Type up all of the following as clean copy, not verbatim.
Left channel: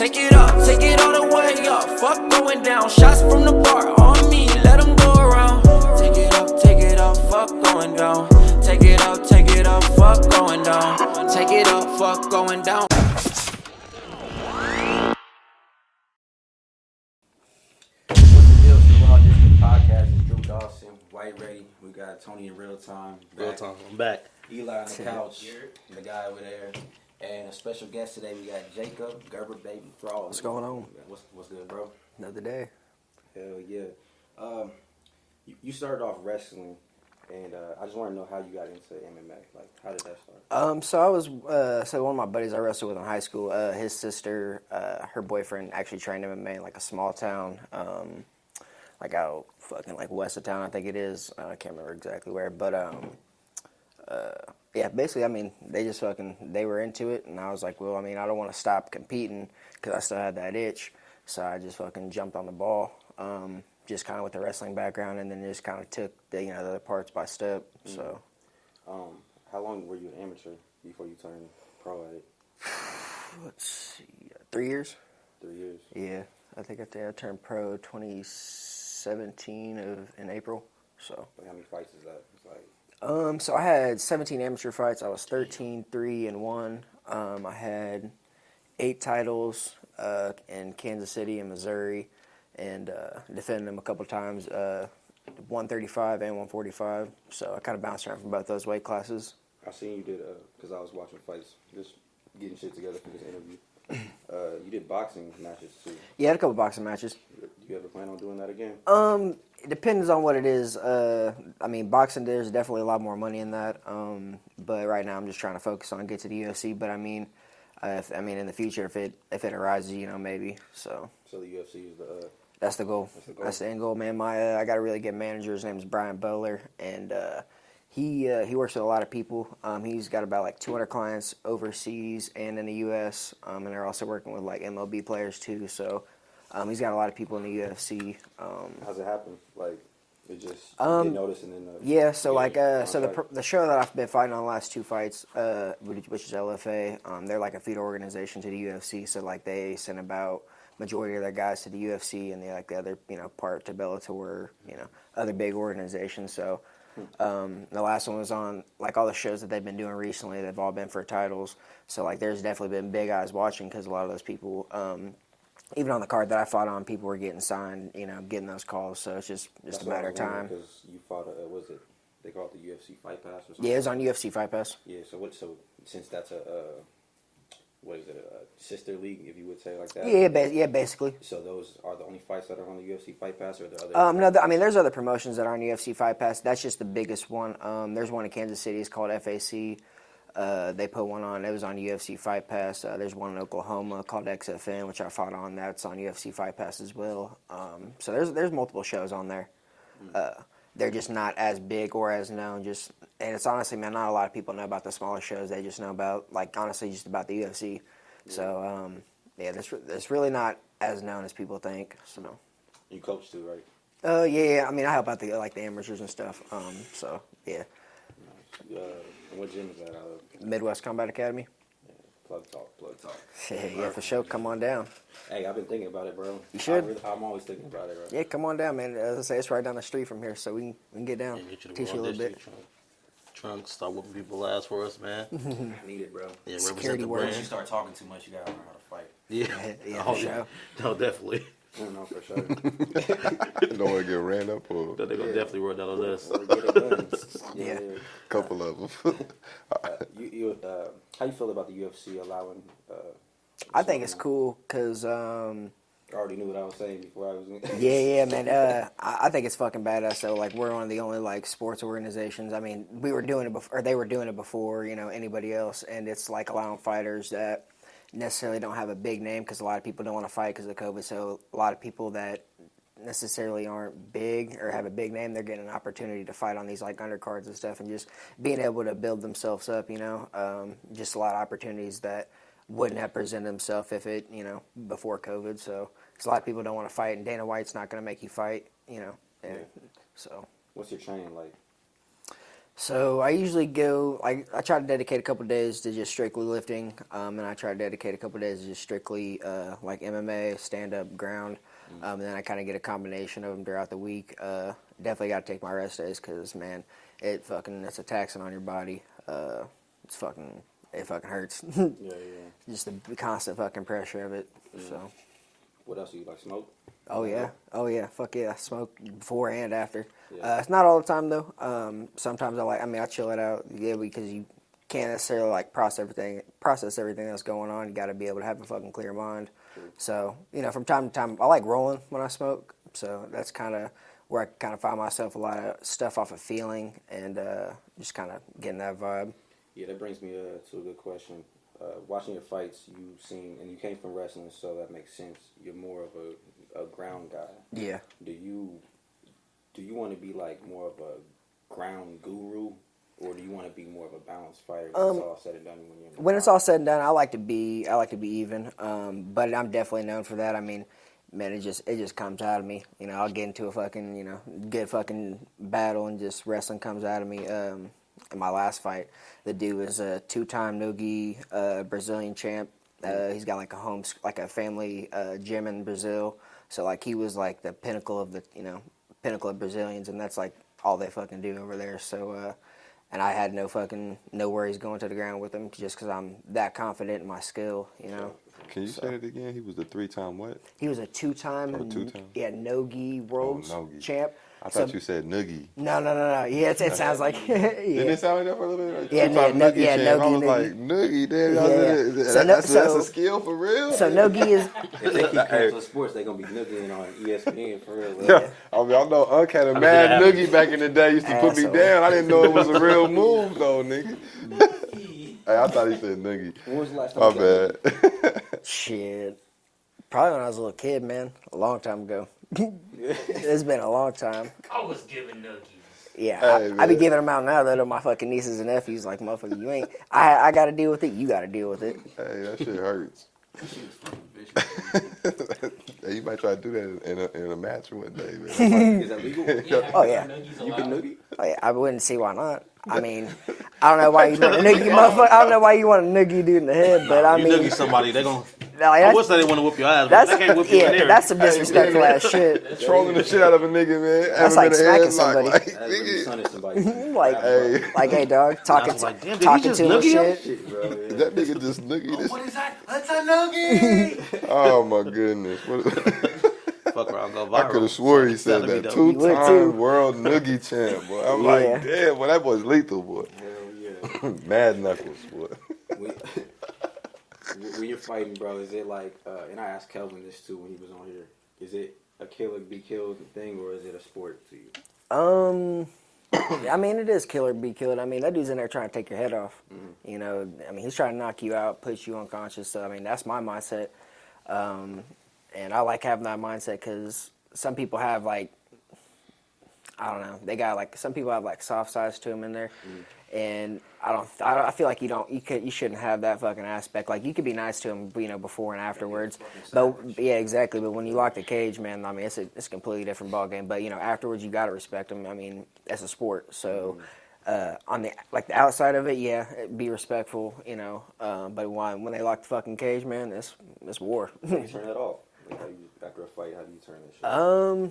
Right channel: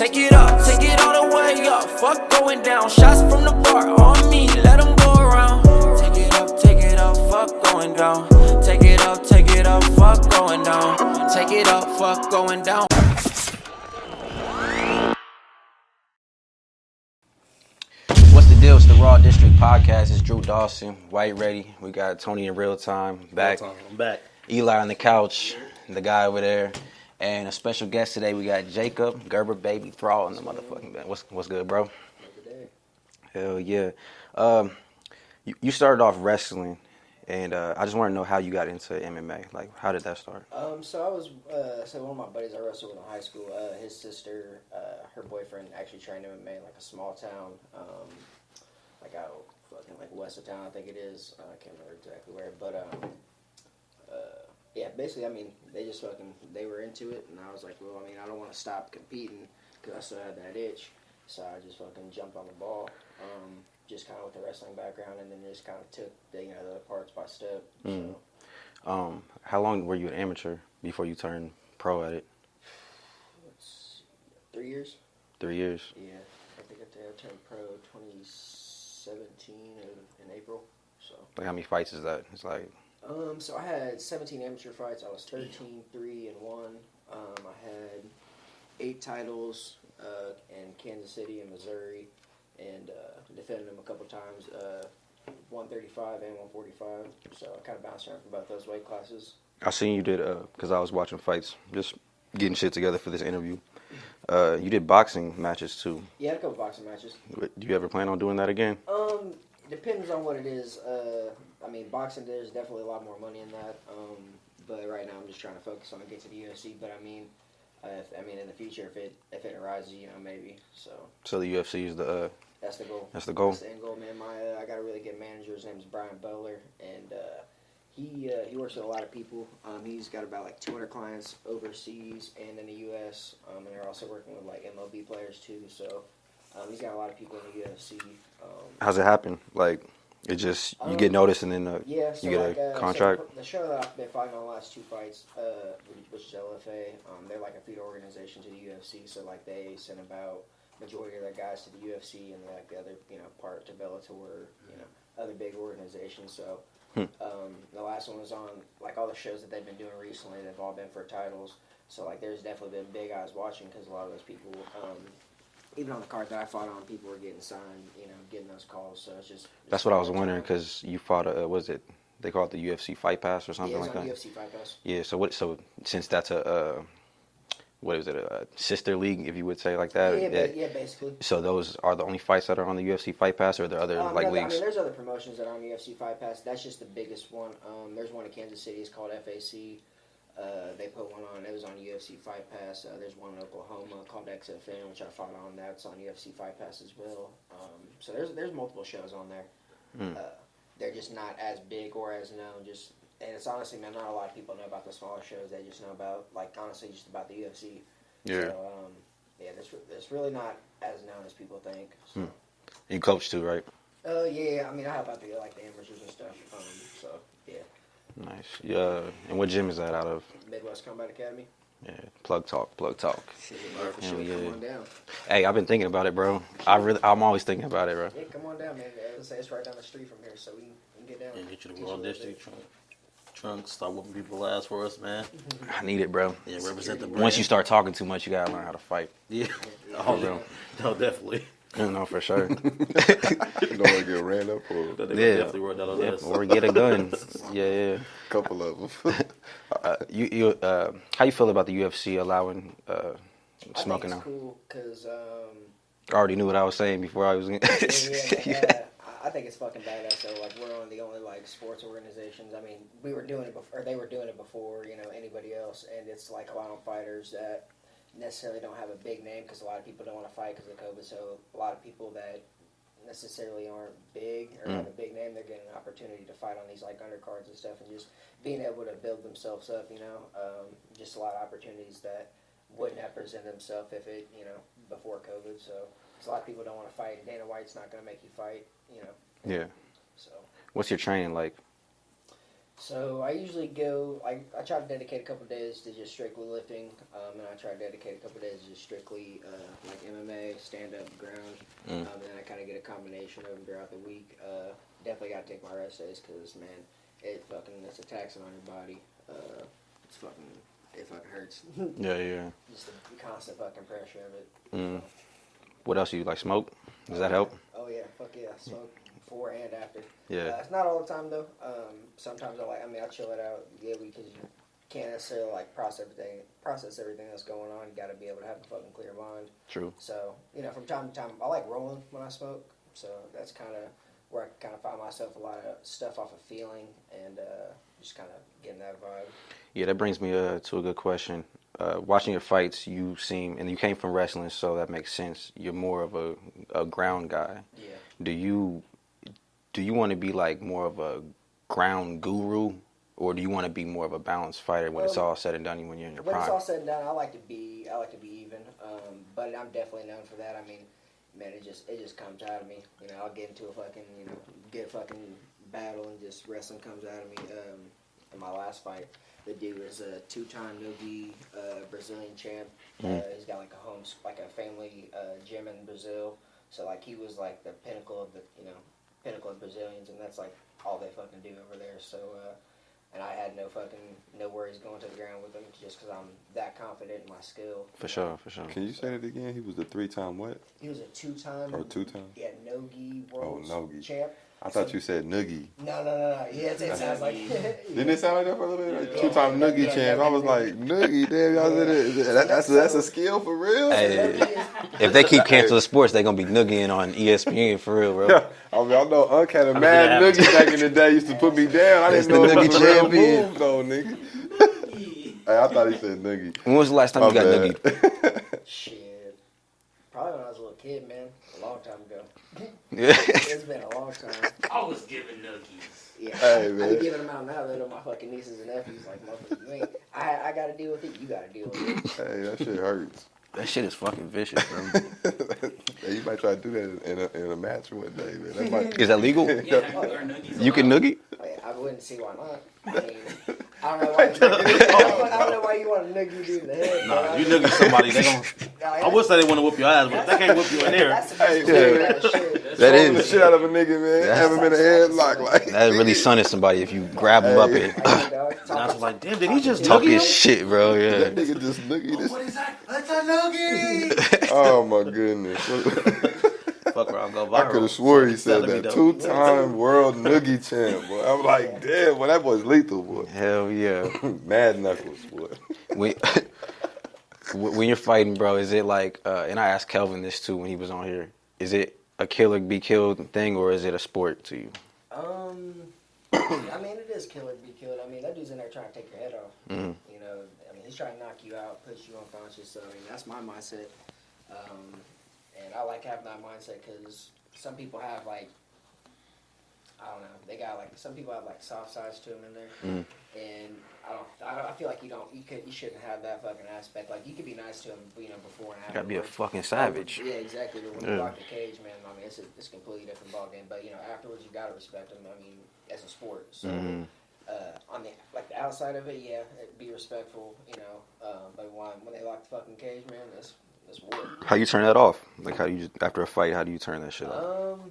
Take it up, take it all the way up. Fuck going down. Shots from the bar on me, let them go around. Take it up, fuck going down. Take it up, fuck going down. Take it up, fuck going down. What's the deal? It's the Raw District podcast. It's Drew Dawson, White Ready. We got Tony in real time back. I'm back. Eli on the couch, the guy over there, and a special guest today. We got Jacob, Gerber, baby, Thrall. What's going on? What's good, bro? Another day. Hell yeah. You started off wrestling, and I just want to know how you got into MMA. Like, how did that start? So I was one of my buddies I wrestled with in high school. His sister, her boyfriend actually trained MMA in like a small town, like out fucking like west of town, I think it is. I can't remember exactly where, but yeah, basically, I mean, they were into it, and I was like, well, I mean, I don't want to stop competing because I still had that itch, so I just fucking jumped on the ball. Just kind of with the wrestling background, and then just kind of took the other parts by step. So, How long were you an amateur before you turned pro at it? let's see, 3 years. 3 years. Yeah, I think I turned pro 2017 in April. So, Like, how many fights is that? It's like, so I had 17 amateur fights. I was 13-3-1. I had 8 titles in Kansas City and Missouri. And defended them a couple times, 135 and 145. So I kind of bounced around from both those weight classes. I seen you did, because I was watching fights, just getting shit together for this interview. You did boxing matches too. Yeah, I had a couple boxing matches. Do you ever plan on doing that again? It depends on what it is. I mean, boxing, there's definitely a lot more money in that. But right now I'm just trying to focus on get to the UFC. But I mean, in the future, if it arises, maybe. So the UFC is the... That's the goal. That's the goal. That's the end goal, man. I got a really good manager. His name is Brian Bowler, and he works with a lot of people. He's got about like 200 clients overseas and in the U.S., and they're also working with like MLB players too. So he's got a lot of people in the UFC. How's it happen? Like, it just, you get noticed and then so like the show that I've been fighting on the last 2 fights, which is LFA, they're like a feeder organization to the UFC. So like they send about majority of their guys to the UFC, and the other part to Bellator, other big organizations. So the last one was on like all the shows that they've been doing recently. They've all been for titles. So like there's definitely been big eyes watching because a lot of those people, even on the card that I fought on, people were getting signed, getting those calls. So it's just that's what I was wondering, because you fought they call it the UFC Fight Pass or something? Yeah, it's like on that? UFC Fight Pass. Yeah. So since that's a what is it, a sister league, if you would say like that? Yeah, basically. So those are the only fights that are on the UFC Fight Pass, or are there other no, there's other promotions that are on UFC Fight Pass. That's just the biggest one. There's one in Kansas City. It's called FAC. They put one on. It was on UFC Fight Pass. There's one in Oklahoma called XFN, which I fought on. That's on UFC Fight Pass as well. So there's multiple shows on there. They're just not as big or as known. And it's honestly, man, not a lot of people know about the smaller shows. They just know about, like, honestly, just about the UFC. Yeah. So, it's really not as known as people think. So. You coach too, right? Yeah. I mean, I help out the amateurs and stuff. So, yeah. Nice. Yeah. And what gym is that out of? Midwest Combat Academy. Yeah. Plug talk. Yeah, for sure. Come on down. Hey, I've been thinking about it, bro. I'm always thinking about it, bro. Yeah, come on down, man. As I say, it's right down the street from here, so we can get down. Yeah, get you the Raw District. Trying to stop whooping people's ass for us, man. I need it, bro. Yeah, represent the brand. Once you start talking too much, you gotta learn how to fight. Yeah. No, definitely. No, for sure. You don't want to get ran up or... They're gonna definitely run out on us. Or get a gun. Yeah. Couple of them. How you feel about the UFC allowing I think it's now? cool because... I already knew what I was saying before I was in. Man. I think it's fucking badass. So, like, we're one of the only, like, sports organizations. I mean, we were doing it before, or they were doing it before, anybody else. And it's, like, allowing fighters that necessarily don't have a big name because a lot of people don't want to fight because of COVID. So, a lot of people that necessarily aren't big or have a big name, they're getting an opportunity to fight on these, like, undercards and stuff and just being able to build themselves up, just a lot of opportunities that wouldn't have presented themselves if it, before COVID. So, a lot of people don't want to fight, and Dana White's not going to make you fight, Yeah. So. What's your training like? So I usually go. I try to dedicate a couple days to just strictly lifting, and I try to dedicate a couple days to just strictly like MMA, stand up, ground. And then I kind of get a combination of them throughout the week. Definitely got to take my rest days because man, it's a taxing on your body. It fucking hurts. Yeah, yeah. Just the constant fucking pressure of it. So. What else you like? Smoke? Does that yeah. help? Oh yeah, fuck yeah, smoke before and after. Yeah. It's not all the time though. Sometimes I chill it out. Yeah, because you can't necessarily like process everything that's going on. You got to be able to have a fucking clear mind. True. So from time to time, I like rolling when I smoke. So that's kind of where I kind of find myself a lot of stuff off of feeling and just kind of getting that vibe. Yeah, that brings me to a good question. Watching your fights, you seem, and you came from wrestling, so that makes sense. You're more of a ground guy. Yeah. Do you want to be like more of a ground guru, or do you want to be more of a balanced fighter when it's all said and done? When you're in your When it's prime? all said and done, I like to be even. But I'm definitely known for that. I mean, man, it just comes out of me. I'll get into a fucking battle and just wrestling comes out of me. In my last fight, the dude was a 2-time no-gi Brazilian champ. He's got like a family gym in Brazil. So like he was like the pinnacle of Brazilians, and that's like all they fucking do over there. So and I had no worries going to the ground with him just because I'm that confident in my skill. For sure. Can you say that again? He was the 3-time what? He was a 2-time. Oh, 2-time? Yeah, no-gi world champ. I thought you said noogie. No. Yeah, it sounds like. Yeah. Didn't it sound like that for a little bit? Like Yeah, 2-time no- noogie yeah, champ. noogie, I was noogie. like, noogie, damn, y'all Yeah. said it. That's a skill for real? So no-gi is. If they keep canceling sports, they're gonna be noogie on ESPN for real, bro. I mean, I know Unc had a mad that noogie back in the day. Used to put me down. I didn't know it was a real move, though, nigga. Hey, I thought he said noogie. When was the last time My you got bad. noogie? Shit. Probably when I was a little kid, man. A long time ago. Yeah. It's been a long time. I was giving nuggies. Yeah, Hey, I be man. giving them out now though to my fucking nieces and nephews. Like, motherfucker, you ain't. I got to deal with it. You got to deal with it. Hey, that shit hurts. That shit is fucking vicious, bro. Hey, you might try to do that in a match one day, man. That might- Is that legal? Oh yeah. You can noogie? Oh, yeah. I wouldn't see why not. I mean, I don't know why you. I don't know why you want to noogie dude in the head, but I You mean, noogie somebody, they gon' like, I would say they want to whoop your ass, but they can't whoop you in there. That's some disrespectful ass shit. Throwing the shit out of a nigga, man. Have That's him in like a smacking headlock. somebody. Like, That's really nigga. sunning somebody if you Like, grab them up hey. and Like, hey, dog, I talking. was like, damn, did he talking just to noogie him. him? shit, bro. Yeah. That nigga just noogie this. What is that? That's a noogie! Oh my goodness. What- Fuck around, go viral. I could have swore he said Telling me that. though. 2-time world noogie champ, boy. I'm like, damn, boy, that boy's lethal, boy. Hell yeah. Mad knuckles, boy. when, when you're fighting, bro, is it like, and I asked Kelvin this too when he was on here, is it a kill or be killed thing, or is it a sport to you? I mean, it is kill or be killed. I mean, that dude's in there trying to take your head off. You know, I mean, he's trying to knock you out, put you unconscious. So, I mean, that's my mindset. And I like having that mindset because some people have, like, I don't know, they got, like, some people have, like, soft sides to them in there. And I feel like you shouldn't have that fucking aspect. Like, you could be nice to him, you know, before and Gotta be a afterwards. fucking But- savage. yeah, exactly. But when you lock the cage, man, I mean, it's a completely different ballgame. But, you know, afterwards, you got to respect him. I mean, that's a sport. So, on the outside of it, yeah, be respectful, you know. But when they lock the fucking cage, man, it's war. How you turn that off? Like, after a fight, how do you turn that shit off?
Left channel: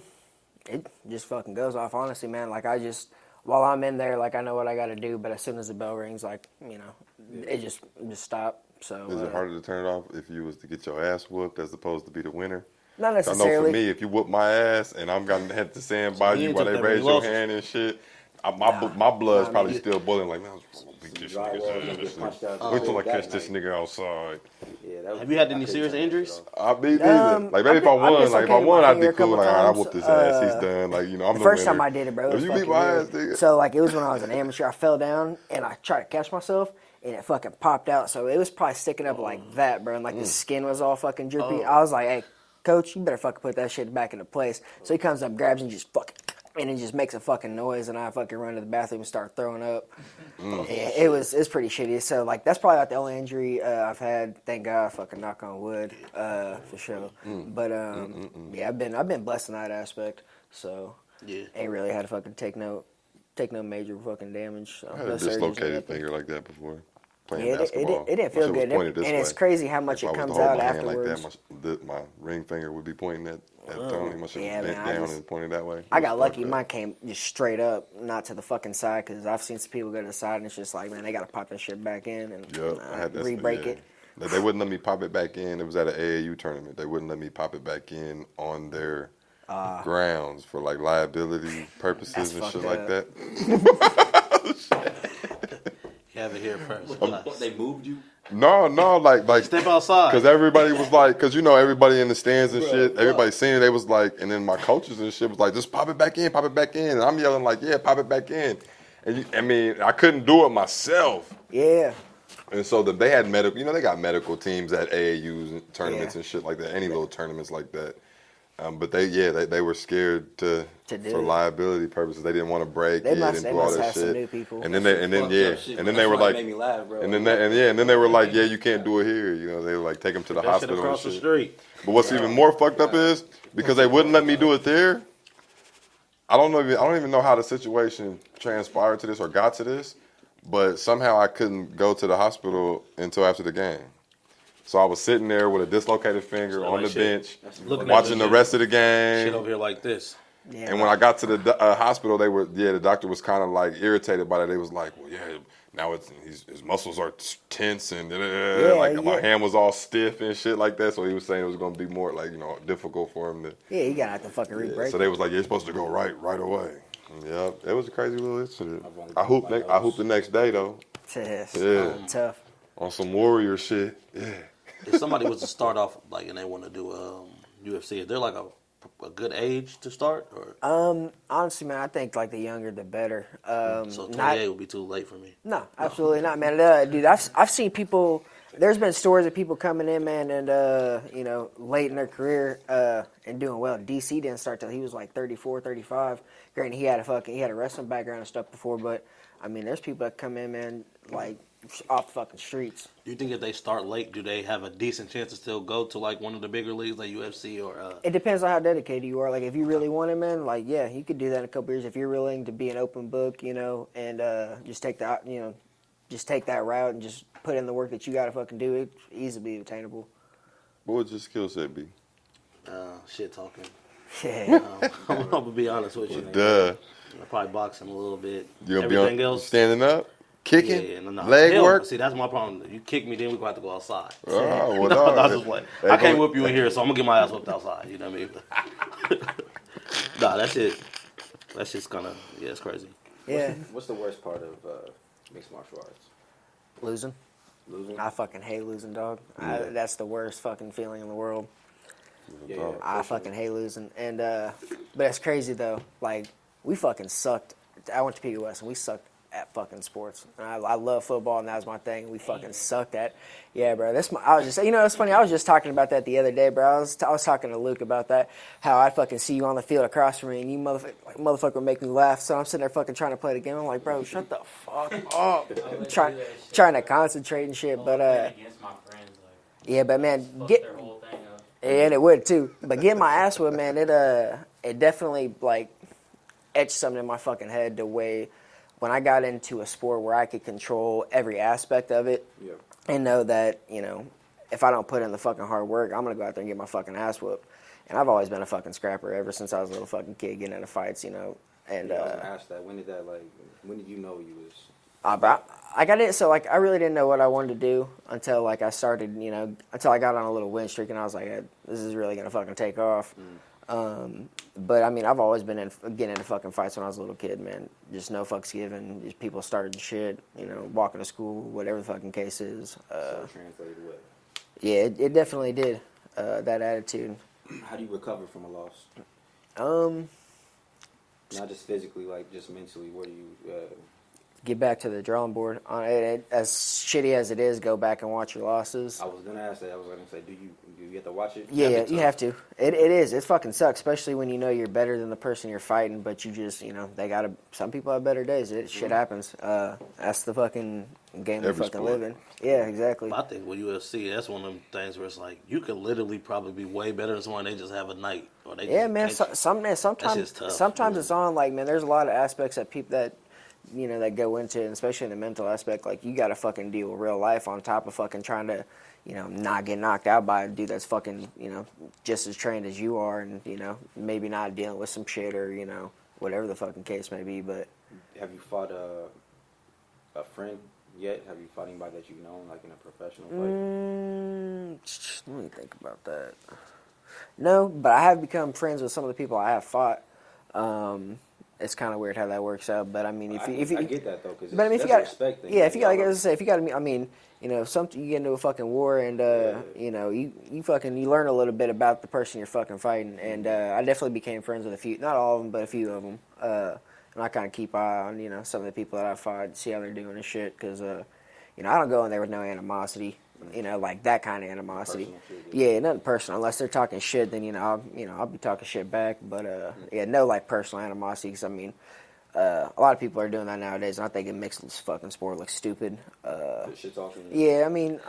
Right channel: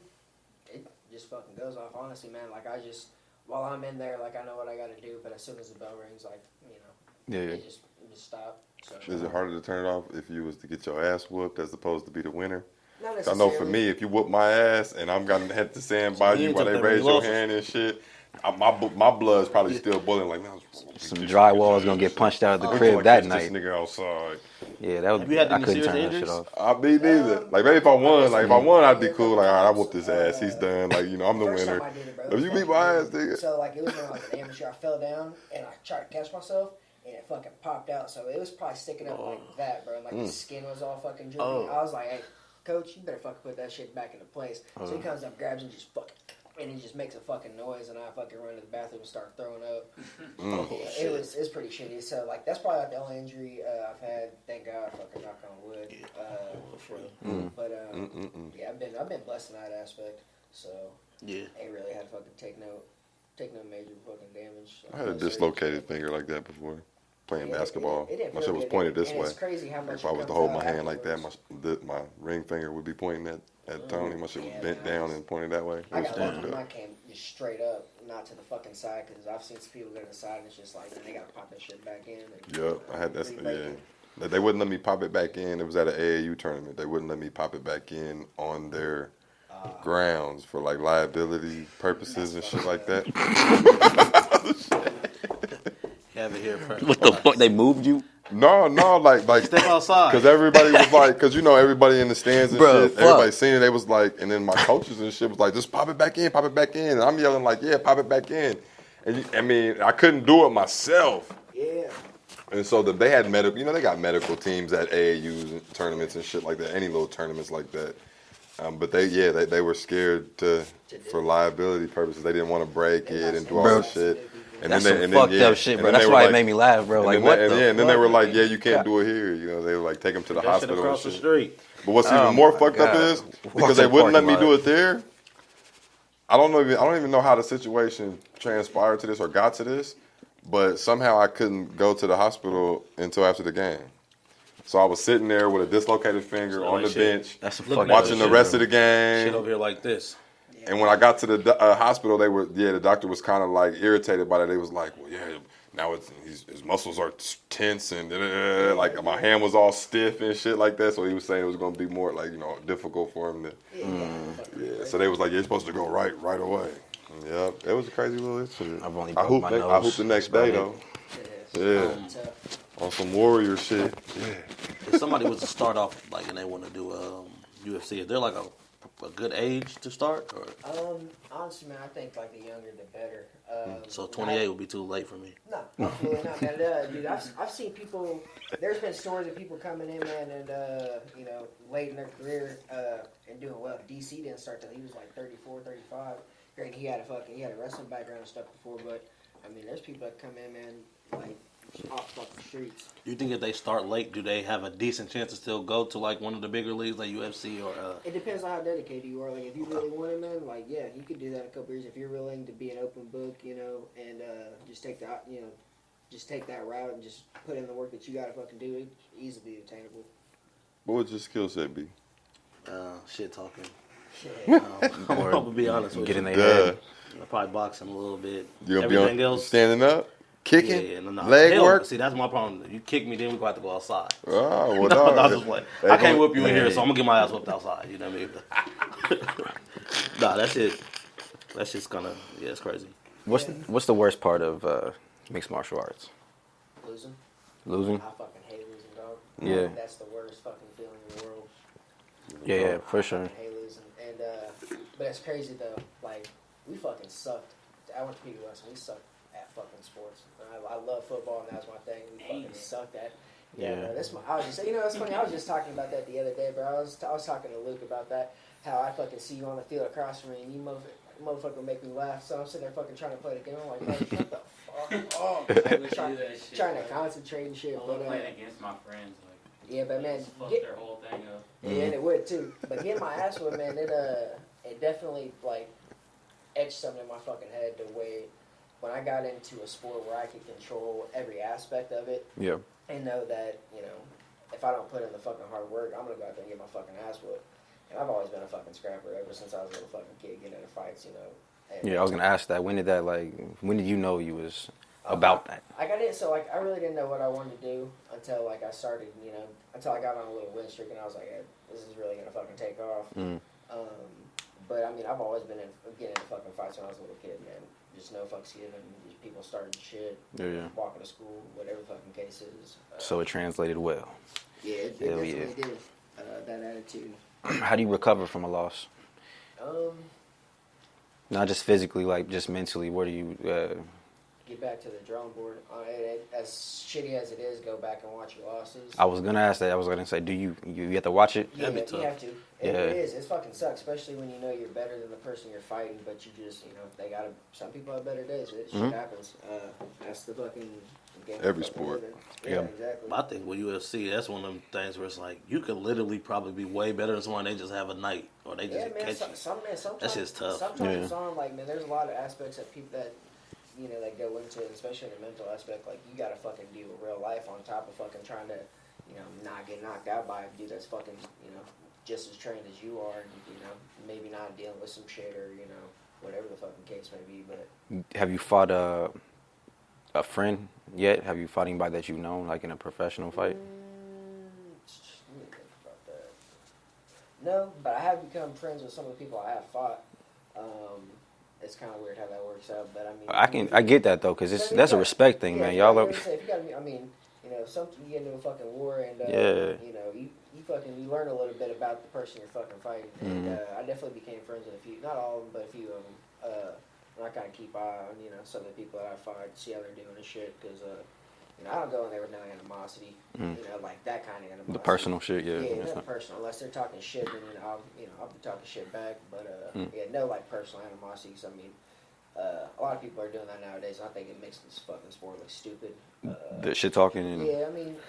It just fucking goes off, honestly, man. Like, while I'm in there, like, I know what I got to do. But as soon as the bell rings, like, you know, it just stop. So Is it harder to turn it off if you was to get your ass whooped as opposed to be the winner? not I necessarily. know for me, if you whoop my ass and I'm gonna have to stand by you you ain't while took they that many raise your losses. hand and shit, my blood's probably still boiling. Like, man, Some drywall is gonna get punched out of the Wait crib till I that catch this night. nigga outside. Yeah, that was. Have you had I any couldn't serious turn that shit injuries? off. I be neither. Like, maybe if I won, like, if I won, I'd be a cool. couple Like, all right, I times. whooped his ass. He's done. Like, you know, I'm the First winner. time I did it, bro. If was you beat fucking my ass, weird. nigga. So, like, it was when I was an amateur. I fell down, and I tried to catch myself, and it fucking popped out. So, it was probably sticking up like that, bro. And, like, the skin was all fucking drippy. I was like, hey, coach, you better fucking put that shit back into place. So, he comes up, grabs, and just fucking... And it just makes a fucking noise, and I fucking run to the bathroom and start throwing up. Yeah, it's pretty shitty. So, like, that's probably not the only injury I've had. Thank God, fucking knock on wood, for sure. But yeah, I've been blessed in that aspect. So, Yeah. ain't really had to fucking take no take no major fucking damage. I had a dislocated finger like that before, playing basketball. It didn't My feel shit was good. pointed this And way. it's crazy how much If I it was comes to hold out my hand like afterwards. that, my ring finger would be pointing at Tony. My shit was Yeah, bent man, down and pointed that way. I It got was lucky. fucked up. Mine came just straight up, not to the fucking side, because I've seen some people go to the side, and it's just like, man, they got to pop that shit back in and Yep, I had that. re-break Yeah. it. They wouldn't let me pop it back in. It was at an AAU tournament. They wouldn't let me pop it back in on their grounds for like liability purposes and shit like that. You have it here first. What the fuck? They moved you? No, like Step outside. because everybody was like, because you know everybody in the stands and Bruh, shit, fuck. everybody seen it. They was like, and then my coaches and shit was like, just pop it back in, and I'm yelling like, yeah, pop it back in. And I mean, I couldn't do it myself. Yeah. And so they had medical, you know, they got medical teams at AAUs and tournaments and shit like that, any little tournaments like that. But they were scared To do for it. liability purposes. They didn't want to break They it must- and they do all must that have some new shit. people. And That's then some and then fucked yeah, up shit, and bro. then That's they were why it like, made me laugh, bro. and Like, then what they, and the yeah, and then they fuck? were like, yeah, you can't do it here. You know, they were like, take them to the That shit hospital and across the shit. street. But what's even more fucked up is because they wouldn't let me do it there. I don't even know how the situation transpired to this or got to this, but somehow I couldn't go to the hospital until after the game. So I was sitting there with a dislocated finger So on like the shit. bench, That's some Looking fucked at up watching this the shit. rest of the Shit game. over here like this. Yeah. And when I got to the hospital, the doctor was kind of like irritated by that. They was like, well, yeah, now his muscles are tense and like my hand was all stiff and shit like that. So he was saying it was going to be more like, you know, difficult for him to. Yeah, you got to fucking Yeah, re-break so they was like, you're supposed to go right away. Yeah, it was a crazy little incident. I've only I broke hooped. my I nose. hooped the next day though. it. Yeah, Tough. on some warrior shit. Yeah. If somebody was to start off like and they want to do UFC, is there like a good age to start? Or Honestly, man, I think like the younger the better. so 28 would be too late for me. No, absolutely not, man. Dude, I've seen people. There's been stories of people coming in, man, and you know, late in their career and doing well. DC didn't start till he was like 34, 35. Granted, he had a wrestling background and stuff before, but I mean, there's people that come in, man, like off the fucking streets. Do you think if they start late, do they have a decent chance to still go to like one of the bigger leagues like UFC or? It depends on how dedicated you are. Like, if you really want it, man, like, yeah, you could do that in a couple years if you're willing to be an open book, you know, and just take that, you know, just take that route and just put in the work that you got to fucking do. It's easily attainable. What would your skill set be? Shit talking. Yeah. I'm gonna be honest with Get you. in there. Duh. I probably boxing a little bit. You gonna Everything be on else. standing up, kicking, Yeah, no. leg Hell, work. See, that's my problem. You kick me, then we gonna have to go outside. Oh, well, No, dog. I just play. I can't whip you in here, so I'm gonna get my ass whipped outside. You know what I mean? Nah, that shit. That's just kind of it's crazy. What's the worst part of mixed martial arts? Losing. Losing? I fucking hate losing, dog. Yeah. That's the worst fucking feeling in the world. Yeah, I for sure. fucking hate losing. And but it's crazy though. Like, we fucking sucked. I went to POS and we sucked at fucking sports. And I love football and that was my thing. We fucking sucked at. Yeah, bro. I was just, you know, it's funny. I was just talking about that the other day, bro. I was talking to Luke about that. How I fucking see you on the field across from me and you motherfucker make me laugh. So I'm sitting there fucking trying to play the game. I'm like, bro, shut the fuck up. I'm trying to concentrate and shit. But against my friends, like, yeah, but man, fuck get. their whole thing up. And it would too. But getting my ass whipped, man, it definitely like etched something in my fucking head the way when I got into a sport where I could control every aspect of it Yeah. and know that, you know, if I don't put in the fucking hard work, I'm gonna go out there and get my fucking ass whooped. And I've always been a fucking scrapper ever since I was a little fucking kid getting into fights, you know. And Yeah, I was gonna ask that. When did you know you was about that? I got it. So like, I really didn't know what I wanted to do until like I started, you know, until I got on a little win streak, and I was like, hey, this is really gonna fucking take off. But I mean, I've always been getting into fucking fights when I was a little kid, man. Just no fucks given. Just people starting shit, you know, walking to school, whatever the fucking case is. So it translated well. Yeah, it definitely did. That attitude. How do you recover from a loss? Not just physically, like just mentally. Where do you? Get back to the drawing board. As shitty as it is, go back and watch your losses. I was gonna ask that. I was gonna say, do you have to watch it? Yeah, That'd be you tough. have to. It is. It fucking sucks, especially when you know you're better than the person you're fighting, but you just, you know, some people have better days. Shit happens. That's the fucking game Every we fucking sport. live in. Yeah, exactly. I think with UFC, that's one of them things where it's like you could literally probably be way better than someone. They just have a night, or they Yeah, just man. catch you. Sometimes just tough. Sometimes it's on. Like, man, there's a lot of aspects that people that that go into it, especially in the mental aspect. Like, you got to fucking deal with real life on top of fucking trying to, not get knocked out by a dude that's fucking, just as trained as you are, and maybe not dealing with some shit or whatever the fucking case may be. But have you fought a friend yet? Have you fought anybody that you've known, like in a professional fight? Let me think about that. No, but I have become friends with some of the people I have fought. It's kind of weird how that works out, but I mean, I get that though, because but I mean, that's a respect thing. Yeah, man. if you gotta, I mean, something you get into a fucking war, and you learn a little bit about the person you're fucking fighting, and I definitely became friends with a few, not all of them, but a few of them. And I kind of keep eye on some of the people that I fought, see how they're doing and shit, because I don't go in there with no animosity, like that kind of animosity. The personal shit, yeah. Yeah, nothing personal. Unless they're talking shit, then I'll be talking shit back. But no like personal animosity. Because I mean, a lot of people are doing that nowadays, and I think it makes this fucking sport look stupid. The shit talking. Yeah, I mean,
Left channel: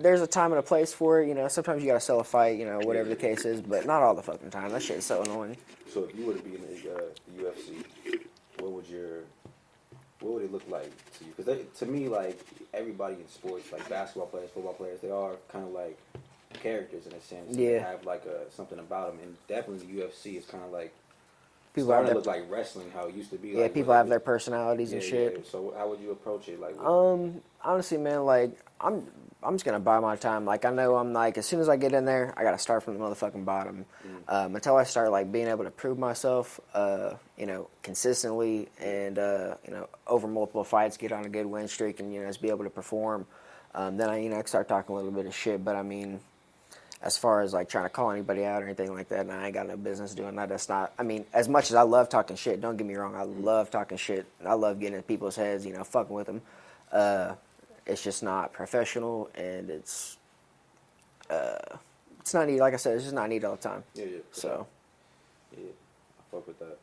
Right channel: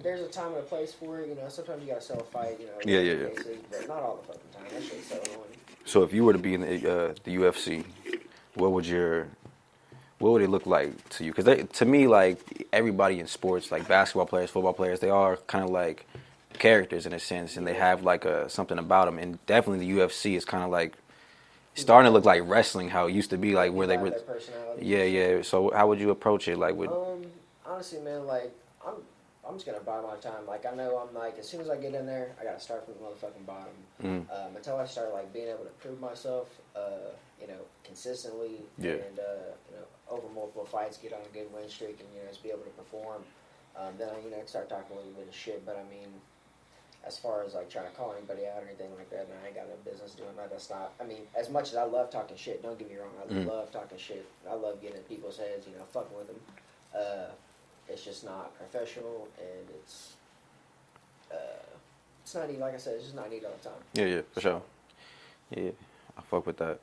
there's a time and a place for it. Sometimes you gotta sell a fight, whatever the case is, but not all the fucking time. That shit's so annoying. So if you were to be in the UFC, what would it look like to you? Because to me, like, everybody in sports, like basketball players, football players, they are kind of like characters in a sense, and they have like something about them. And definitely the UFC is kind of like starting to look like wrestling, how it used to be, like people where they have their personalities. And shit. Yeah. So how would you approach it? Like, honestly, man, like I'm just gonna buy my time. Like, I know I'm like, as soon as I get in there, I gotta start from the motherfucking bottom. Until I start like being able to prove myself, consistently, and over multiple fights, get on a good win streak, and just be able to perform. Then I start talking a little bit of shit. But I mean, as far as like trying to call anybody out or anything like that, I ain't got no business doing that. That's not. I mean, as much as I love talking shit, don't get me wrong, I love talking shit. I love getting in people's heads, fucking with them. It's just not professional, and it's not needed. Like I said, it's just not needed all the time. Yeah, for sure. Yeah, I fuck with that.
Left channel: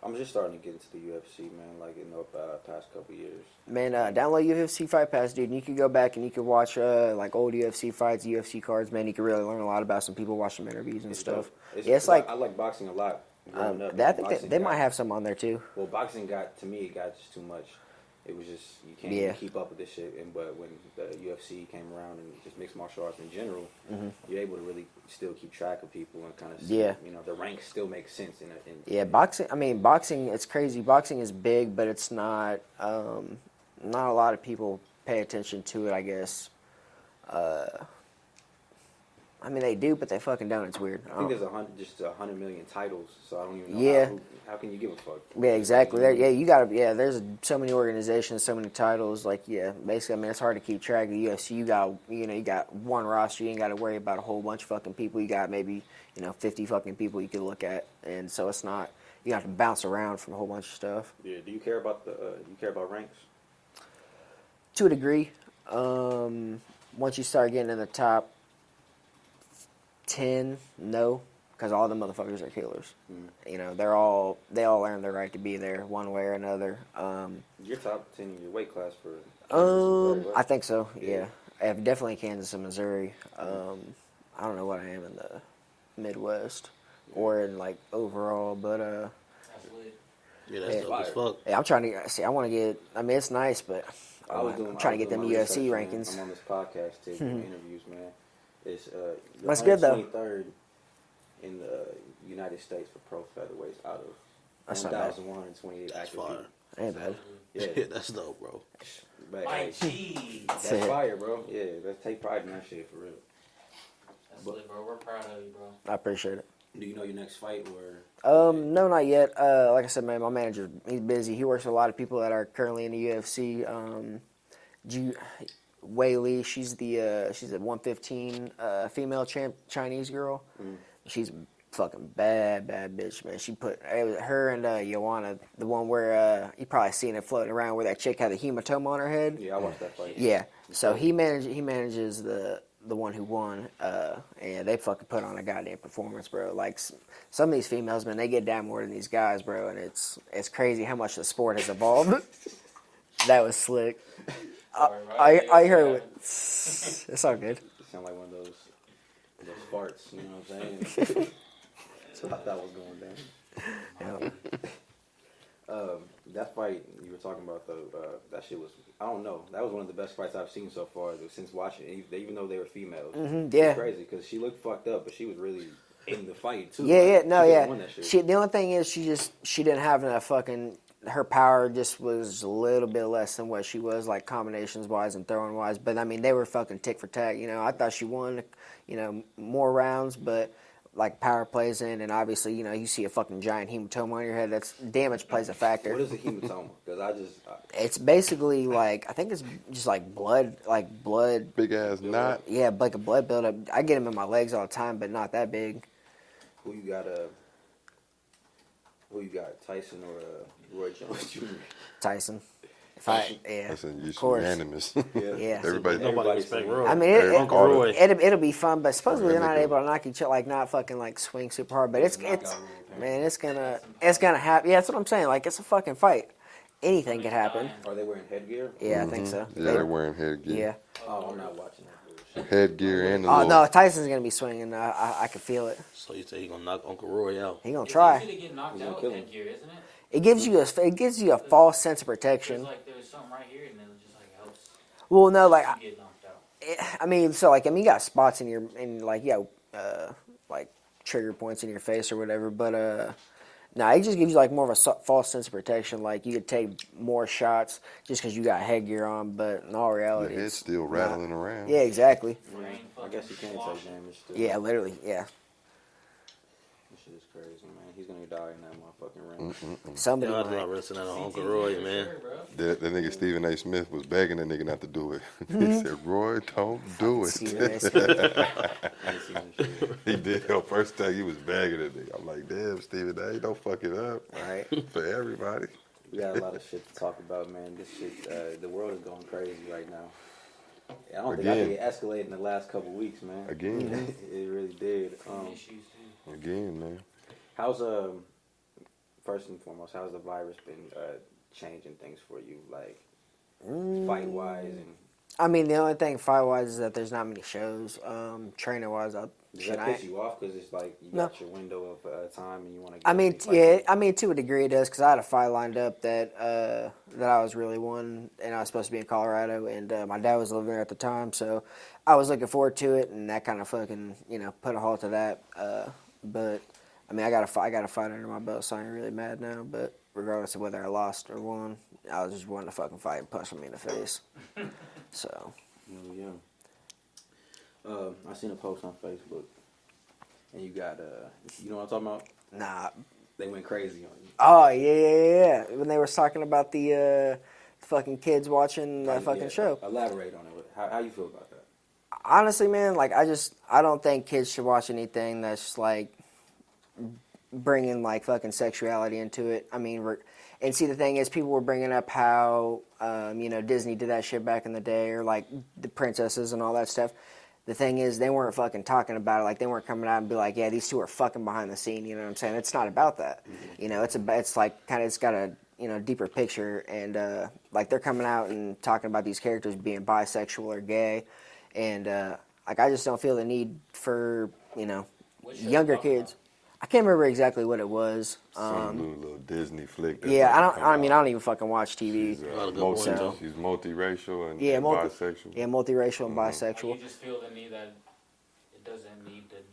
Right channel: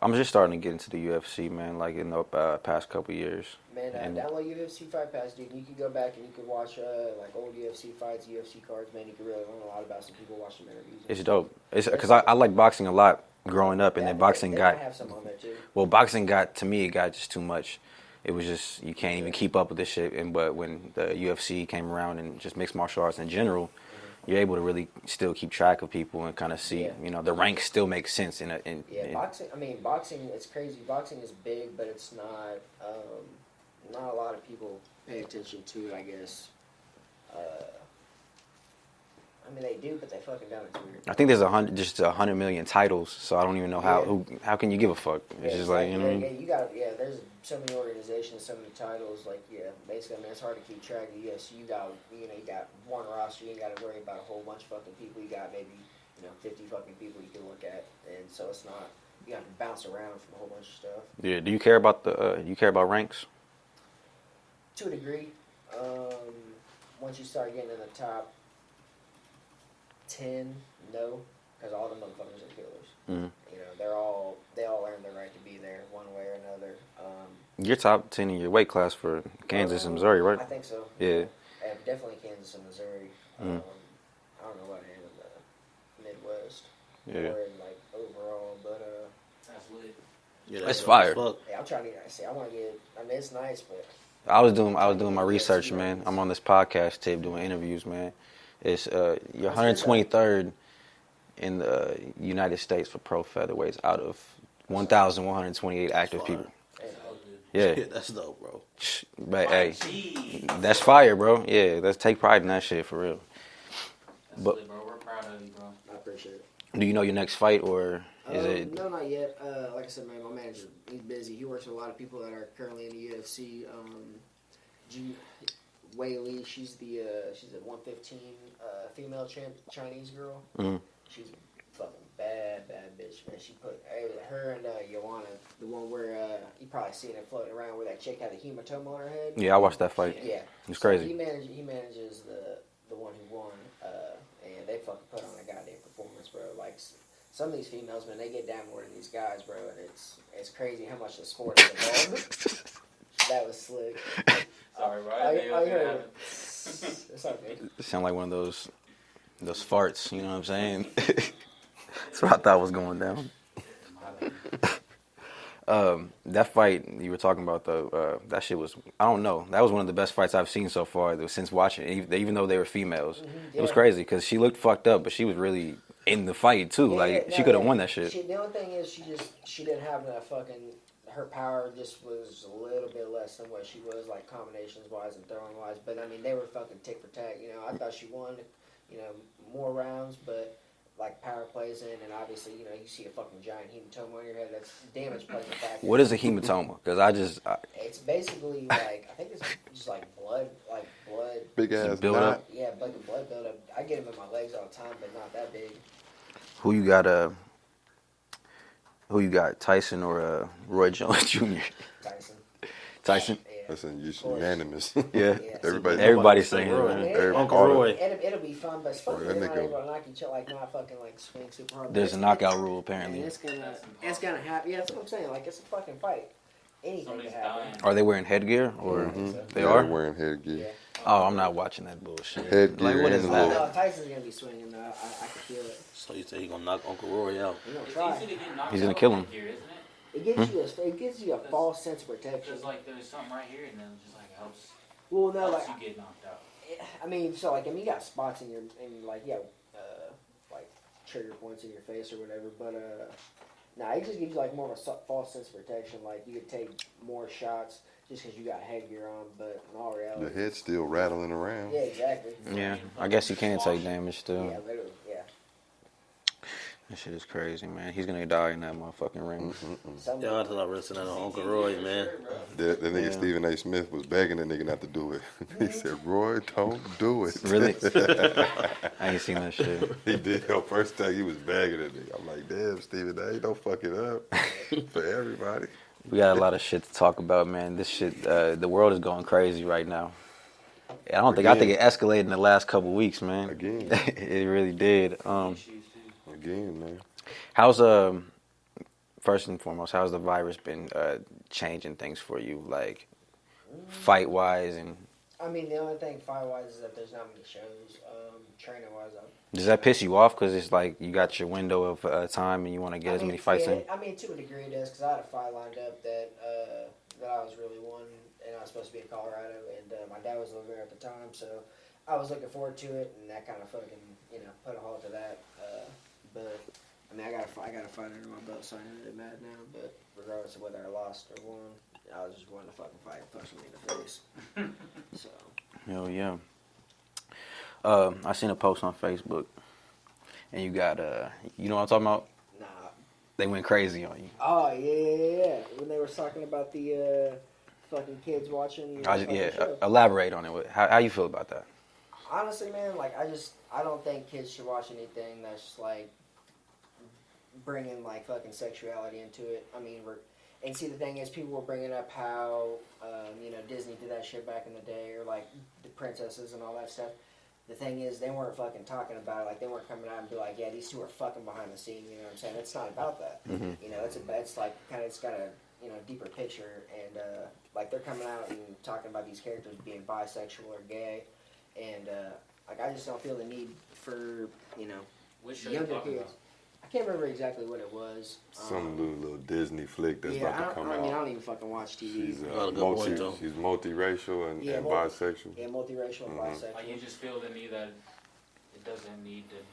I'm just starting to get into the UFC, man, like in the past couple years. Man, download UFC Fight Pass, dude, and you can go back and you can watch like old UFC fights, UFC cards, man. You can really learn a lot about some people, watch some interviews and It's stuff. dope. Because I like boxing a lot growing up, and then boxing they got... might have some on there, too. Well, boxing to me, it got just too much. It was just, you can't even keep up with this shit. But when the UFC came around, and just mixed martial arts in general, you're able to really still keep track of people and kind of see, the ranks still make sense. Boxing, it's crazy. Boxing is big, but it's not a lot of people pay attention to it, I guess. They do, but they fucking don't. It's weird. I think there's 100 million titles, so I don't even know how can you give a fuck? Yeah, exactly. Like, there's so many organizations, so many titles. Like, basically, it's hard to keep track of the UFC. You got one roster. You ain't got to worry about a whole bunch of fucking people. You got maybe 50 fucking people you can look at, and so it's not. You have to bounce around from a whole bunch of stuff. Yeah. Do you care about ranks? To a degree. Once you start getting in the top 10, no, because all the motherfuckers are killers. They all earn their right to be there one way or another. You're top 10 in your weight class for Kansas and Missouri, right? I think so. Yeah. Definitely Kansas and Missouri. I don't know what I am in the Midwest or in like overall, but Yeah, that's fire. I'm trying to see. I want to get. It's nice, but I was doing my UFC research, man. rankings. I'm on this podcast tip doing interviews, man. It's you're That's good, 123rd in the United States for pro featherweights out of 1,128 active people. Ain't bad. Yeah, That's dope, bro. but hey, that's fire, bro. Yeah, let's take pride in that shit for real. Bro, we're proud of you, bro. I appreciate it. Do you know your next fight or? Is it... No, not yet. Like I said, man, my manager, he's busy. He works with a lot of people that are currently in the UFC. Wei Li, she's a 115 female Chinese girl. She's fucking bad bitch, man. She put her and Joanna, the one where you probably seen it floating around where that chick had the hematoma on her head. Yeah, I watched that fight. Yeah, It's so crazy. he manages the one who won, and they fucking put on a goddamn performance, bro. Like some of these females, man, they get down more than these guys, bro, and it's crazy how much the sport has evolved. That was slick. I heard it. It's all good. It sound like one of those farts. You know what I'm saying? That's what I thought was going down. That fight you were talking about though, that shit was, I don't know. That was one of the best fights I've seen so far since watching it, even though they were females. It yeah. was crazy because she looked fucked up, but she was really in the fight too. Yeah, like yeah, no, she could have yeah. won that shit. The only thing is she didn't have enough fucking. Her power just was a little bit less than what she was, like combinations wise and throwing wise. But I mean, they were fucking tick for tack. You know, I thought she won, more rounds, but like power plays in, and obviously, you see a fucking giant hematoma on your head. That's damage plays a factor. What is a hematoma? Because It's basically like I think it's just like blood, Big ass build knot. up. Yeah, like a blood buildup. I get them in my legs all the time, but not that big. Who you got? Who you got? Tyson or Roy Jones Jr.? Tyson. Tyson. Yeah. Listen, of course. unanimous. Yeah. Yeah. Everybody's saying I mean, Uncle Roy. it'll be fun, but supposedly they're That not nigga- able to knock each other, like not fucking like swing super hard. But There's it's a knockout rule apparently. and it's gonna happen. Yeah, that's what I'm saying. Like it's a fucking fight. Anything could happen. Are they wearing headgear? Yeah, Or I think so. They Yeah, are? they're wearing headgear. Yeah. Oh, I'm not watching that bullshit. Headgear Like, what and is the it? Oh little. no, Tyson's gonna be swinging. I can feel it. So you say he gonna knock Uncle Roy out? He gonna try. He's gonna kill him. Here, isn't it? It gives you a false sense of protection. It's like there's something right here, and then it just like helps Well, no, like you get knocked out. you got spots in like trigger points in your face or whatever, but no, it just gives you like more of a false sense of protection. Like you could take more shots just because you got headgear on, but in all Your reality, head's still rattling around. yeah, exactly. Yeah, I guess you can take damage still. Yeah, literally, yeah. That shit is crazy, man. He's gonna die in that motherfuking ring. Somebody. Yeah, I thought wrestling at Uncle Roy, man. That nigga Stephen A. Smith was begging that nigga not to do it. He said, "Roy, don't do it." Really? I ain't seen that shit. He did. The first time he was begging that nigga. I'm like, damn, Stephen A. Don't fuck it up for everybody. We got a lot of shit to talk about, man. This shit, the world is going crazy right now. I think it escalated in the last couple weeks, man. Again. It really did. Again, man. How's first and foremost, how's the virus been changing things for you, like fight wise and? I mean, the only thing fight wise is that there's not many shows. Trainer wise, Does that piss you off? Because it's like you got your window of time and you want to get I as mean, many fights yeah, in. I mean, to a degree it does, because I had a fight lined up that I was really wanting, and I was supposed to be in Colorado, and my dad was living there at the time, so I was looking forward to it, and that kind of fucking, put a halt to that. But I mean, I got a fight under my belt, so I ain't really mad now. But regardless of whether I lost or won, I was just wanting to fucking fight and punch me in the face. So. Hell yeah. I seen a post on Facebook, and you got you know what I'm talking about? Nah. They went crazy on you. Oh yeah. When they were talking about the fucking kids watching the fucking show. Elaborate on it. How you feel about that? Honestly, man, like I don't think kids should watch anything that's like bringing like fucking sexuality into it. I mean, and see, the thing is, people were bringing up how Disney did that shit back in the day, or like the princesses and all that stuff. The thing is, they weren't fucking talking about it. Like, they weren't coming out and be like, yeah, these two are fucking behind the scene. You know what I'm saying? It's not about that. Mm-hmm. It's like kind of, it's got a deeper picture, and like they're coming out and talking about these characters being bisexual or gay, and like I just don't feel the need for younger kids. I can't remember exactly what it was. Some little Disney flick. That's Yeah, about to come I out. don't even fucking watch TV. She's, Got a good point, though. she's multiracial and bisexual. Yeah, multiracial and Like, bisexual. you just feel the need that it doesn't need to it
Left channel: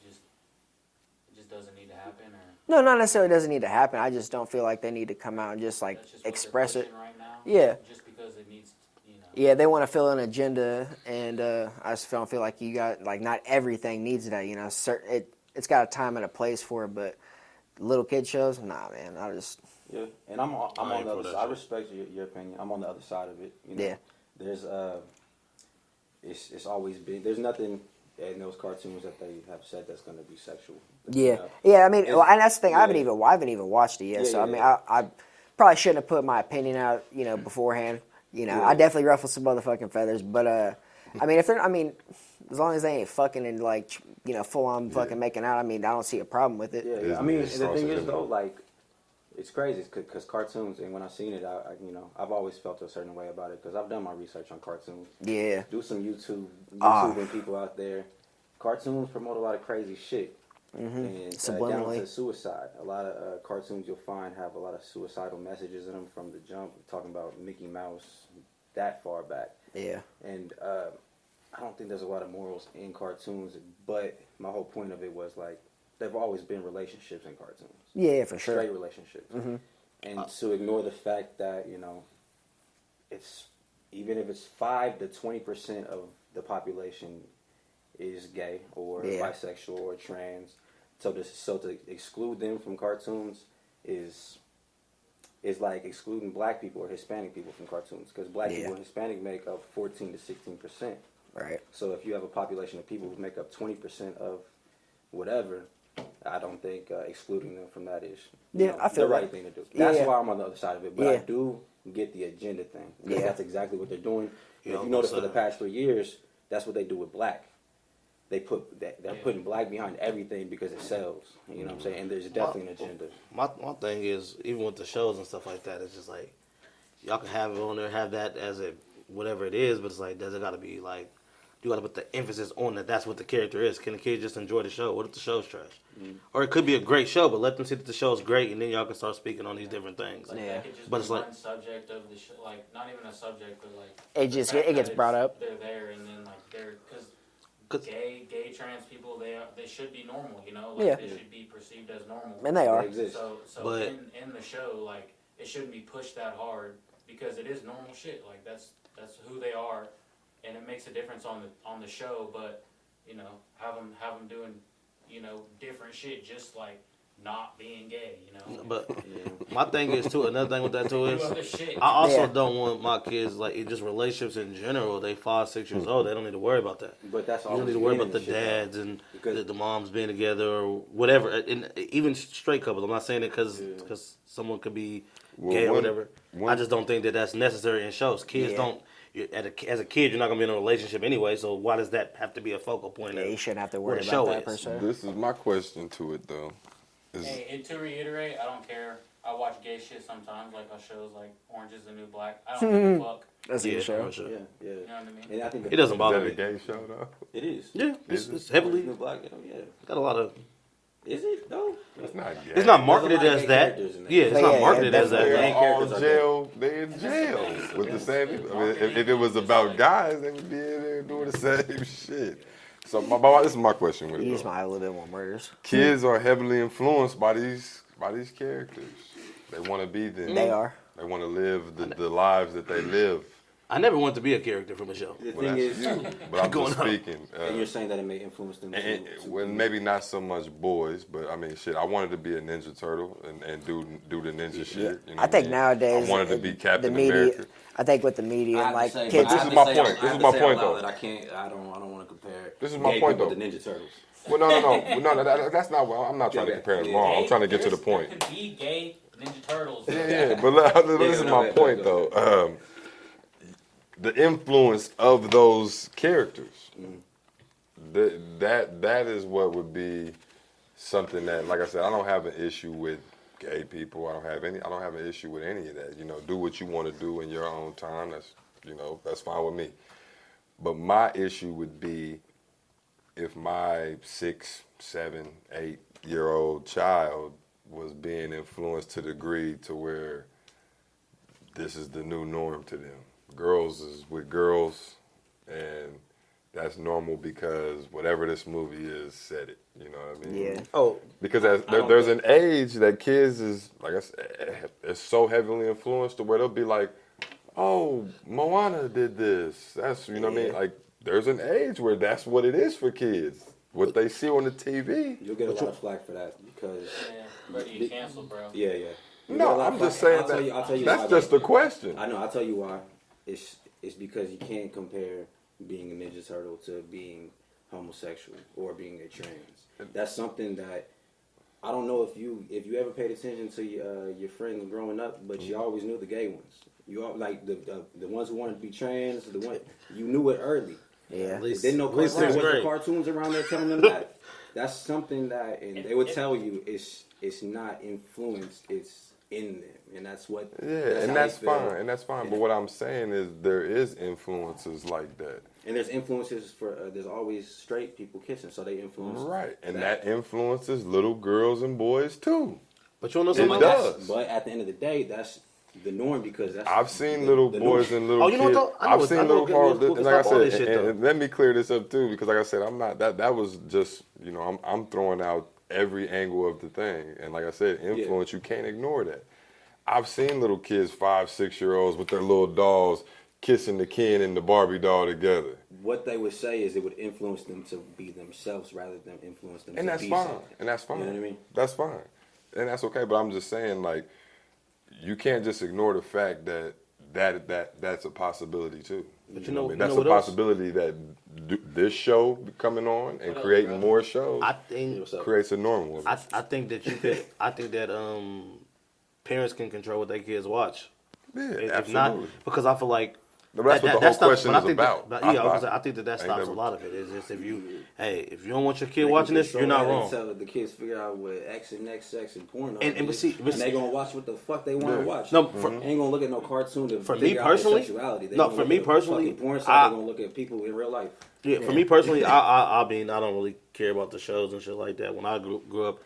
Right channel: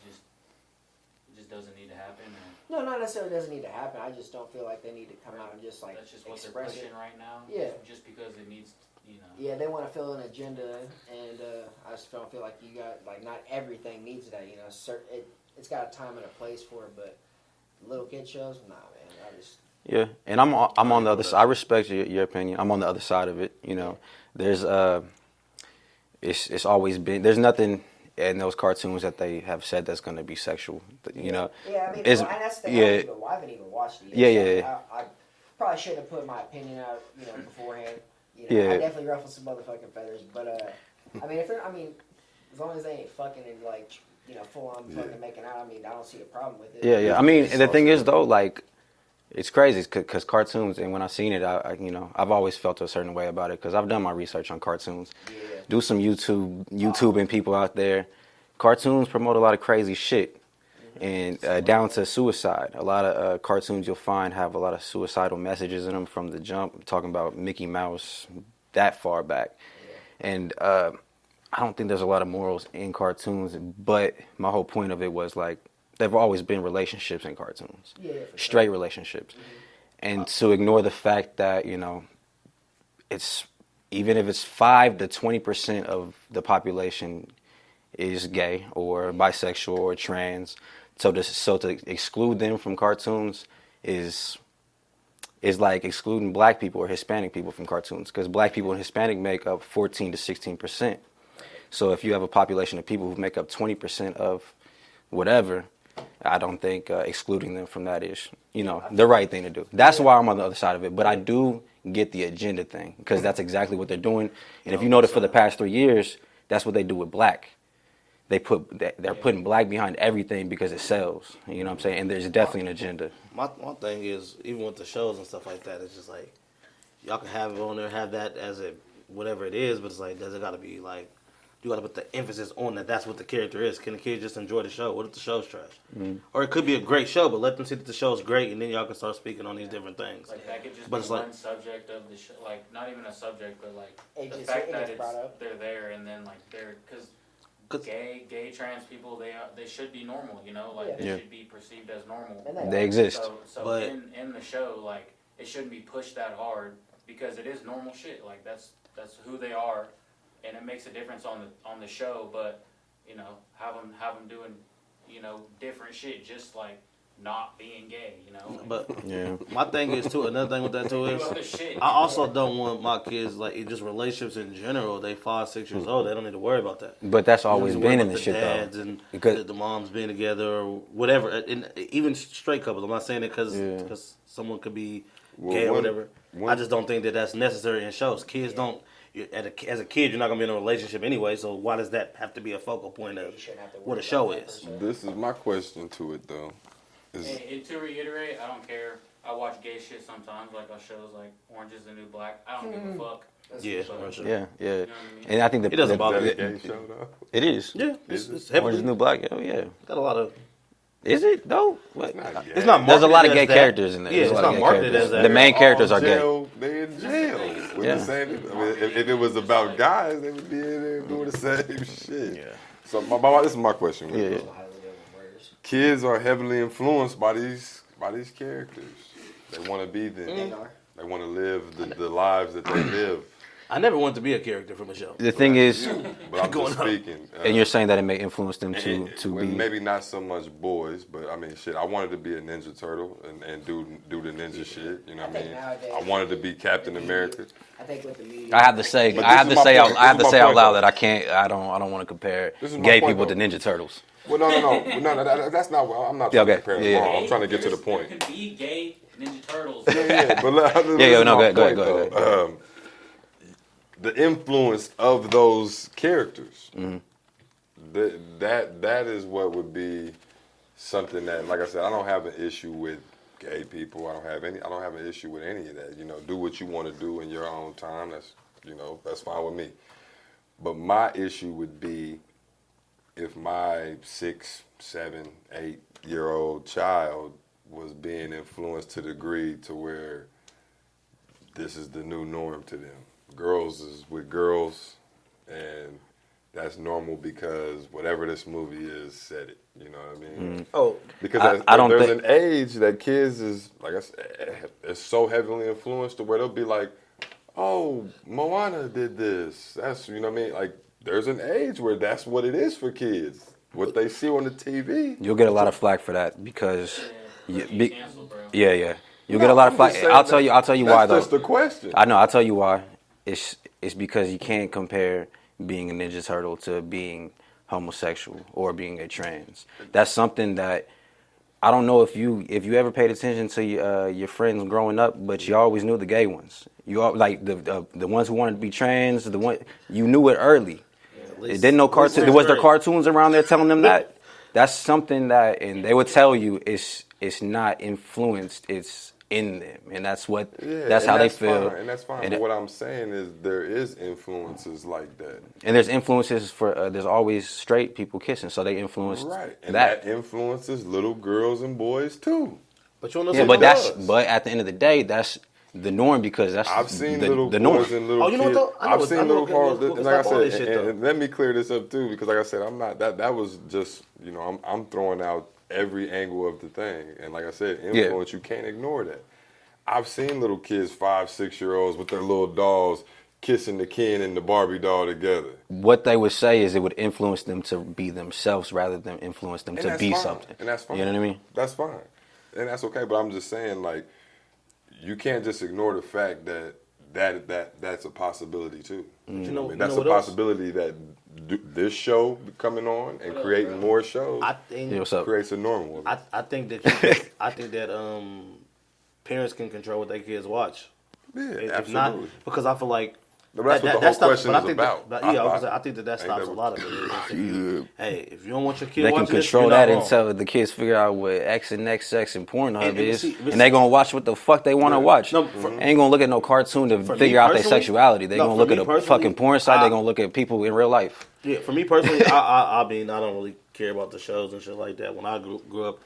just doesn't need to happen. Or No, not necessarily doesn't need to happen. I just don't feel like they need to come out and just like that's just what express they're it. pushing right now. Yeah. Just because it needs, Yeah, they want to fill an agenda, and I just don't feel like you got like not everything needs that. It's got a time and a place for it, but little kid shows, nah, man. I just Yeah, and I'm on the other side. I respect your opinion. I'm on the other side of it. Yeah. There's it's always been, there's nothing in those cartoons that they have said that's going to be sexual. yeah. I mean, and that's the thing. I haven't even watched it yet. Yeah, so, yeah, I mean, yeah. I probably shouldn't have put my opinion out, beforehand. Yeah. I definitely ruffled some motherfucking feathers, but I mean, as long as they ain't fucking and like full on fucking making out, I mean, I don't see a problem with it. Yeah. I mean, and the thing is though, like, it's crazy because cartoons, and when I've seen it, I've always felt a certain way about it because I've done my research on cartoons. Yeah. Do some YouTube and people out there. Cartoons promote a lot of crazy shit. and down Subliminally. to suicide. A lot of cartoons you'll find have a lot of suicidal messages in them from the jump, talking about Mickey Mouse that far back. Yeah. And I don't think there's a lot of morals in cartoons, but my whole point of it was like, there have always been relationships in cartoons. Yeah, for sure. Straight relationships. And to ignore the fact that, it's, even if it's 5 to 20% of the population is gay or bisexual or trans, so to exclude them from cartoons is like excluding black people or Hispanic people from cartoons, because black people and Hispanic make up 14 to 16%. Right. So if you have a population of people who make up 20% of whatever, I don't think excluding them from that is, I feel the right like- thing to do. That's Yeah. why I'm on the other side of it. But I Yeah. do get the agenda thing, because that's exactly what they're doing. And if you notice, for the past 3 years, that's what they do with black. They're putting black behind everything because it sells. You know what I'm saying? And there's definitely an agenda. My thing is, even with the shows and stuff like that, it's just like, y'all can have it on there, have that as a whatever it is, but it's like, does it got to be like, you got to put the emphasis on that that's what the character is. Can the kids just enjoy the show? What if the show's trash? Or it could be a great show, but let them see that the show's great, and then y'all can start speaking on these different things. Like that could just But be it's like- one subject of the show, like not even a subject, but like It the just- fact it that gets brought up. They're there, and then like they're because 'Cause- gay trans people they should be normal, like Yeah. they Yeah. should be perceived as normal. And they are. They exist. So But- in the show, like it shouldn't be pushed that hard because it is normal shit. Like that's who they are, and it makes a difference on the show. But have them doing different shit, just like not being gay. But Yeah. my thing is too. Another thing with that too is, Other shit. I also Yeah. don't want my kids like just relationships in general. They 5, 6 years old. They don't need to worry about that. But that's You don't need always to worry been in about the the shit, dads though. and Because- the moms being together or whatever. And even straight couples. I'm not saying it because someone could be Well, gay or one- whatever. one- I just don't think that that's necessary in shows. Kids don't. As a kid, you're not gonna be in a relationship anyway. So why does that have to be a focal point Yeah, of you shouldn't have to what worry a about show that is? per se. This is my question to it though. Is Hey, and to reiterate, I don't care. I watch gay shit sometimes, like on shows like Orange is the New Black. I don't give a fuck. That's a Yeah, good show. for sure. Yeah, yeah. You know what I mean? And I think It doesn't is bother that a me. gay show though? It is. Yeah, Is it's it? Orange heavily is the New Black. Oh yeah. got a lot of. Is it though? It's not gay. It's not There's a marketed lot of as gay that. characters in there. Yeah, it's There's not yeah, marketed yeah. as that. The main characters are gay. They're in jail with Yeah. the same. I mean, if it was about guys, they would be in there doing the same shit. So this is my question with it. Just though. might have a little bit more murders. Kids are heavily influenced by these characters. They want to be them. They are. They want to live the lives that they live. I never wanted to be a character from a show. The thing That's is, you. But I'm Going just on. speaking. and you're saying that it may influence them to well, be. maybe not so much boys, but I mean, shit. I wanted to be a Ninja Turtle and do the ninja shit. You know I what think mean? nowadays I wanted to be Captain the media, America. I think with the media, I have to like, say, kids- I have this to is my say, point. I have This to is my say out point, loud though. that I can't. I don't want to compare This is my gay point, people to though. Ninja Turtles. Well, no. That's not. I'm not trying to Okay. compare them Yeah. wrong. I'm trying to get to the There point. could be gay Ninja Turtles. Yeah, but this Yeah, is no, my go point ahead, go though. The influence of those characters. That is what would be something that, like I said, I don't have an issue with gay people. I don't have an issue with any of that. Do what you want to do in your own time. That's fine with me. But my issue would be if my 6, 7, 8-year-old child was being influenced to the degree to where this is the new norm to them. Girls is with girls, and that's normal because whatever this movie is said it. You know what I mean? Yeah. Oh, Because I don't there's think- an age that kids is, like I said, it's so heavily influenced to where they'll be like, oh, Moana did this. That's, you know what I mean? Like, there's an age where that's what it is for kids. What they see on the TV. You'll get a lot of flack for that because. But you canceled, bro. Yeah. You'll No, get a lot I'm of flack. just saying I'll tell you why That's though. just the question. I know. I'll tell you why. It's because you can't compare being a Ninja Turtle to being homosexual or being a trans. That's something that I don't know if you ever paid attention to your friends growing up, but you always knew the gay ones. You all, like the ones who wanted to be trans, you knew it early. Yeah. They didn't know cartoons. least Was there great. cartoons around there telling them that? That's something that, and they would tell you it's not influenced. It's in them, and that's what Yeah, that's and how that's they feel. fine, and that's fine. And But what I'm saying is there is influences like that. And there's influences for there's always straight people kissing, so they influence Right, and that influences little girls and boys too. But you don't know Yeah, something but else. but at the end of the day, that's the norm because that's I've seen the, little the boys norm. and little Oh, you know what kids. though? I know I've what- seen I know little what cars. can And like I stop all said, this shit, and though. let me clear this up too, because like I said, I'm not that was just I'm throwing out every angle of the thing, and like I said, influence you can't ignore that. I've seen little kids, 5, 6-year-olds with their little dolls kissing the Ken and the Barbie doll together. What they would say is it would influence them to be themselves rather than influence them And to that's be fine. something. And that's fine. You know what I mean? That's fine. And that's okay. But I'm just saying, like, you can't just ignore the fact that's a possibility too. But you know, That's you know a what else? possibility that this show coming on and creating more shows I think Yeah, what's up? creates a norm with it. I think that you can, I think that parents can control what their kids watch. Yeah, If absolutely. not, because I feel like But that's what the whole question but is I think about. That, I yeah, thought. I think that Ain't stops that a what- lot of it. Is if you, hey, if you don't want your kid They can watching this, control you're not that wrong. until the kids figure out what X and XX and Pornhub And- is, but and they gonna watch what the fuck they want to Yeah. watch. No, for- Ain't gonna look at no cartoon to For me figure out their personally- sexuality. They no, gonna for look me at the personally, fucking porn side. They gonna look at people in real life. Yeah, for me personally, I mean, I don't really care about the shows and shit like that. When I grew up,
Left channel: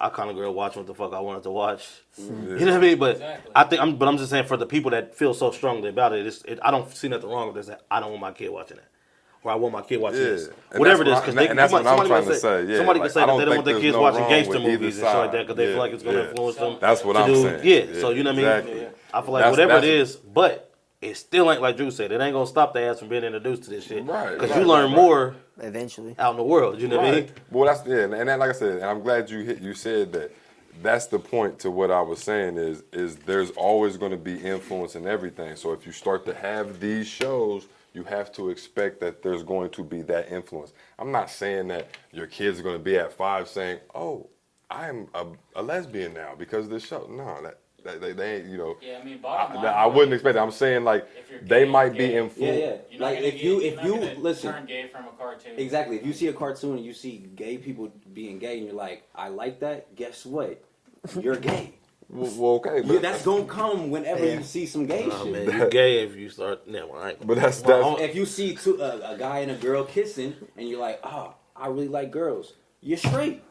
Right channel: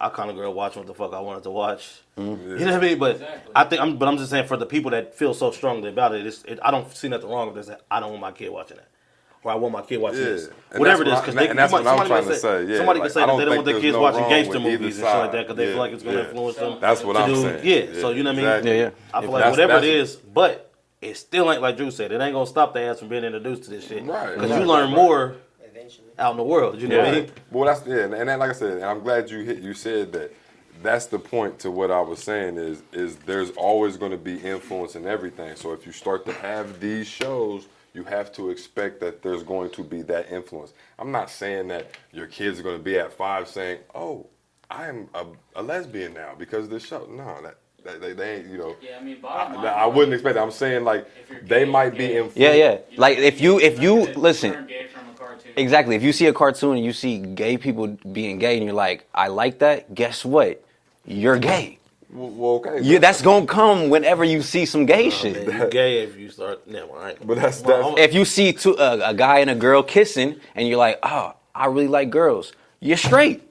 I kind of grew up watching what the fuck I wanted to watch. You know what I mean? But Exactly. I think I'm just saying for the people that feel so strongly about it, I don't see nothing wrong with this. I don't want my kid watching that, or I want my kid watching Yeah. this. And Whatever it that's is, what because and that's what I'm somebody trying might to say. Yeah, somebody like, can say I that don't they don't think want their there's kids no watching wrong gangster with either movies and shit like that side. because they Yeah, feel like it's going to yeah. influence them. That's what to I'm do, saying. Yeah, Yeah, so you know what I exactly. mean? Yeah, yeah. I feel like That's- whatever it that's- is, but it still ain't like Drew said. It ain't gonna stop their ass from being introduced to this shit. Right, Because right, you learn right. more Eventually. out in the world. You know what I mean? Well, that's and that, like I said, and I'm glad you said that. That's the point to what I was saying is there's always going to be influence in everything. So if you start to have these shows, you have to expect that there's going to be that influence. I'm not saying that your kids are going to be at 5 saying, "Oh, I'm a lesbian now because of this show." No, they ain't. You know, Yeah, I mean, bottom line, I wouldn't expect that. I'm saying like if you're they gay, might you're be gay. influenced. Yeah, yeah. You Like know, if you you're not gonna listen. turn gay from a cartoon. Exactly. If you see a cartoon and you see gay people being gay and you're like, I like that, guess what? You're gay. Well, okay. Yeah, but- that's gonna come whenever you see some gay shit. Man, you gay if you start. Never mind. But that's If you see a guy and a girl kissing and you're like, oh, I really like girls, you're straight.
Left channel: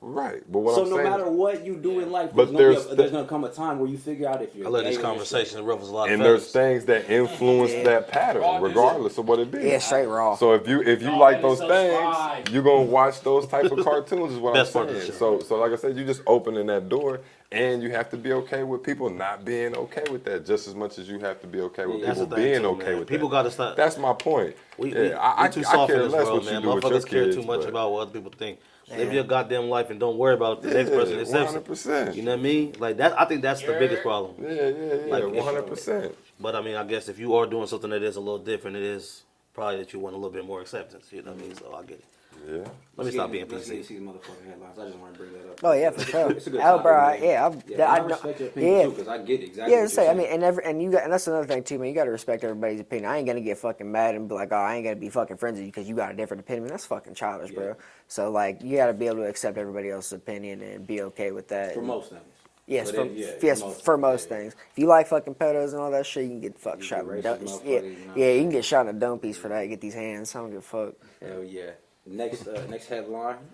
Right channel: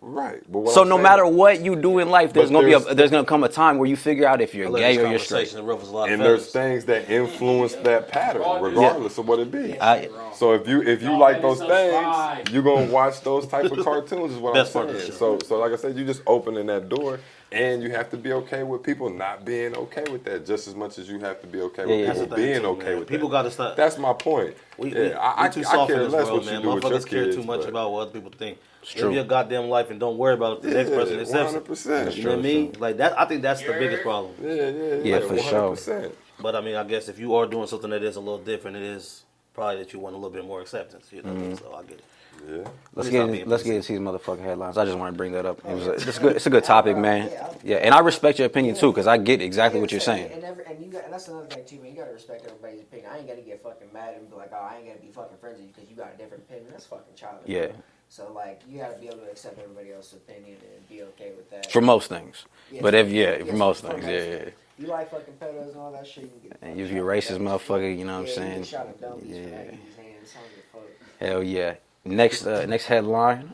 right. But what So I'm no saying- matter what you do in life, But there's gonna come a time where you figure out if I you're love gay this or you're straight. conversation. It ruffles a lot of and there's feathers. things that influence that pattern, regardless of what it be. Yeah, straight raw. So if you Y'all like better those subscribe. things, you're gonna watch those type of cartoons. Is what Best I'm part of the saying. show. So like I said, you just opening that door, and you have to be okay with people not being okay with that, just as much as you have to be okay with Yeah, That's people the thing, being too, okay man. with People that. gotta stop. That's my point. We I too I soft care in this less world, what man. you do with your Motherfuckers care kids, too much but- about what other people think. Live your goddamn life and don't worry about the next Yeah, person accepts it. 100%. You know what I mean? Like that. I think that's the biggest problem. Yeah, Yeah, for 100%. But I mean, I guess if you are doing something that is a little different, it is probably that you want a little bit more acceptance. You know what I mean? So I get it. Yeah. Let Let's me get, stop being let's PC. get into these motherfucking headlines. I just want to bring that up. Oh, yeah, it's for a sure. good, it's a good topic, man. Yeah, and I respect your opinion yeah. too, because I get exactly what you're so, saying. and that's another thing too, man. You gotta respect everybody's opinion. I ain't gonna get fucking mad and be like, oh, I ain't gonna be fucking friends with you because you got a different opinion. That's fucking childish, Yeah. bro. So like, you gotta be able to accept everybody else's opinion and be okay with that. For most things. Yes, but for, if yes, for most for things, most yeah, things. If you like fucking pedos and all that shit, you can get the fuck you shot. be a in racist the dump. motherfucker, you know what Yeah, I'm you can saying? get shot in a dumb piece for that. Get these hands. I don't give a fuck. Hell yeah. Next headline.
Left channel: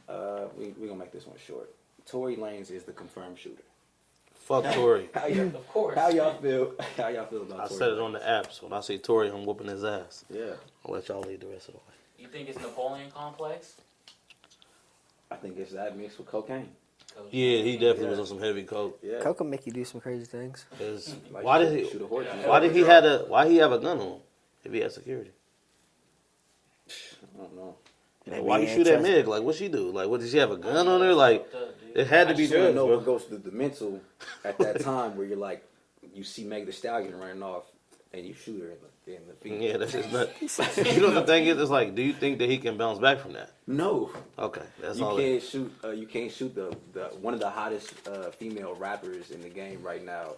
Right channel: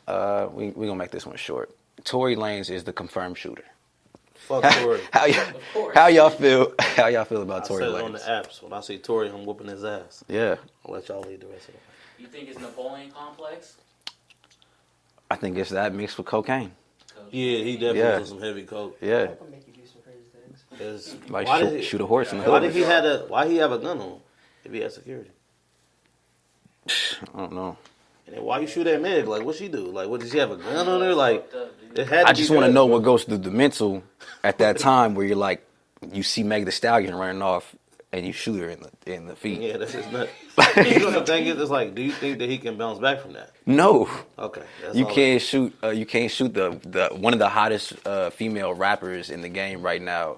We gonna make this one short. Tory Lanez is the confirmed shooter. Fuck Tory. How y'all feel? How y'all feel about I Tory said Lanez? it on the apps. When I see Tory, I'm whooping his ass. Yeah, I'll let y'all lead the rest of the way. You think it's Napoleon complex? I think it's that mixed with cocaine. Yeah, he definitely Yeah. was on some heavy coke. Yeah, Coke can make you do some crazy things. like Why shoot, did he? shoot a horse in the Why head. did he have a gun on him if he had security? I don't know. And why you shoot at Meg? Like, what she do? Like, what did she have a gun on her? Like, it had to I be. just want to drugs, know bro. what goes through the mental at that time where you're like, you see Meg the Stallion running off and you shoot her in the feet. Yeah, that's just nuts. You know what the thing is? It's like, do you think that he can bounce back from that? No, Okay, that's you all can't shoot. You can't shoot the one of the hottest female rappers in the game right now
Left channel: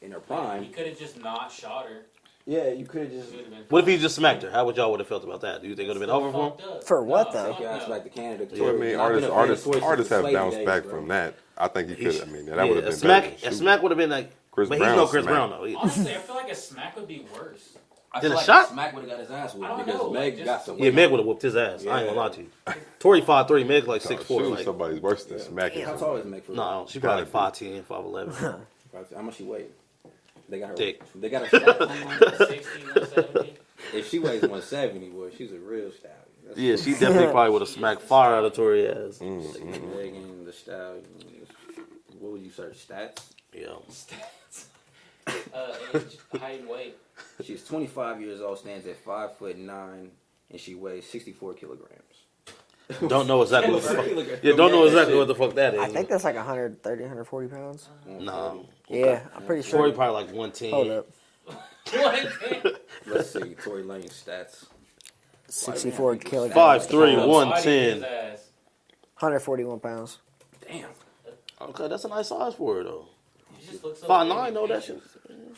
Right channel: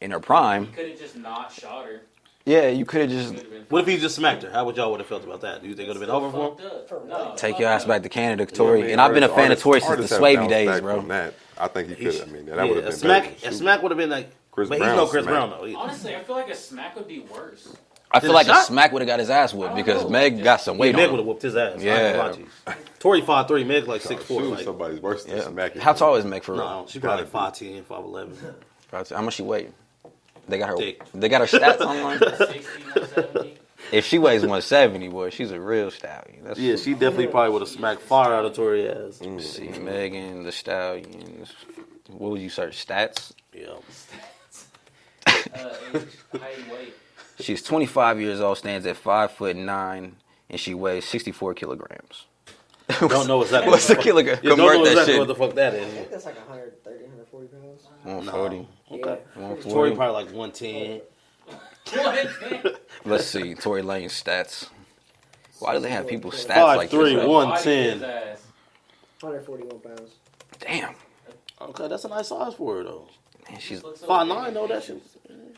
in her prime. He could have just not shot her. Yeah, you could have just What if he just smacked her? How would y'all would have felt about that? Do you think it would have been over for him? For what, though? take your ass back to Canada, Yeah, I Tory. mean, And I've been a fan of artists- Tory since artists the have Swavey bounced days, back bro. from that. I think he could. I mean, that would have a been smack. better. A Shoot. smack would have been like. Chris but he's Brown no Chris smack. Brown though. Either. Honestly, I feel like a smack would be worse. I feel Did a like a shot? smack would have got his ass whipped because know. Meg got some Yeah, weight. Meg on would her. have whooped his ass. I ain't gonna lie Yeah. to you. Tory 5'3", Meg like Shoot 6'4". somebody's worse than smacking. How tall is Meg for real? No, she's probably like 5'10", 5'11". How much she weigh? They got her. Thick. They got her stats online. 60, 170. If she weighs 170, boy, she's a real stallion. That's Yeah, she definitely probably would have smacked fire out of Tory ass. See, Megan the Stallion. What would you search? Stats. Yeah. Age, height, weight. She's 25 years old, stands at 5'9", and she weighs 64 kilograms. Don't know exactly. What's what a the fuck- kilogram? Yeah, don't know Convert that exactly shit. what the fuck that I is. think that's like 130, 140 pounds. 140. Yeah, I'm pretty sure. Tory probably like Hold 110. up. Let's see. Tory Lane's stats. Why do they have 64 people's kilograms. stats like 5'3", that? 110. 141 pounds. Damn. Okay, that's a nice size for her though. Man, she's 5'9", though that shit.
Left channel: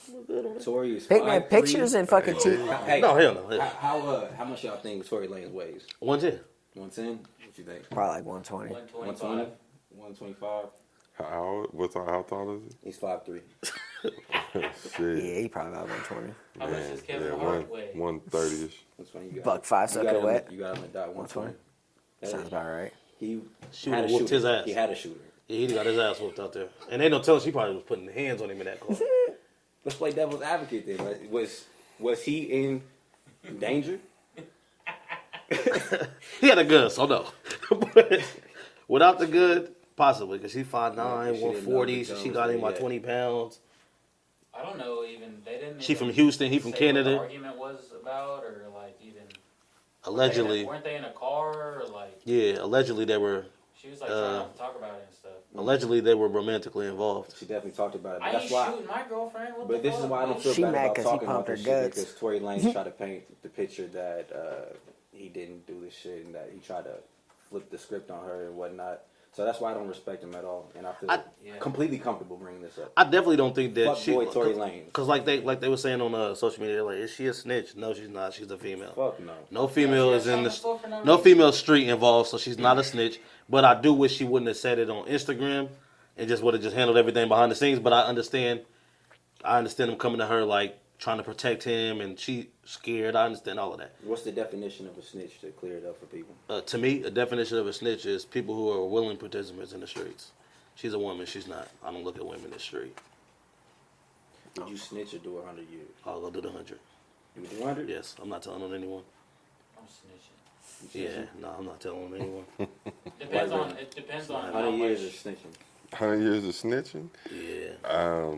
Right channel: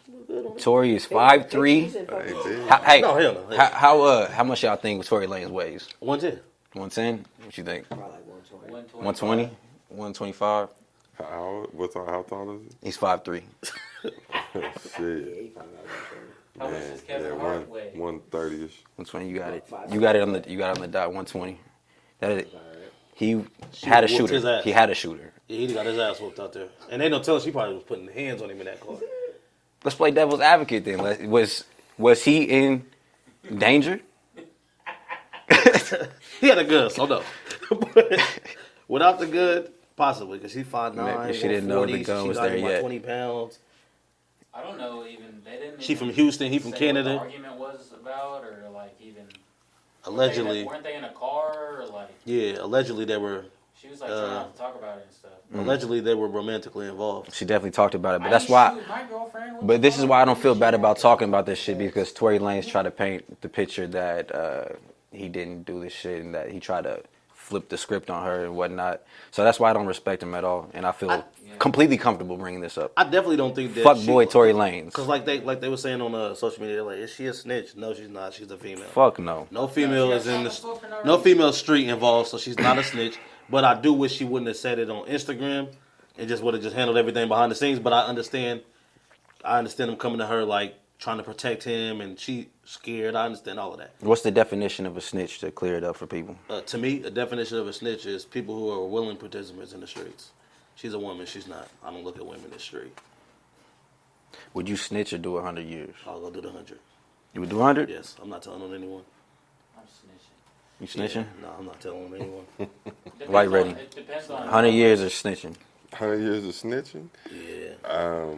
Look good on it. Tory is Pick like 5'3". pictures and fucking. Hey, No, hell no. how much y'all think Tory Lane's weighs? 110. 110? What you think? Probably like 120. 120? 125? How tall is He's 5'3". Yeah, Shit, he probably about 120. How much man. does Kevin Yeah, Hart weigh? 130ish. 120. You got Buck it. 5'7", You got it on right? the. You got it on the dot. 120. That Sounds is, about right. he She had a whooped his shooter. ass. He had a shooter. Yeah, he got his ass whooped out there. And ain't no telling she probably was putting hands on him in that car. Let's play devil's advocate then. Was he in danger? He had a gun, so no. But without the gun, possibly, because she's 5'9", Maybe she didn't know 140, the so gun she was got there him by yet. 20 pounds. I don't know even. They didn't. She even from Houston, he from say Canada. What the argument was about, or like even. Allegedly, Weren't they in a car or like? yeah, allegedly they were She was like trying to talk about it and stuff. allegedly they were romantically involved. She definitely talked about it, but I that's ain't why. shoot my girlfriend. What But the this is fuck? why I don't feel She bad mad about 'cause talking he about this pumped shit her guts. because Tory Lanez tried to paint the picture that he didn't do this shit and that he tried to flip the script on her and whatnot. So that's why I don't respect him at all, and I feel completely comfortable bringing this up. I definitely don't think that Fuck boy Tory Lanez. Because like they were saying on social media, they're like, is she a snitch? No, she's not. She's a female. Fuck no. No female is in for no no reason. female street involved, so she's not a snitch. But I do wish she wouldn't have said it on Instagram and just would have just handled everything behind the scenes. But I understand him coming to her like trying to protect him, and she scared. I understand all of that. What's the definition of a snitch to clear it up for people? To me, a definition of a snitch is people who are willing participants in the streets. She's a woman. She's not. I don't look at women in the street. Would you snitch or do 100 years? I'll go do the 100. You would do 100? Yes, I'm not telling on anyone. I'm snitching. You snitching? Yeah, no, I'm not telling on anyone. White Depends on- rating. It depends on 100 how years much- or snitching? 100 years of snitching. Yeah.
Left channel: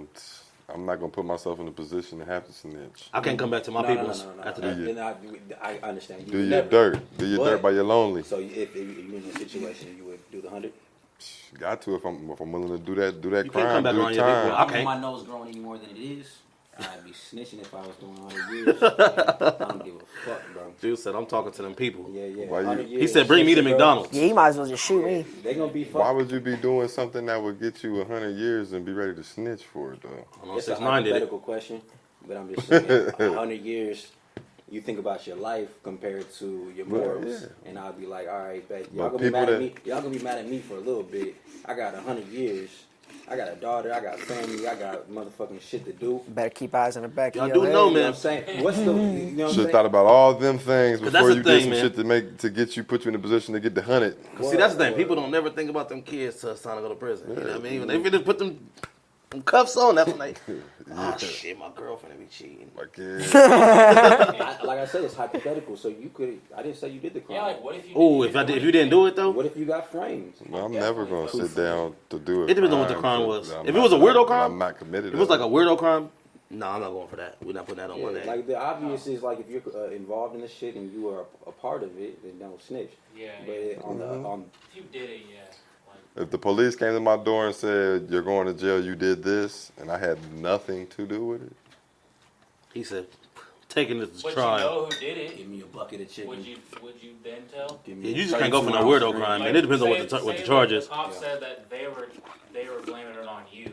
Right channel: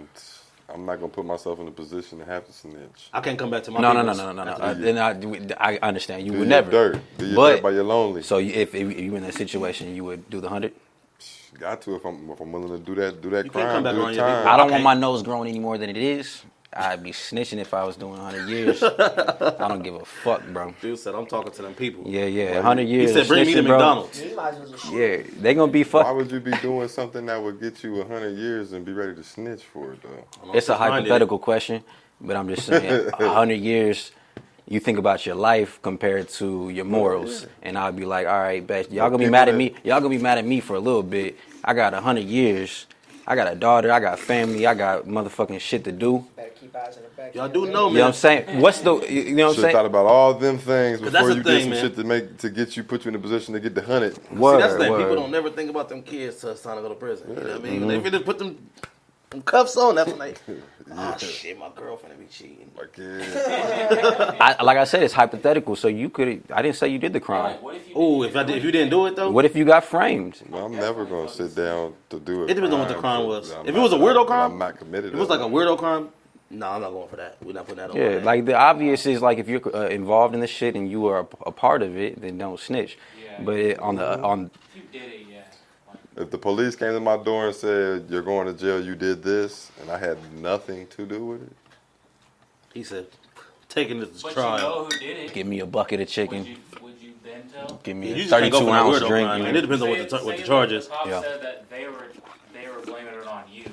I'm not gonna put myself in a position to have to snitch. I can't come back to my No. peoples after that. Then I understand. You Do would your never. dirt. Do your But- dirt by your lonely. So if you in that situation, you would do the 100? Got to if I'm willing to do that You can't crime, come back do on the your time. I don't Okay. want my nose growing any more than it is. I'd be snitching if I was doing 100 years. I don't give a fuck, bro. Dude said, I'm talking to them people. Yeah, Why 100 you- years. He said, bring me to snitching, bro. McDonald's. Yeah, you might as well just shoot Yeah, me. they gonna be Why fuck. would you be doing something that would get you 100 years and be ready to snitch for it though? It's a hypothetical question, but I'm just saying, 100 years. You think about your life compared to your morals, yeah. and I'd be like, all right, bet y'all Well, gonna be people mad at that- me. Y'all gonna be mad at me for a little bit. I got 100 years. I got a daughter. I got family. I got motherfucking shit to do. Better keep eyes in the back. of Y'all your do head. know, You know what man. I'm saying? What's the? You know what I'm Should have saying? thought about all them things that's before the you thing, did some man. shit to get you, put you in a position to get the 100. See, that's the thing. Word. People don't never think about them kids till it's time to go to prison. You know what I mean? When they really put them cuffs on, that's when they, oh shit, my girlfriend be cheating. Like, yeah. Like I said, it's hypothetical. So you could. I didn't say you did the Yeah, crime. like, what if you Oh, didn't if you didn't do it though, What if you got framed? Well, I'm never gonna sit down to do it. It depends on what the crime was. If it was a weirdo crime, I'm not committed. if it was like a weirdo crime, no, I'm not going for that. We're not putting that on. my Yeah, name. like the obvious is like if you're involved in the shit and you are a part of it, then don't snitch. Yeah. But on If you did it, yeah. Like, If the police came to my door and said you're going to jail, you did this, and I had nothing to do with it, he said, taking it to but trial. you know who did it. give me a bucket of chicken. Would you then tell? Give Yeah, me you a just can't go for that 32-ounce weirdo drink. crime, man. It depends on what the charge is. The cops Yeah. said that they were blaming it on you,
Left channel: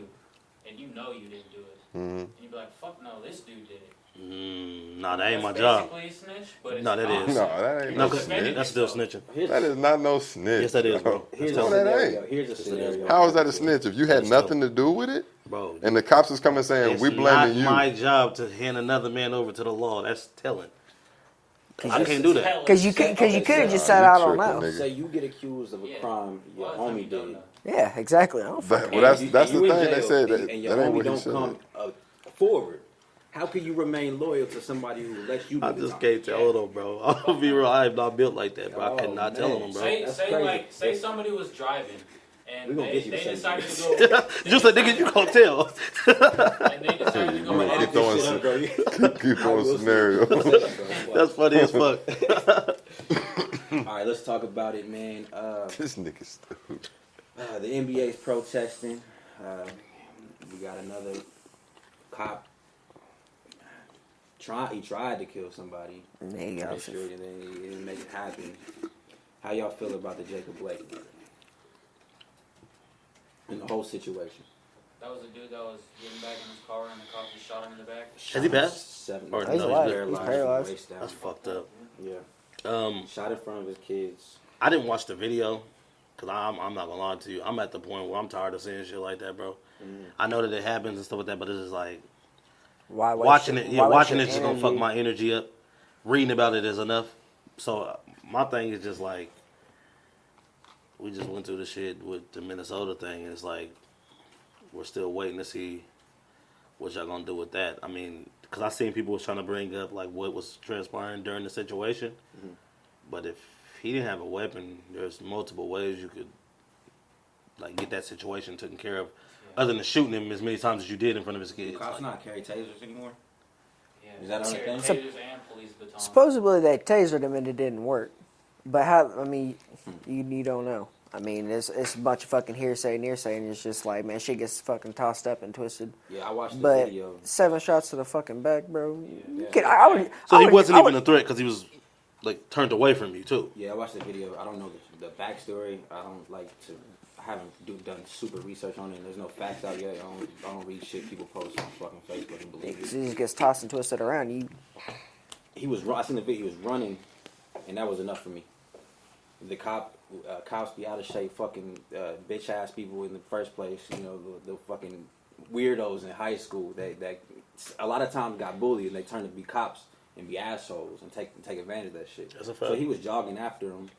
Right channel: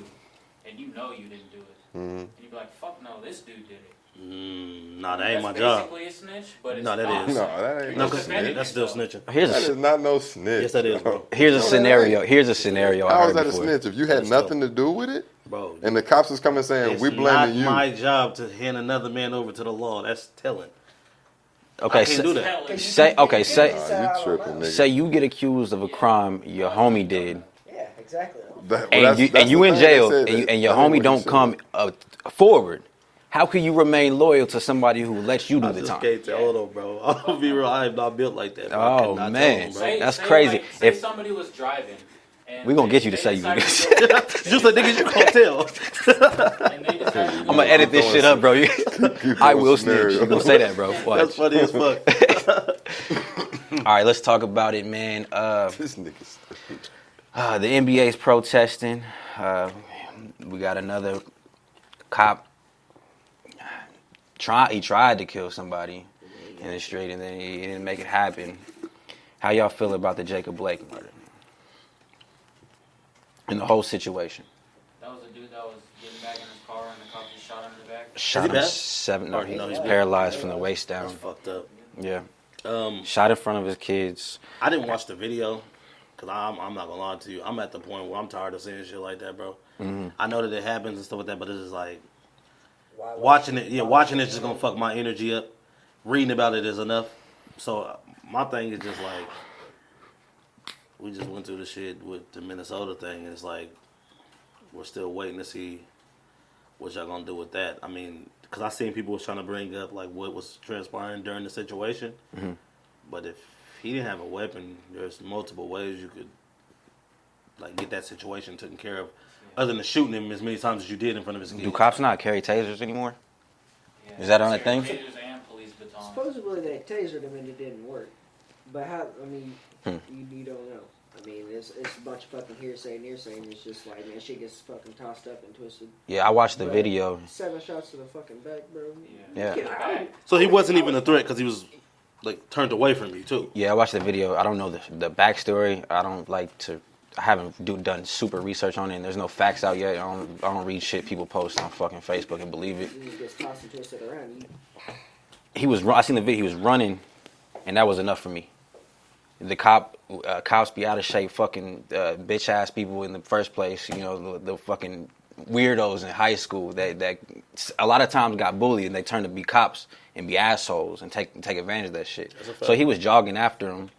and you know you didn't do it. And you'd be like, fuck no, this dude did it. Nah, that ain't my That's job. basically a snitch, but it's No, that not. is. No, that ain't no No, 'cause snitch. that's still snitching. Here's That a, is not no snitch. Yes, that is, bro. here's a No, that scenario. ain't. Here's a scenario. I How heard is that a before. snitch? If you had That's nothing still- to do with it, Bro, and the cops is coming saying it's we not blaming you. my job to hand another man over to the law. That's telling. Okay, I can't do that. Because you Say- could, okay, you say- could just said you I don't tripping, know. nigga. Say you get accused of a crime your homie did, Yeah, exactly. I don't That- fucking- well, and you, that's and you the in thing, they jail, said and, that- and your that ain't homie what he don't said. come forward. How can you remain loyal to somebody who lets you do I the just time? can't tell them, bro. I'll be real. I am not built like that, bro. I Oh, cannot man. tell them, bro. That's crazy. Like, say If- somebody was driving. And We gonna get you to they say you decided this. to go- Just like niggas you can't tell. and they decided to I'm go gonna edit this throwing shit up, some- bro. Keep I throwing will snitch. scenarios. You gonna say that, bro? Watch. That's funny as fuck. All right, let's talk about it, man. This nigga stupid. The NBA's protesting. We got another cop. He tried to kill somebody There you in go. the street, and then he didn't make it happen. How y'all feel about the Jacob Blake murder and the whole situation? That was a dude that was getting back in his car and the cop just shot him in the back. Shot he him bad? 7. Or No, no, he's he's paralyzed from the paralyzed. waist down. That's fucked up. Yeah, Um, shot in front of his kids. I didn't watch the video because I'm not gonna lie to you. I'm at the point where I'm tired of seeing shit like that, bro. I know that it happens and stuff like that, but it's just like Why waste watching your- it. Yeah, why watching waste it's just your gonna fuck energy? my energy up. Reading about it is enough. So my thing is just like we just went through the shit with the Minnesota thing, and it's like we're still waiting to see what y'all gonna do with that. I mean, because I seen people was trying to bring up like what was transpiring during the situation, but if he didn't have a weapon, there's multiple ways you could like get that situation taken care of, other than shooting him as many times as you did in front of his kids. Do cops not carry tasers anymore? Yeah. Is that on a thing? Taters and police batons. Supposedly they tasered him and it didn't work. But how? I mean, Hmm. you don't know. I mean, it's a bunch of fucking hearsay and hearsay, and it's just like, man, shit gets fucking tossed up and twisted. Yeah, I watched the But video. 7 shots to the fucking back, bro. Yeah. I would, So I he would- wasn't I even would- a threat because he was like turned away from you too. Yeah, I watched the video. I don't know the backstory. I don't like to. I haven't done super research on it, and there's no facts out yet. I don't read shit people post on fucking Facebook and believe it. He just gets tossed and twisted around. I seen the video. He was running, and that was enough for me. The cops be out of shape, fucking bitch ass people in the first place. You know, the fucking weirdos in high school that a lot of times got bullied, and they turn to be cops and be assholes and take advantage of that shit. That's a fact. So he was jogging after him.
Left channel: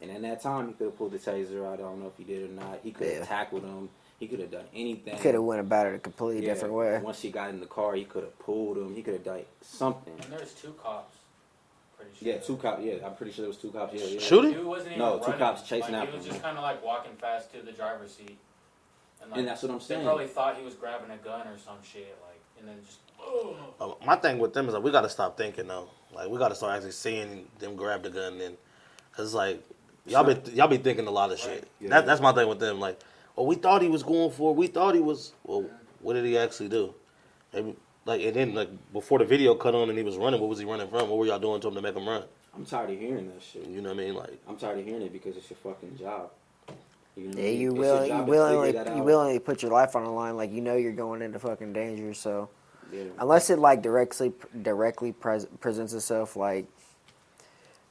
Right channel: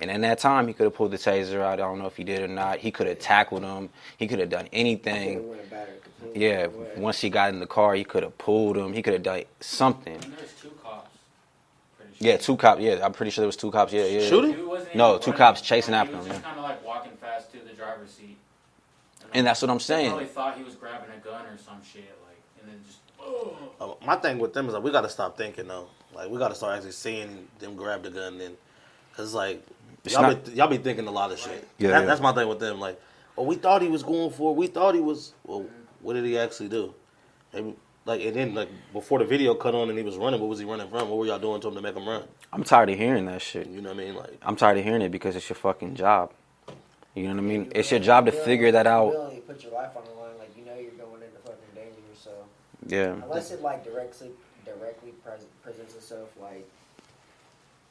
And in that time, he could have pulled the taser out. I don't know if he did or not. He could have tackled him. He could have done anything. Could have went about it a completely Yeah. different way. Once he got in the car, he could have pulled him. He could have done something. And there's 2 cops. Pretty sure. Yeah, 2 cops. Yeah, I'm pretty sure there was 2 cops. Yeah. Shooting? Dude wasn't No, even 2 running. cops chasing Like, after He was him. just kind of like walking fast to the driver's seat. And that's what I'm They saying. probably thought he was grabbing a gun or some shit, like, and then just. My thing with them is like we got to stop thinking though. Like we got to start actually seeing them grab the gun then, cause it's like y'all be thinking a lot of shit. Yeah. That's my thing with them. Like, oh, we thought he was going for. We thought he was. Well, what did he actually do? Maybe, like, and then like before the video cut on and he was running, what was he running from? What were y'all doing to him to make him run? I'm tired of hearing that shit. You know what I mean? Like, I'm tired of hearing it because it's your fucking job. You know what I Yeah, mean? you It's your will- job you to willingly- figure that You out. willingly put your life on the line, like you know you're going into fucking danger. So Yeah. unless it like directly presents itself, like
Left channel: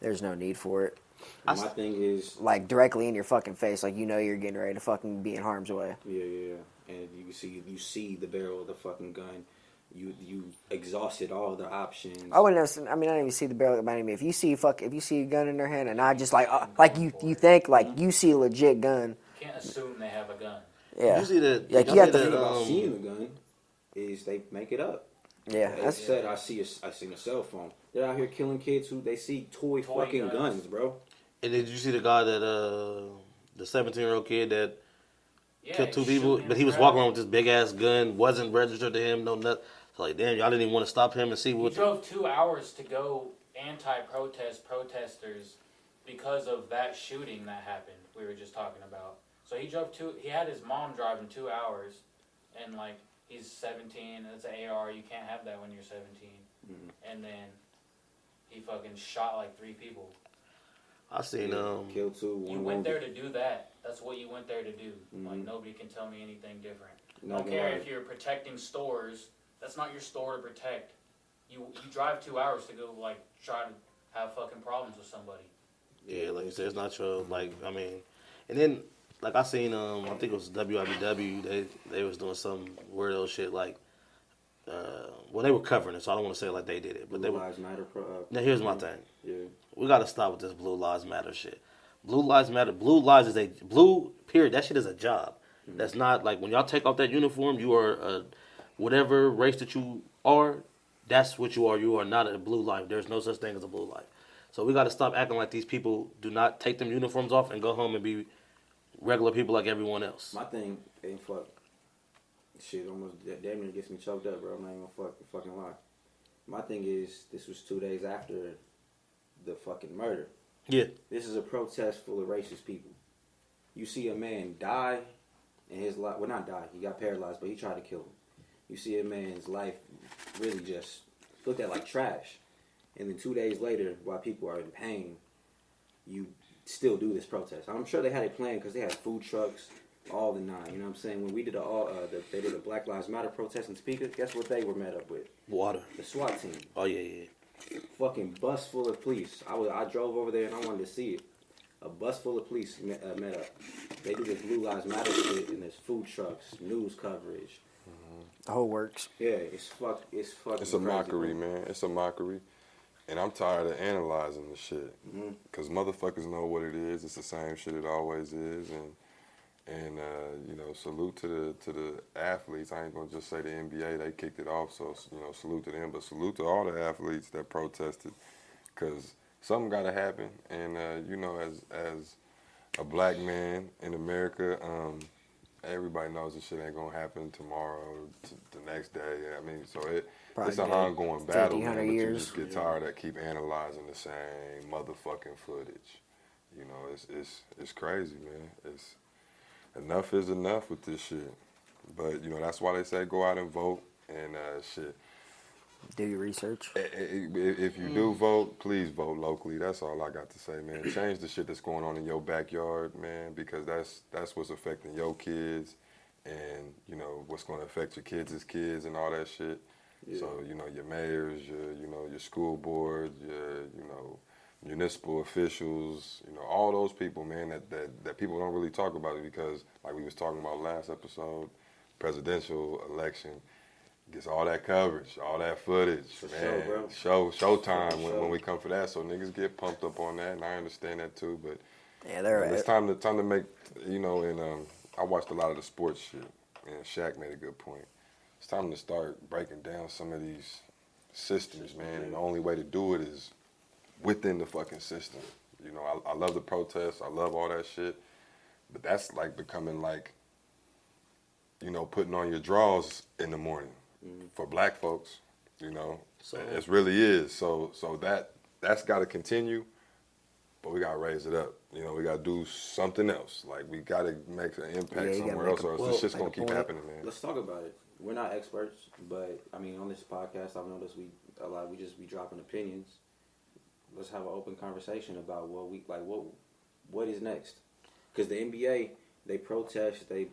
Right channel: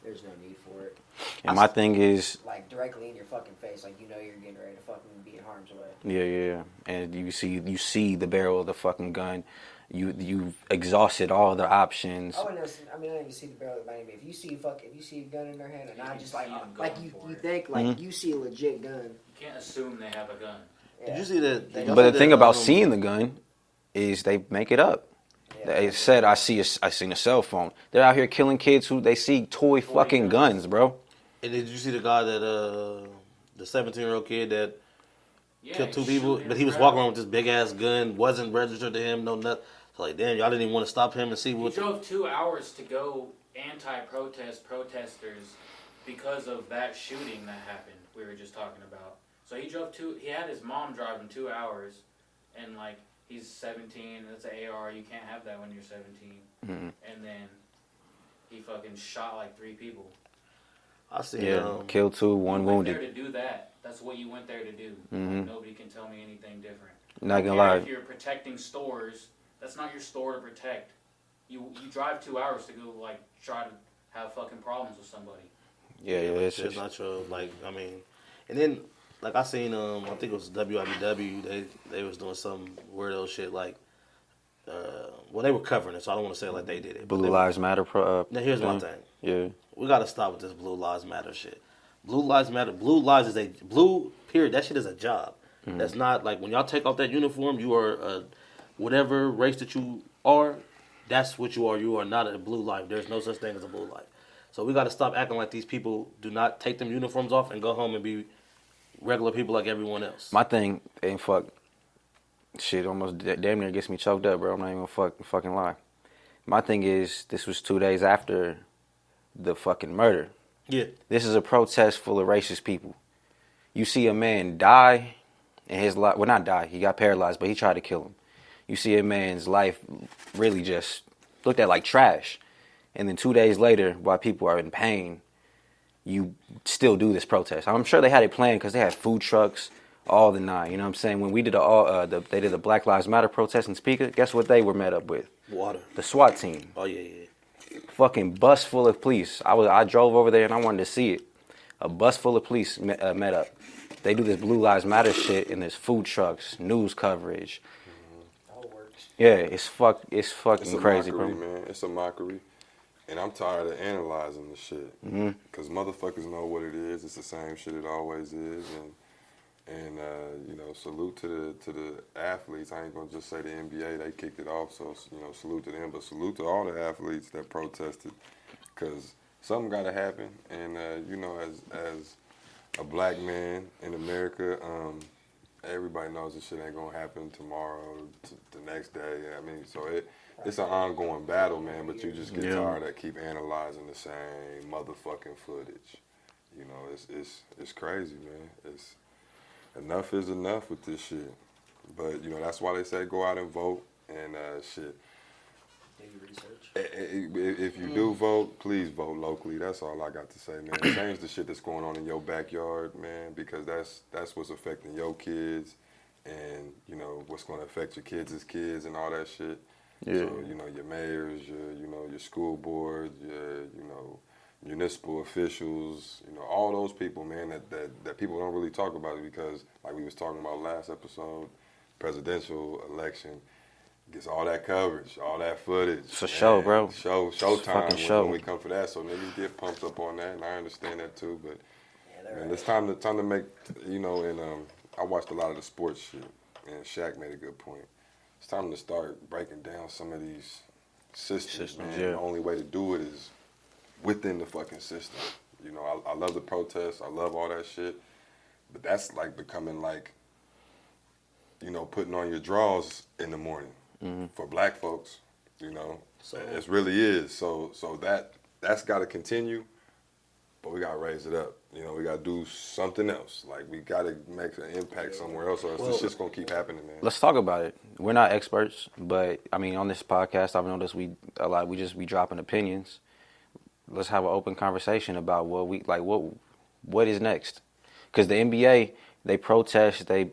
there's no need for it. And my thing is, Like directly in your fucking face, like you know you're getting ready to fucking be in harm's way. yeah. And you see the barrel of the fucking gun. You exhausted all the options. I wouldn't know. I mean, I didn't even see the barrel behind me. If you see a gun in their hand, and I just like you think like Mm-hmm. you see a legit gun. Can't assume they have a gun. Yeah. you see that? Yeah, you but But had the thing about um, seeing the gun is they make it up. Yeah. They said I seen a cell phone. They're out here killing kids who they see toy fucking guns, bro. And did you see the guy that the 17-year-old kid that Yeah, killed 2 he's people, shooting but he was his walking route. around with this big ass gun, wasn't registered to him, no nothing. So like, damn, y'all didn't even want to stop him and see He what. drove 2 hours to go protesters because of that shooting that happened. We were just talking about. So he had his mom driving 2 hours, and like he's 17. That's an AR. You can't have that when you're 17. And then he fucking shot like 3 people. I seen Yeah, killed 2, 1 You went wounded. there to do that. That's what you went there to do. Like, nobody can tell me anything different. Not gonna I don't care lie. If you're protecting stores, that's not your store to protect. You drive 2 hours to go like try to have fucking problems with somebody. Yeah, like, it's it's just not your like. I mean, and then like I seen I think it was WIBW. They was doing some weirdo shit like. Well, they were covering it, so I don't want to say like they did it. But Blue Lives Matter. now here's my thing. Yeah. We got to stop with this Blue Lives Matter shit. Blue Lives Matter. Blue lives is a blue period. That shit is a job. That's not like when y'all take off that uniform. You are whatever race that you are. That's what you are. You are not a blue life. There's no such thing as a blue life. So we got to stop acting like these people do not take them uniforms off and go home and be regular people like everyone else. My thing ain't fuck. Shit almost damn near gets me choked up, bro. I'm not even gonna fucking lie. My thing is, this was 2 days after the fucking murder. Yeah. This is a protest full of racist people. You see a man die, and his life, well, not die, he got paralyzed, but he tried to kill him. You see a man's life really just looked at like trash. And then 2 days later, while people are in pain, you still do this protest. I'm sure they had it planned because they had food trucks, all the nine. You know what I'm saying? When we did they did a Black Lives Matter protest in Speaker, guess what they were met up with? Water. The SWAT team. Oh yeah. Fucking bus full of police. I drove over there and I wanted to see it. A bus full of police met up. They do this Blue Lives Matter shit and there's food trucks, news coverage. The whole works. Yeah, it's fucking It's a crazy, mockery, bro. man. It's a mockery. And I'm tired of analyzing the shit. Because motherfuckers know what it is. It's the same shit it always is. And you know, salute to the athletes. I ain't gonna just say the NBA, they kicked it off, so, you know, salute to them. But salute to all the athletes that protested. Because something gotta happen. And, you know, as a black man in America, everybody knows this shit ain't gonna happen tomorrow, the next day. I mean, so it's an ongoing battle, man. But you just get tired of keep analyzing the same motherfucking footage. You know, it's crazy, man. Enough is enough with this shit. But you know, that's why they say go out and vote and shit. Do your research. If you do vote, please vote locally. That's all I got to say, man. Change the shit that's going on in your backyard, man, because that's what's affecting your kids, and you know what's going to affect your kids' kids and all that shit. Yeah. So you know your mayors, your school board, your municipal officials, all those people, man, that people don't really talk about it because, like we was talking about last episode, presidential election. Gets all that coverage, all that footage. It's a show, bro. Showtime show. when we come for that. So niggas get pumped up on that, and I understand that too. But Yeah, they're right. it's time to make, and I watched a lot of the sports shit, and Shaq made a good point. It's time to start breaking down some of these systems, man. yeah. The only way to do it is within the fucking system. I love the protests. I love all that shit. But that's like becoming like, putting on your drawers in the morning. For black folks, So it really is. So that's got to continue, but we got to raise it up. We got to do something else. Like we got to make an impact somewhere else, or else this shit's gonna keep happening, man. Let's talk about it. We're not experts, but I mean, on this podcast, I've noticed we dropping opinions. Let's have an open conversation about what is next. Because the NBA, they protest, they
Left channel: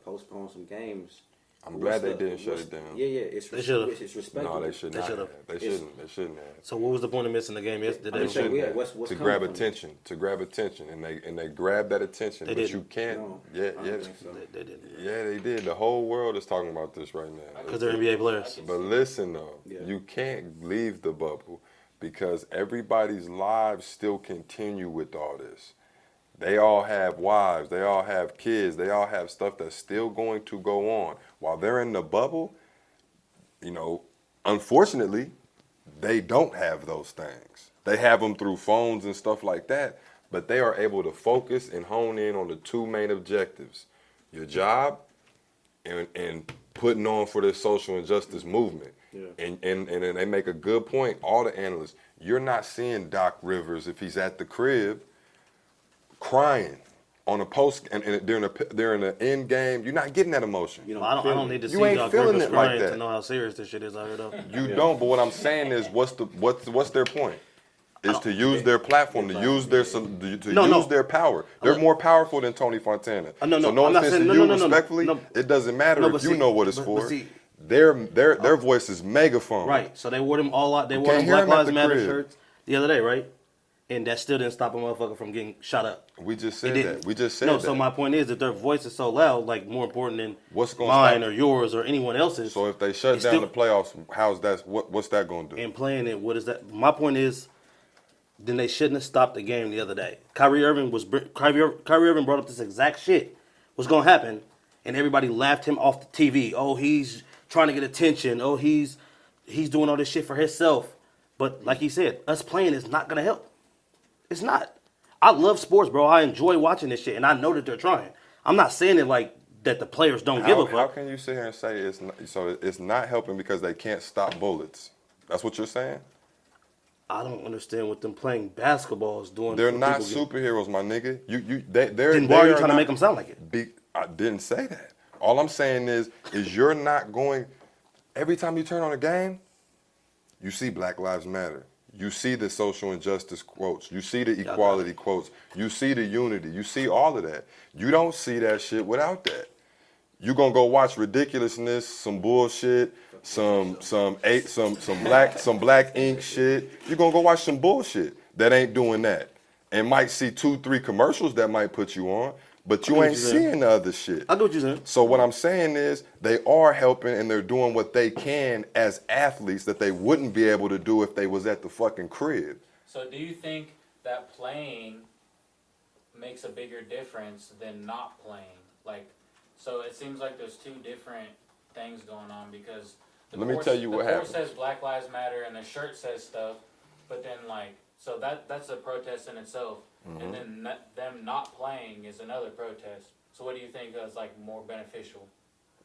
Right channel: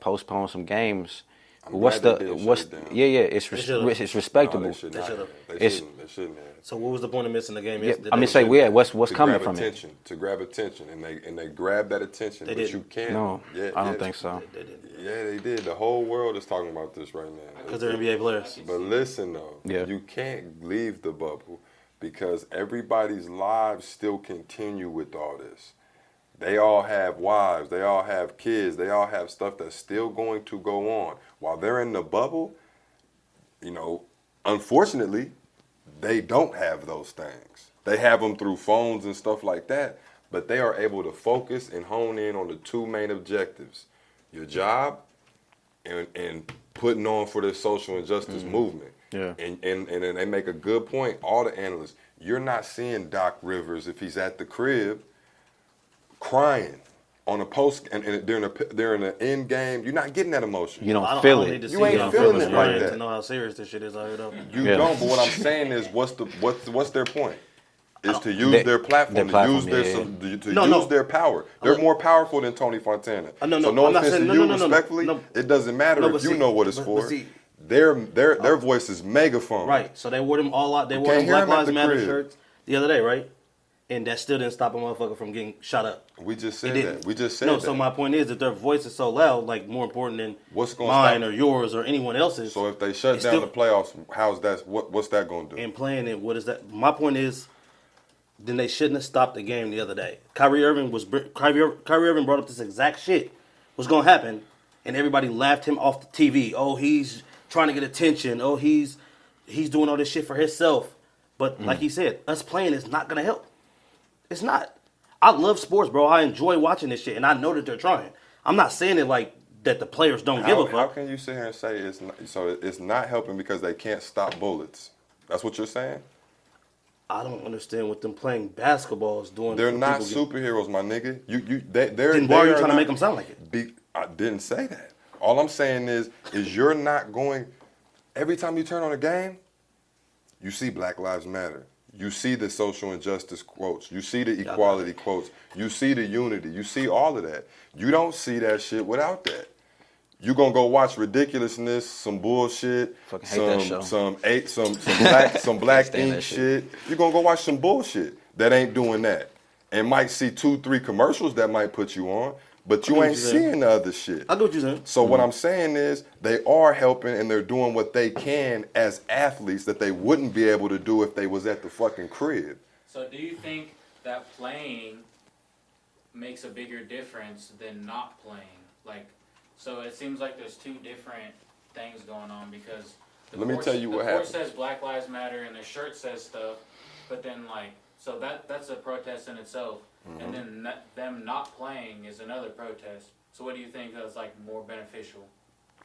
postpone some games. I'm glad they did shut it down. Yeah, it's respectable. No, they shouldn't have. They shouldn't have. So what was the point of missing the game yesterday? I'm just saying, what's to coming grab from attention, it? To grab attention, and they grabbed that attention, They but didn't. you can't. No, I don't think so. They didn't. Yeah, they did. The whole world is talking about this right now. Because they're NBA players. But listen though, you can't leave the bubble because everybody's lives still continue with all this. They all have wives, they all have kids, they all have stuff that's still going to go on. While they're in the bubble, unfortunately, they don't have those things. They have them through phones and stuff like that, but they are able to focus and hone in on the two main objectives, your job and putting on for the social injustice movement. Yeah. And they make a good point, all the analysts. You're not seeing Doc Rivers if he's at the crib crying on a post and during the end game. You're not getting that emotion. You don't I feel don't it. need to You see ain't Doc feeling Rivers it like crying that. to know how serious this shit is out here, though. You don't, but what I'm saying is, what's their point? Is to use their platform, to use their power. They're more powerful than Tony Fontana. No, so no I'm not offense saying- to no, you, no, no, respectfully, no. it doesn't matter No, if but you see- know what it's but for. see- Their voice is megaphone. Right. So they wore them all out. They wore can't them hear Black 'em at Lives the Matter crib. shirts the other day, right? And that still didn't stop a motherfucker from getting shot up. We just said It didn't. that. We just said no, that. so my point is that their voice is so loud, like more important than What's gonna mine stop- or yours or anyone else's. So if they shut It's down still- the playoffs, how's that? What's that going to do? and playing it, what is that? My point is, then they shouldn't have stopped the game the other day. Kyrie Irving brought up this exact shit was gonna happen, and everybody laughed him off the TV. Oh, he's trying to get attention. Oh, he's doing all this shit for himself. But like he said, us playing is not gonna help. It's not. I love sports, bro. I enjoy watching this shit, and I know that they're trying. I'm not saying it like that the players don't give a fuck. How can you sit here and say it's not helping because they can't stop bullets? That's what you're saying? I don't understand what them playing basketball is doing. They're for not people superheroes, my nigga. Then why are you trying to make them sound like it? I didn't say that. All I'm saying is you're not going. Every time you turn on a game, you see Black Lives Matter. You see the social injustice quotes. You see the equality quotes. You see the unity. You see all of that. You don't see that shit without that. You gonna go watch ridiculousness, some bullshit, some black ink shit. You gonna go watch some bullshit that ain't doing that, and might see 2-3 commercials that might put you on, but you ain't seeing the other shit. I get what you're saying. So what I'm saying is they are helping and they're doing what they can as athletes that they wouldn't be able to do if they was at the fucking crib. So do you think that playing makes a bigger difference than not playing? Like, so it seems like there's two different things going on because Let me tell you what the happened. court says Black Lives Matter and the shirt says stuff, but then like, so that's a protest in itself, and then them not playing is another protest. So what do you think is like more beneficial?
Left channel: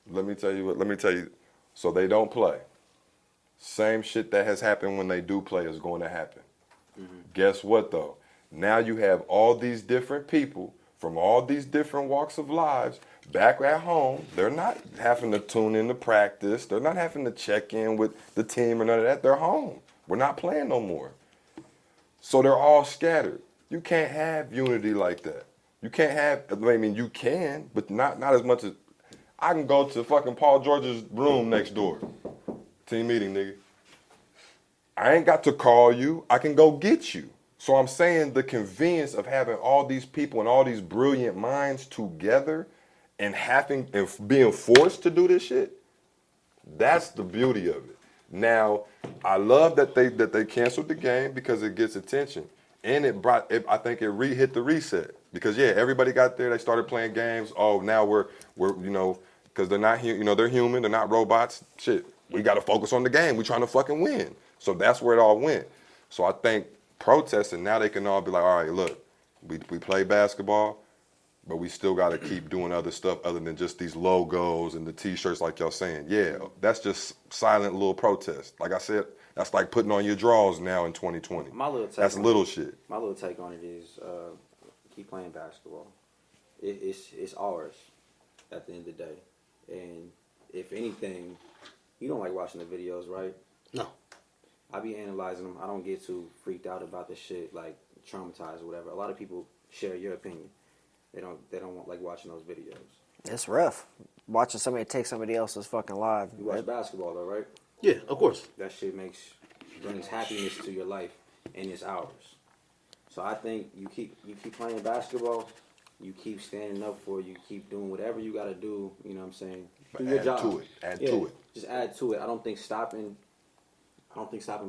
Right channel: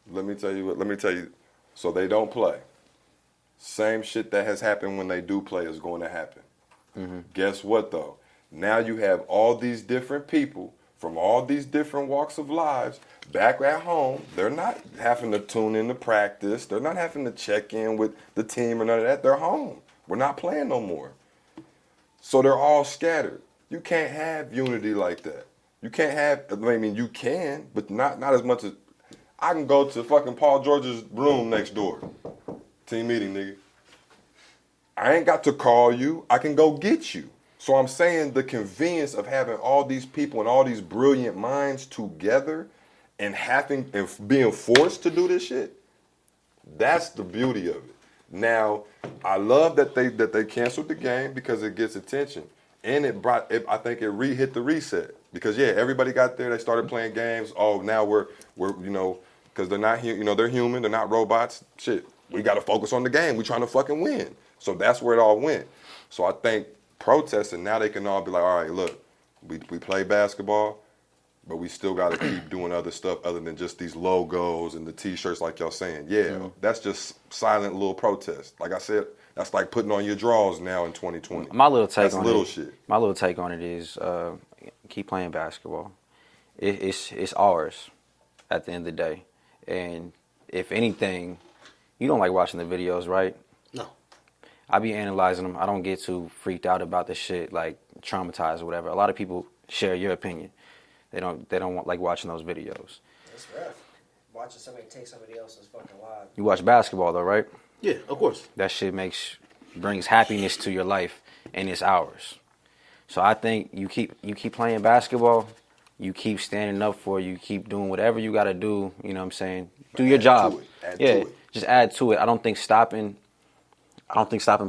Let me tell you. So they don't play. Same shit that has happened when they do play is going to happen. Guess what though? Now you have all these different people from all these different walks of lives back at home. They're not having to tune in to practice. They're not having to check in with the team or none of that. They're home. We're not playing no more. So they're all scattered. You can't have unity like that. You can't have, I mean, you can, but not as much as, I can go to fucking Paul George's room next door. Team meeting, nigga. I ain't got to call you. I can go get you. So I'm saying the convenience of having all these people and all these brilliant minds together and being forced to do this shit, that's the beauty of it. Now, I love that they canceled the game because it gets attention. And I think it hit the reset. Because yeah, everybody got there, they started playing games. Oh, now we're because they're not they're human, they're not robots. Shit, we gotta focus on the game. We trying to fucking win. So that's where it all went. So I think protesting, now they can all be like, all right, look, we play basketball, but we still got to keep doing other stuff other than just these logos and the T-shirts like y'all saying. Yeah, that's silent little protest. Like I said, that's like putting on your drawers now in 2020. My little take that's on little it, shit. My little take on it is keep playing basketball. It's ours at the end of the day. And if anything, you don't like watching the videos, right? No. I be analyzing them. I don't get too freaked out about the shit, like traumatized or whatever. A lot of people share your opinion. They don't like watching those videos. It's rough watching somebody take somebody else's fucking life. You watch basketball though, right? Yeah, of course. That shit brings happiness to your life, and it's ours. So I think you keep playing basketball, you keep standing up for it, you keep doing whatever you got to do. You know what I'm saying? Do your job. Add to it. Just add to it. I don't think stopping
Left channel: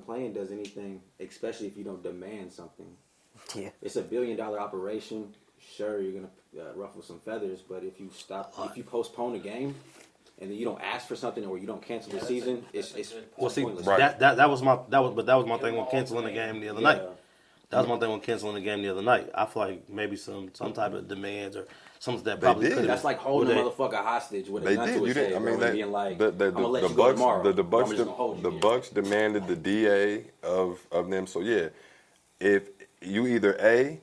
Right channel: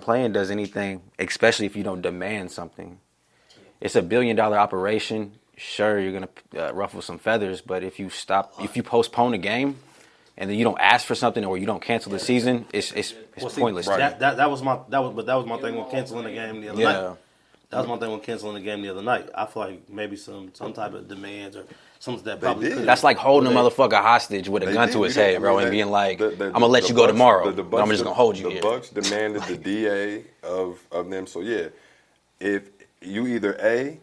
playing does anything, especially if you don't demand something. Yeah. It's $1 billion operation. Sure, you're gonna ruffle some feathers, but if you postpone the game, and then you don't ask for something or you don't cancel the season, it's pointless. Right. That was my thing when canceling the game the other night. That was my thing when canceling the game the other night. I feel like maybe some type of demands or something that probably did. could. That's like holding a motherfucker hostage with a gun to his head, bro, and being like, I'm gonna let you go tomorrow. I'm just gonna hold you The here. Bucks demanded the DA of them. So yeah, if you either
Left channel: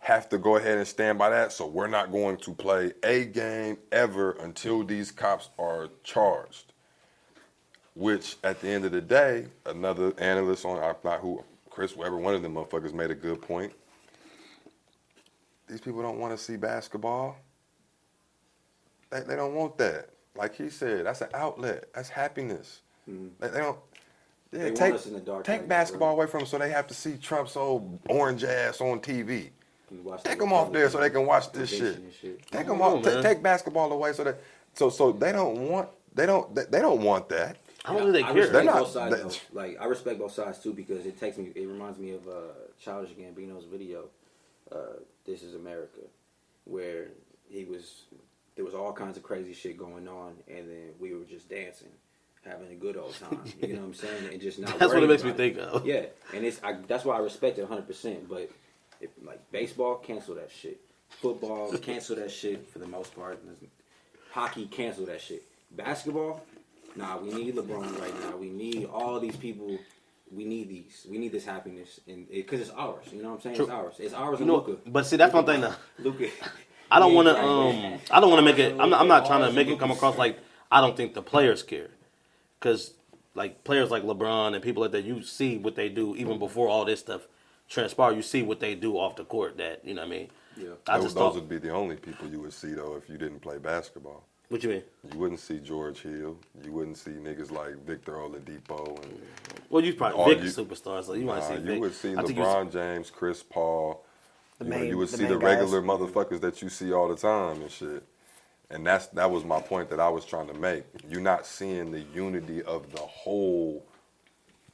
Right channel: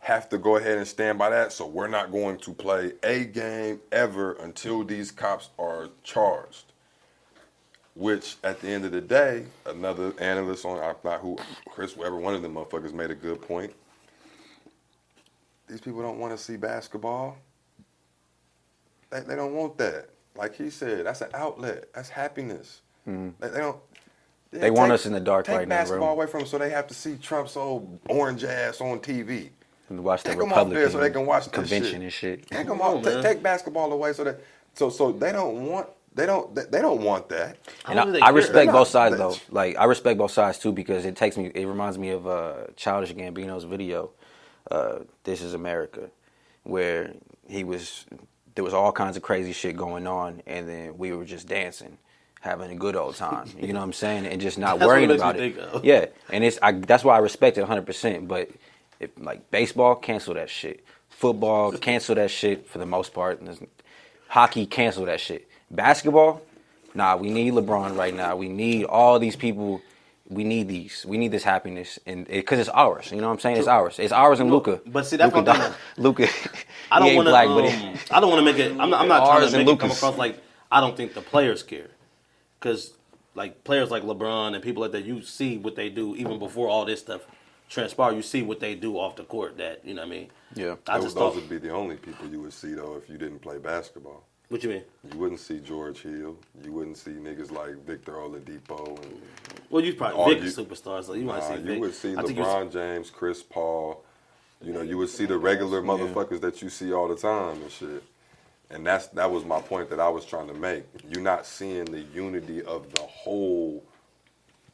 have to go ahead and stand by that, so we're not going to play a game ever until these cops are charged. Which, at the end of the day, another analyst Chris Webber, one of them motherfuckers made a good point. These people don't want to see basketball. They don't want that. like he said, that's an outlet. That's happiness. They don't. Yeah, They want us in the dark Take right now, bro. basketball away from them so they have to see Trump's old orange ass on TV. And watch the Take them off there so they can watch this convention shit. and shit. Take them Come off. on, man. Take basketball away so that so they don't want that. I don't think they I care. respect They're not- both sides they- though. Like I respect both sides too because it reminds me of Childish Gambino's video, "This Is America," where there was all kinds of crazy shit going on, and then we were just dancing, having a good old time. You know what I'm saying? And just not That's what worrying it makes me about it. think of. Yeah, and that's why I respect it 100%. But like baseball, cancel that shit. Football, cancel that shit for the most part. Hockey, cancel that shit. Basketball, nah, we need LeBron right now. We need all these people. We need these. We need this happiness, and because it's ours. You know what I'm saying? It's ours. It's ours and Luka. But see, that's what I'm saying. Luka. I don't want to. I don't want to make it. I'm not trying ours to and make it come Lucas. across like I don't think the players care, because like players like LeBron and people like that, you see what they do even before all this stuff transpire. You see what they do off the court. That you know what I mean. Yeah. Those would be the only people you would see though if you didn't play basketball. What you mean? You wouldn't see George Hill. You wouldn't see niggas like Victor Oladipo and. Well, you probably Vic superstars, so you might see Vic. You would see I think you would LeBron James, Chris Paul. You know, you would see the main regular guys. motherfuckers that you see all the time and shit. And that was my point that I was trying to make. You're not seeing the unity of the whole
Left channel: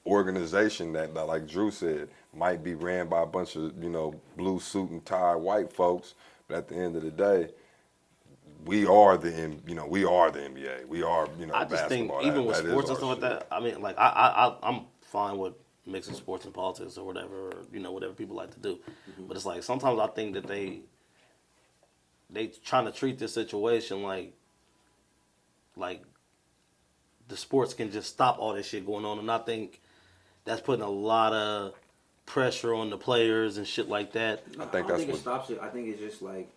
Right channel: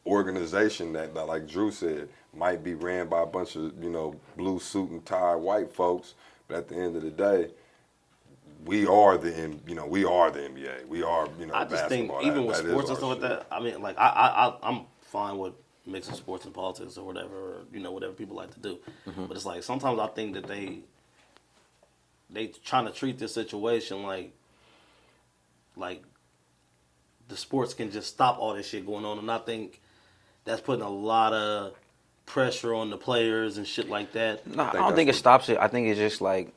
organization that like Drew said, might be ran by a bunch of, blue suit and tie white folks. But at the end of the day, we are the NBA. We are, I just think basketball. even That with is sports and our stuff like shit. that, I mean, like I'm fine with mixing sports and politics or whatever, or, whatever people like to do. But it's like sometimes I think that they trying to treat this situation like the sports can just stop all this shit going on, and I think that's putting a lot of pressure on the players and shit like that. No, I think don't that's think it what- stops it. I think it's just like,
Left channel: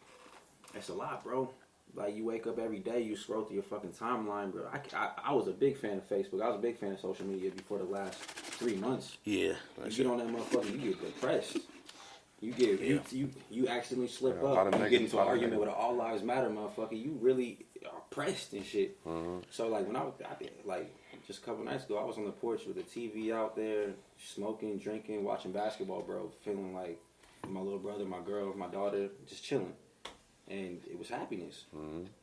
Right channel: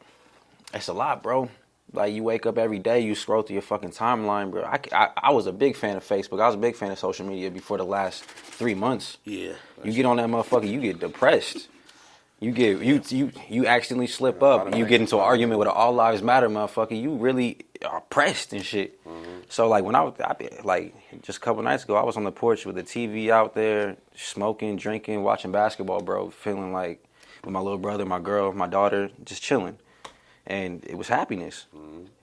it's a lot, bro. Like, you wake up every day, you scroll through your fucking timeline, bro. I was a big fan of Facebook. I was a big fan of social media before the last 3 months. Yeah. You get on that motherfucker, you get depressed. You get you accidentally slip up. You get into an argument with an All Lives Matter motherfucker. You really are pressed and shit. So like when I like just a couple nights ago, I was on the porch with the TV out there, smoking, drinking, watching basketball, bro. Feeling like with my little brother, my girl, my daughter, just chilling, and it was happiness.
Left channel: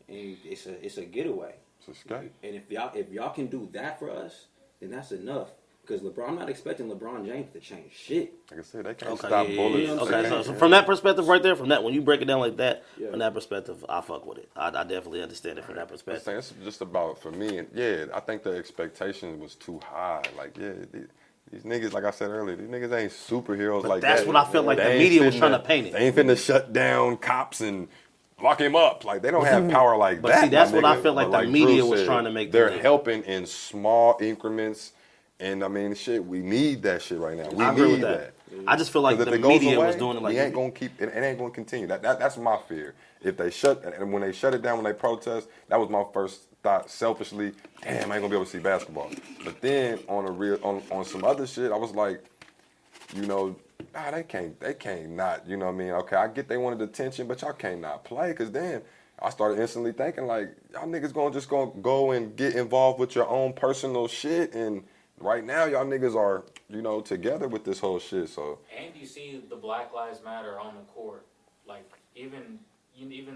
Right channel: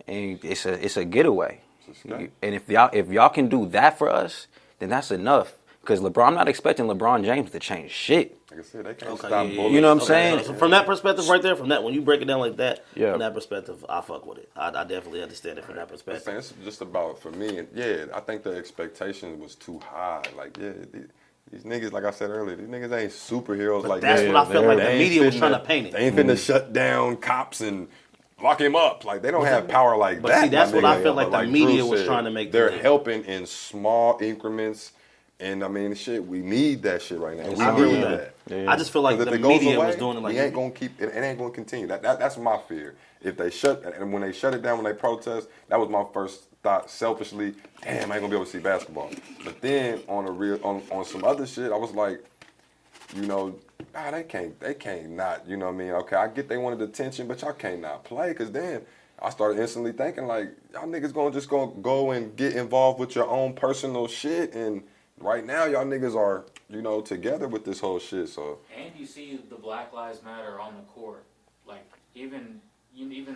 And it's a getaway. It's escape. And if y'all can do that for us, then that's enough. Because I'm not expecting LeBron James to change shit. Like I said, they can't Okay, stop yeah, bullets. You know what I'm saying? So from that perspective right there, when you break it down like that, Yeah. from that perspective, I fuck with it. I definitely understand it from that I'm perspective. saying it's just about, for me, I think the expectation was too high. Like, these niggas, like I said earlier, these niggas ain't superheroes But like that's that. what I felt like They the ain't media was finna- trying to paint it. They ain't finna shut down cops and lock him up. Like, they don't have power like But that. see, that's my what I nigga. felt like But the media Drew was said, trying to make They're believe. helping in small increments. And I mean, shit, we need that shit right now. We I agree with need that. Yeah. I just feel like 'Cause if the it goes media away, was doing it like we ain't gonna keep it. It ain't gonna continue. That's my fear. If they when they shut it down when they protest, that was my first thought. Selfishly, damn, I ain't gonna be able to see basketball. But then on some other shit, I was like, they can't not. You know what I mean? Okay, I get they wanted attention, but y'all can't not play. Cause then I started instantly thinking like, y'all niggas gonna go and get involved with your own personal shit and. Right now, y'all niggas are, together with this whole shit. So And you see the Black Lives Matter on the court, like even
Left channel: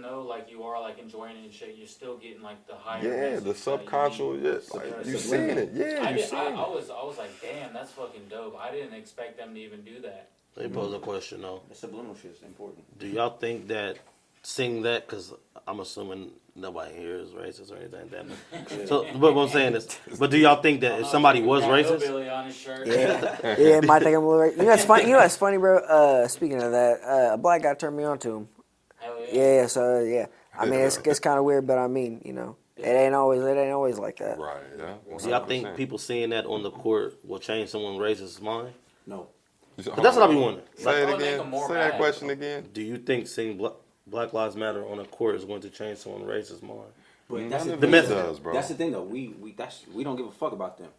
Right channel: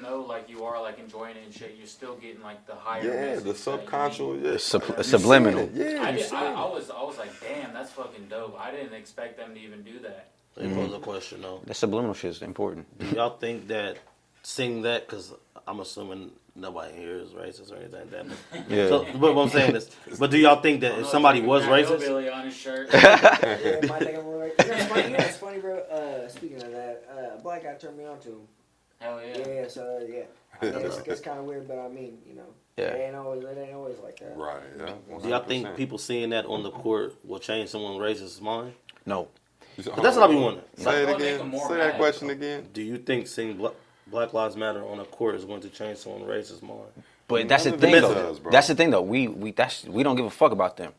though like you are like enjoying it and shit, you're still getting like the higher. yeah, message the that subconscious, you need. yeah, you subliminal. seen it. Yeah, I you did- seen I it. was like, damn, that's fucking dope. I didn't expect them to even do that. Let me pose a question though. The subliminal shit is important. Do y'all think that seeing that, because I'm assuming nobody here is racist or anything like that. But, Yeah. so, but what I'm saying is, but do y'all think that if somebody was Got racist, hillbilly on his shirt. Yeah, might think I'm a little right. That's funny. What's funny, bro? Speaking of that, a black guy turned me on to him. Hell yeah. Yeah, so yeah. I mean, it's kind of weird, but I mean, it ain't always like that. Right, yeah. do y'all 100%. think people seeing that on the court will change someone's racist mind? No. But that's what I be wondering. Say it Like, again. make 'em more Say that mad. question again. Do you think seeing Black Lives Matter on a court is going to change someone's racist mind? But that's the None of thing, it though. does, bro. That's the thing, though. We don't give a fuck about them.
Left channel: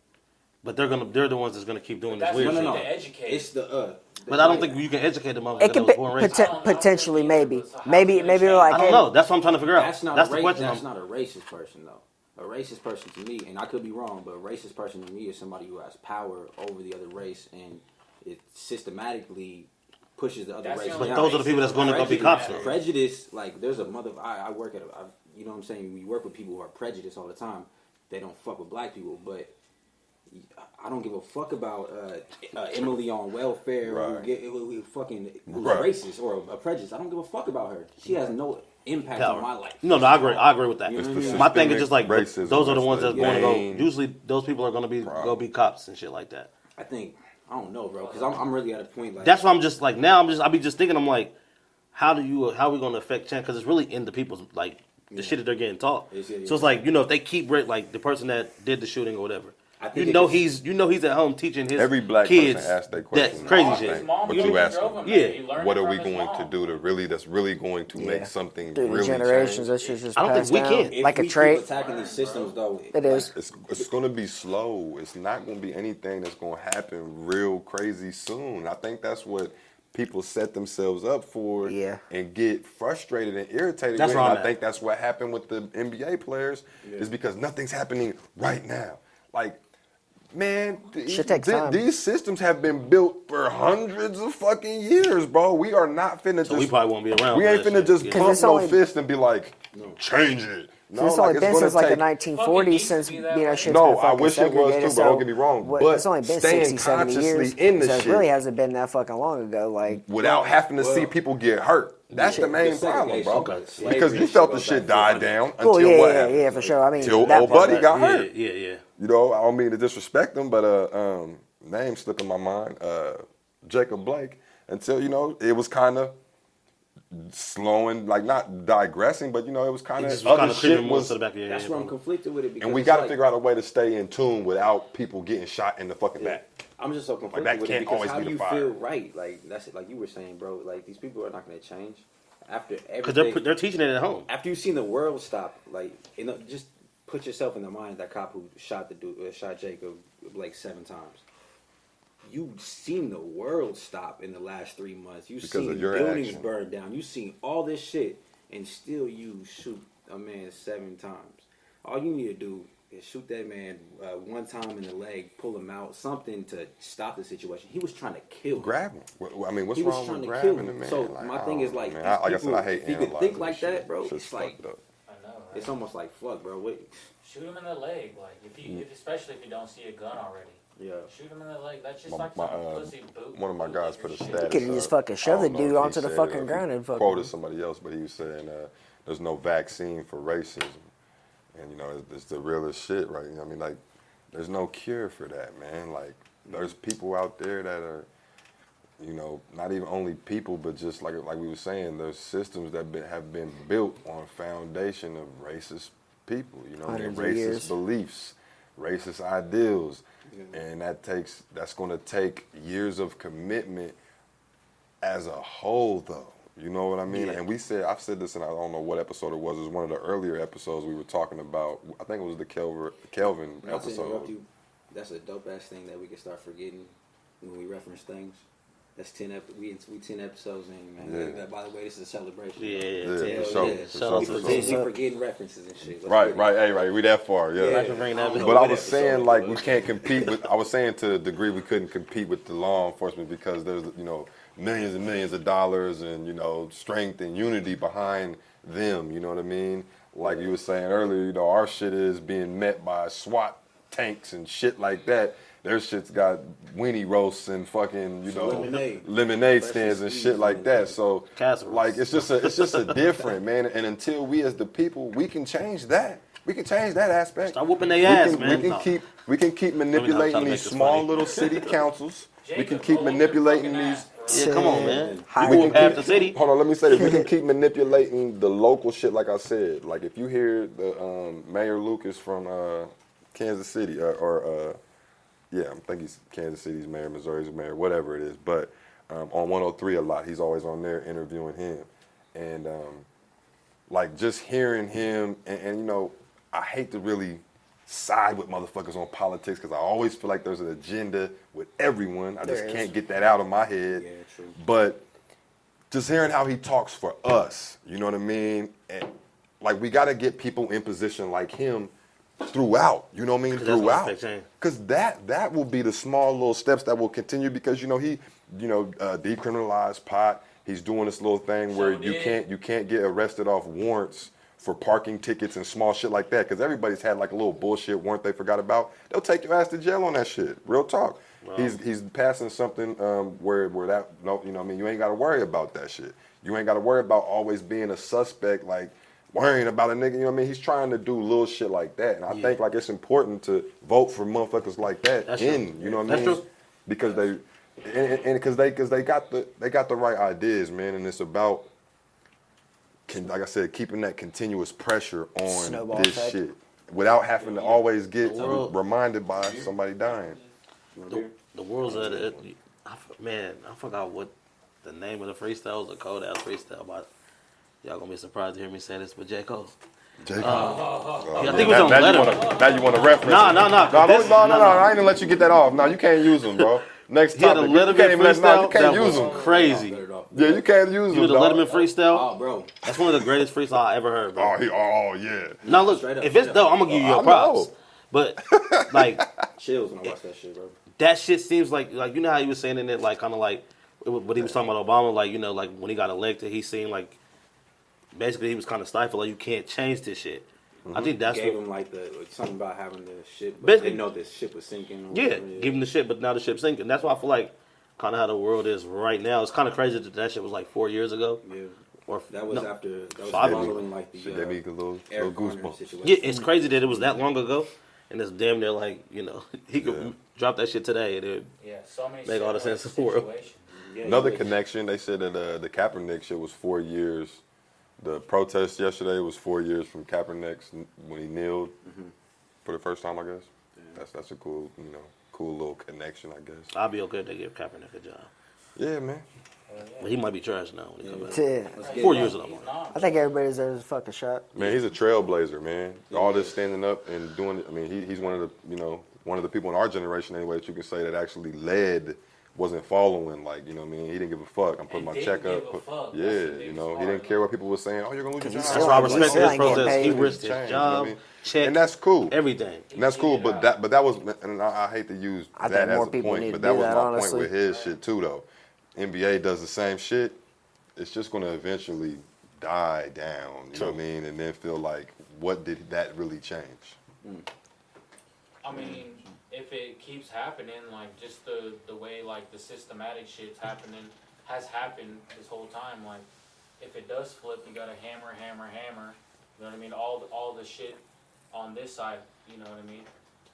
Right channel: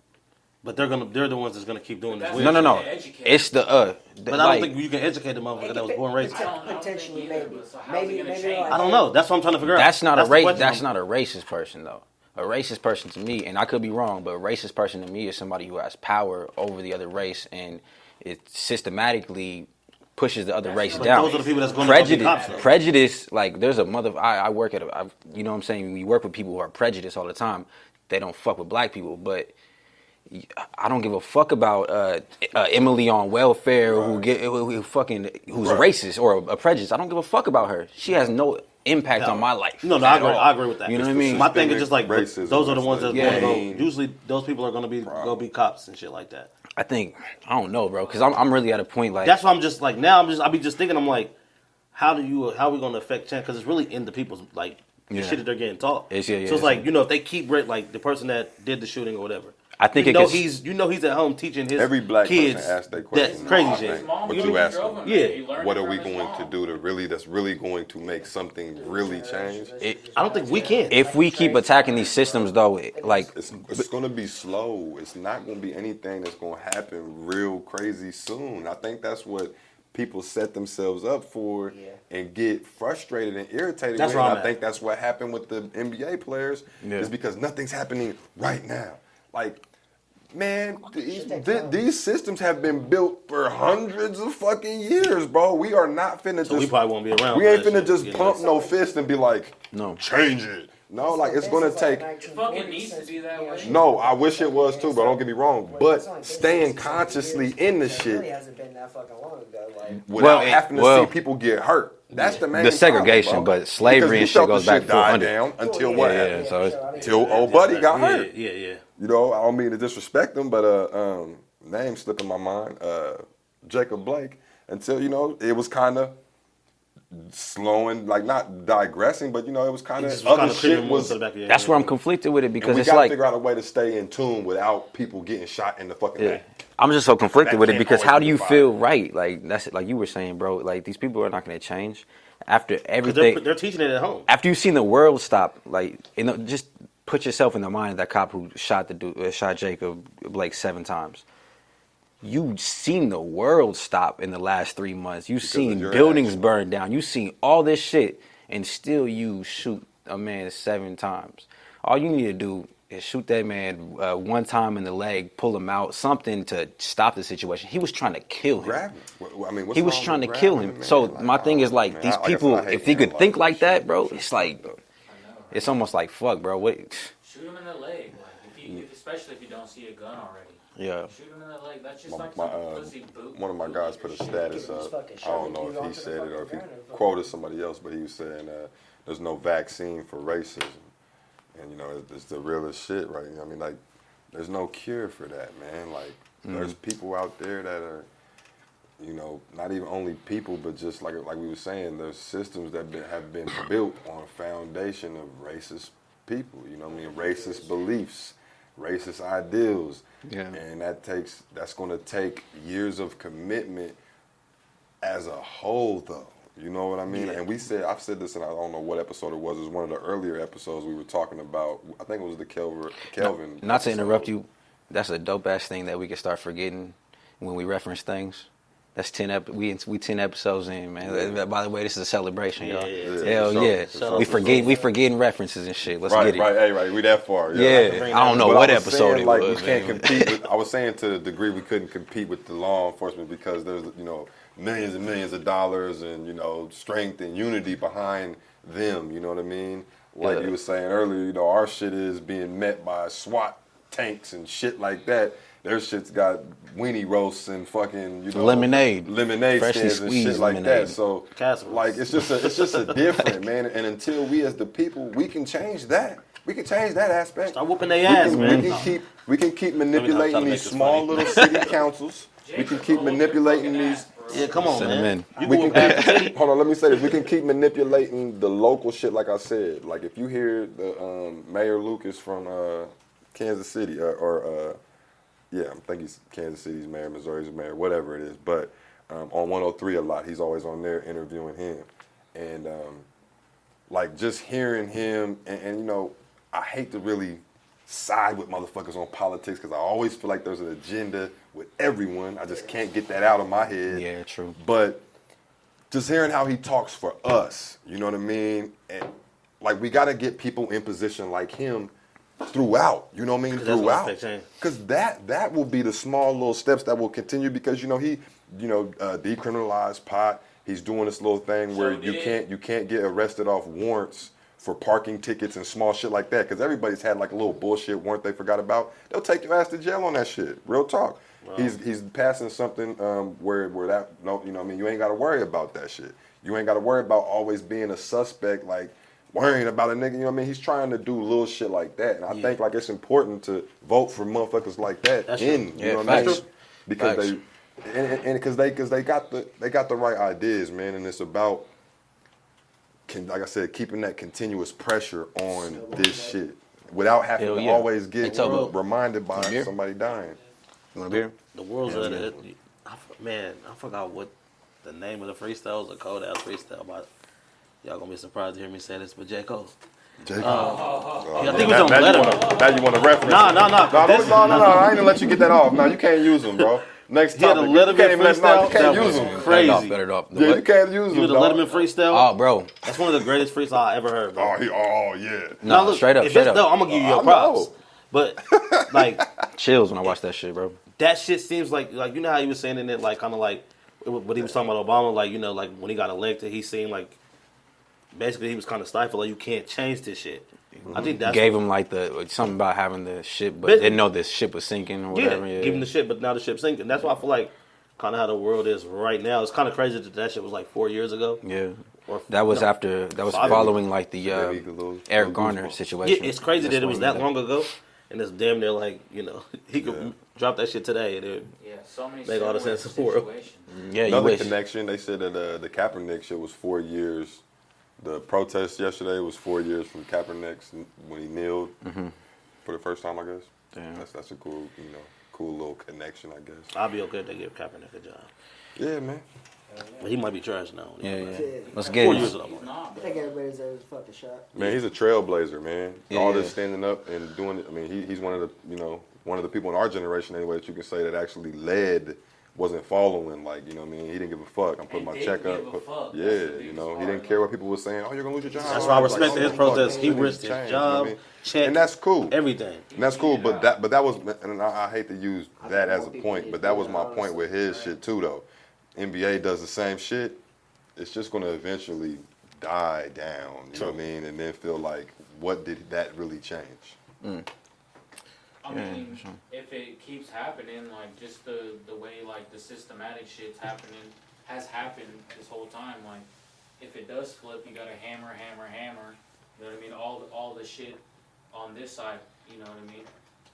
But they're the ones that's gonna keep doing this That's weird No, what no, you no. to educate. It's the But I don't think you can educate the motherfucker It that could was born racist. potentially, maybe, So how's maybe it gonna change? like I don't know. That's what I'm trying to figure out. That's not the a question. That's not a racist person, though. a racist person to me, and I could be wrong, but a racist person to me is somebody who has power over the other race, and it systematically pushes the other race But down. those are the people that's going to be cops. Though. Prejudice, like there's a I work at you know what I'm saying, we work with people who are prejudiced all the time. They don't fuck with black people, but I don't give a fuck about Emily on welfare who's racist or a prejudice. I don't give a fuck about her. She has no impact on my life. No, I agree. I agree with that. You know what I mean? My thing is just like racism, those are the ones that's going to go. main Usually, those people are going to be cops and shit like that. I don't know, bro, because I'm really at a point like That's why I'm just like now. I be just thinking. I'm like, how are we going to affect change? Because it's really in the people's like the shit that they're getting taught. So it's like if they keep like the person that did the shooting or whatever. I think he's at home teaching his every black kids person asked that question. That crazy shit. But you ask them, Yeah. what are we going to do that's really going to make something really change? I don't think we can. If we keep attacking these systems, though, like It's going to be slow. It's not going to be anything that's going to happen real crazy soon. I think that's what people set themselves up for and get frustrated and irritated with. And I think that's what happened with the NBA players is because nothing's happening right now. Like, man, these systems have been built for hundreds of fucking years, bro. We are not finna we probably won't be around. We ain't finna just pump no fist and be like, change it. No, like it's gonna take. Like the 1940s since No, I wish it was too, but don't get me wrong. But staying 60, consciously in the shit it really hasn't been that fucking long ago. Like without having to see people get hurt. That's the main the segregation, problem, but slavery because you felt the shit die down until what happened? Yeah, for sure. I mean, Till old buddy got hurt. Yeah. You know, I don't mean to disrespect him, but name slipping my mind, Jacob Blake. Until it was kind of slowing, like not digressing, but it was kind of other shit was. That's where I'm conflicted with it because And we got to figure out a way to stay in tune without people getting shot in the fucking back. I'm just so conflicted That with it can't because always how be do you the feel right? Like that's like you were saying, bro. Like these people are not going to change after everything. Because they're teaching it at home. After you've seen the world stop, like just put yourself in the mind of that cop who shot Jacob Blake 7 times. You've seen the world stop in the last 3 months. You've seen buildings burn down. You've seen all this shit, and still you shoot a man 7 times. All you need to do is shoot that man 1 time in the leg, pull him out, something to stop the situation. He was trying to kill him. Grab him. I mean, what's he was wrong trying with to kill grabbing him. the So man? my thing is like these people, if they could think like that, bro, it's like it's almost like fuck, bro. What? Shoot him in the leg, like especially if you don't see a gun already. Yeah. Shoot him in the leg. That's just one of my guys put a status Can you just fucking shove the dude onto the fucking ground and fucking quoted somebody else, but he was saying there's no vaccine for racism, and it's the realest shit, right? I mean, like, there's no cure for that, man. Like, there's people out there that are, not even only people, but just like we were saying, there's systems that have been built on a foundation of racist people, racist beliefs, racist ideals, and that's going to take years of commitment as a whole, though. You know what I mean? And I've said this, and I don't know what episode it was. It was one of the earlier episodes we were talking about. I think it was the Kelvin. Not to interrupt you, that's a dope ass thing that we can start forgetting when we reference things. That's 10 we 10 episodes in, man. Yeah. By the way, this is a celebration, y'all. Hell yeah. We forgetting references and shit. Let's get it. Right. We that far. Yeah. I don't know but what I was episode saying, it like, was, we can't compete with. I was saying to the degree we couldn't compete with the law enforcement because there's millions and millions of dollars and strength and unity behind them. You know what I mean? Like you were saying earlier, our shit is being met by SWAT tanks and shit like that. Their shit's got weenie roasts and fucking lemonade stands and shit like that. So like it's just a different, man. And until we as the people, we can change that. We can change that aspect. Start whooping their ass, man. We can keep manipulating these small little city councils. We can keep manipulating these. Yeah, come on, man. Hold on, let me say this. We can keep manipulating the local shit, like I said. Like if you hear the Mayor Lucas from Kansas City, yeah, I think he's Kansas City's mayor, Missouri's mayor, whatever it is. But on 103 a lot, he's always on there interviewing him. And like just hearing him, and I hate to really side with motherfuckers on politics because I always feel like there's an agenda with everyone. I just can't get that out of my head. Yeah, true. But just hearing how he talks for us, you know what I mean? And like we got to get people in position like him throughout. You know what I mean? 'Cause that's gonna Throughout. affect change. Because that will be the small little steps that will continue. Because he decriminalized pot. He's doing this little thing where you can't get arrested off warrants for parking tickets and small shit like that. Because everybody's had like a little bullshit warrant they forgot about. They'll take your ass to jail on that shit. Real talk. Wow. He's passing something where that you ain't got to worry about that shit. You ain't got to worry about always being a suspect, like worrying about a nigga. You know what I mean? He's trying to do little shit like that, and I think like it's important to vote for motherfuckers like that. That's you true. know what I mean? True. Because because they got the right ideas, man, and it's about like I said, keeping that continuous pressure on Snowball this effect. shit without having Hell to yeah. always get world- reminded by somebody dying. You want a beer? The world's I forgot what the name of the freestyle was, a cold ass freestyle. But y'all gonna be surprised to hear me say this, but Jacob. Jacob. I think it was on Letterman. Now you want to reference. No. No, I ain't gonna let you get that off. No, you can't use them, bro. Next He had a topic. You Letterman can't even let freestyle you can't that use was them. crazy. Yeah, you can't use You them. know the dog. Letterman freestyle? Oh, bro. That's one of the greatest freestyles I ever heard, bro. Oh yeah. Now look, straight up, if straight it's up. dope, I'm gonna give you I your props. know. But like Chills when I watch that shit, bro. that shit seems like you know how he was saying in it, like kind of like what he was talking about Obama, like like when he got elected, he seemed like basically he was kind of stifled, like you can't change this shit. I think that's Gave him like something about having the ship, but Basically- didn't know this ship was sinking or yeah, whatever. give him the shit, but now the ship's sinking. That's why I feel like kind of how the world is right now. It's kind of crazy that shit was like 4 years ago. Yeah. Or That was no, after that was 5 following like the Maybe a little Eric Garner goosebumps. situation. Yeah, it's crazy that it was that long ago, and it's damn near like he could drop that shit today and it. Yeah, so many Make all the sense in the world. situations. Yeah, you Another wish. connection. They said that the Kaepernick shit was 4 years. The protest yesterday was 4 years from Kaepernick's when he kneeled for the first time, I guess. Damn. That's a cool, cool little connection, I guess. I'll be okay if they give Kaepernick a job, Yeah, man. but he might be trash now. When he Yeah, come back. Yeah. Let's get 4 it. years of He's that. not. I think everybody deserves a fucking shot. Man, he's a trailblazer, man. Yeah, All he this is. standing up and doing it. I mean, he's one of the, one of the people in our generation anyway that you can say that actually led, wasn't following. Like, you know what I mean? He didn't give a fuck. I'm putting my He check didn't up. give a fuck. Yeah, That's the he biggest didn't part, care though. what people were saying. Oh, you're gonna lose your job. That's why I respect Like, his protest. He change, risked his change, you know what I job, mean? check, And that's cool. everything. And that's cool, but that was, and I hate to use I that think as more a people point, need but to that do was that, my point honestly. with his shit too, though. NBA does the same shit. It's just gonna eventually die down, you know what I mean, and then feel like, what did that really change? I mean, if it keeps happening, like just the way like the systematic shit's happening has happened this whole time. Like, if it does flip, you gotta hammer. You know what I mean? All the shit on this side. You know what I mean?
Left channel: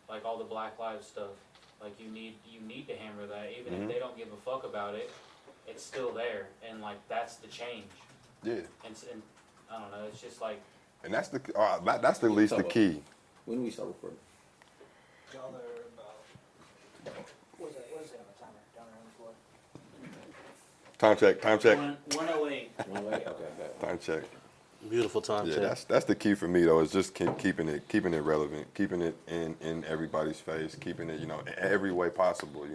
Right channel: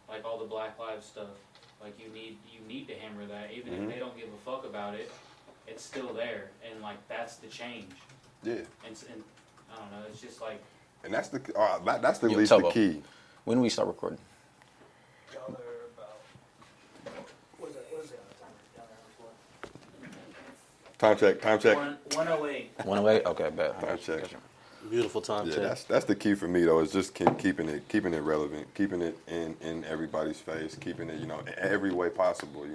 Like all the Black Lives stuff. Like you need to hammer that, even if they don't give a fuck about it. It's still there, and like that's the change. Yeah, And I don't know. It's just like and that's that's the Yo, least the Tubbo. key. When do we start recording? Time check. 108. 108? Okay, bet. Time check. Beautiful time Yeah, check. that's the key for me though. Is just keeping it relevant, keeping it in everybody's face, keeping it in every way possible.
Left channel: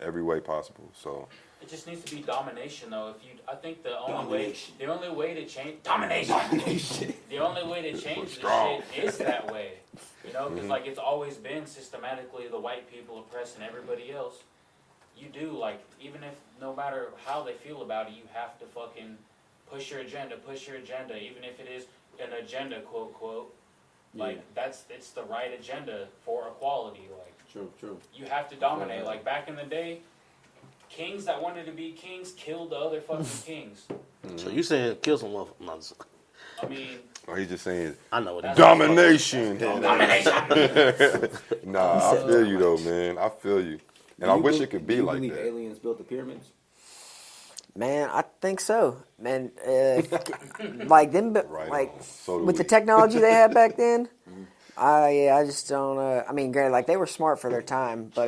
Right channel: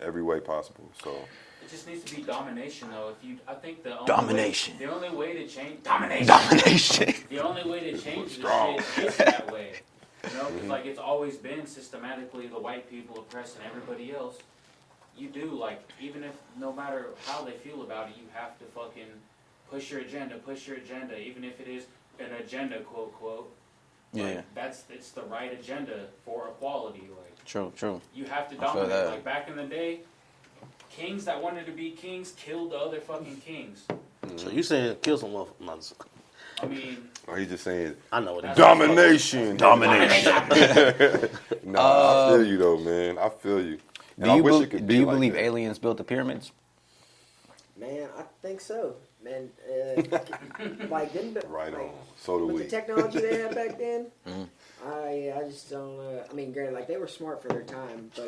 Every way possible. So It just needs to be domination, though. I think the only Domination. Way, the only way to change Domination. The only way to change Strong. this shit is that way. Because like it's always been systematically the white people oppressing everybody else. You do like even if no matter how they feel about it, you have to fucking push your agenda, even if it is an agenda, quote quote. Like it's the right agenda for equality. Like True. you have to I feel dominate. that. Like back in the day, kings that wanted to be kings killed the other fucking kings. So you saying kill some motherfuckers? I mean, he's just saying I know what it is. domination. Nah, I feel you though, man. I feel you. And I wish it could be Do you like believe that. aliens built the pyramids? Man, I think so. Man, like them, Right like on. So do with we. the technology they had back then. I just don't. I mean, granted, like they were smart for their time, but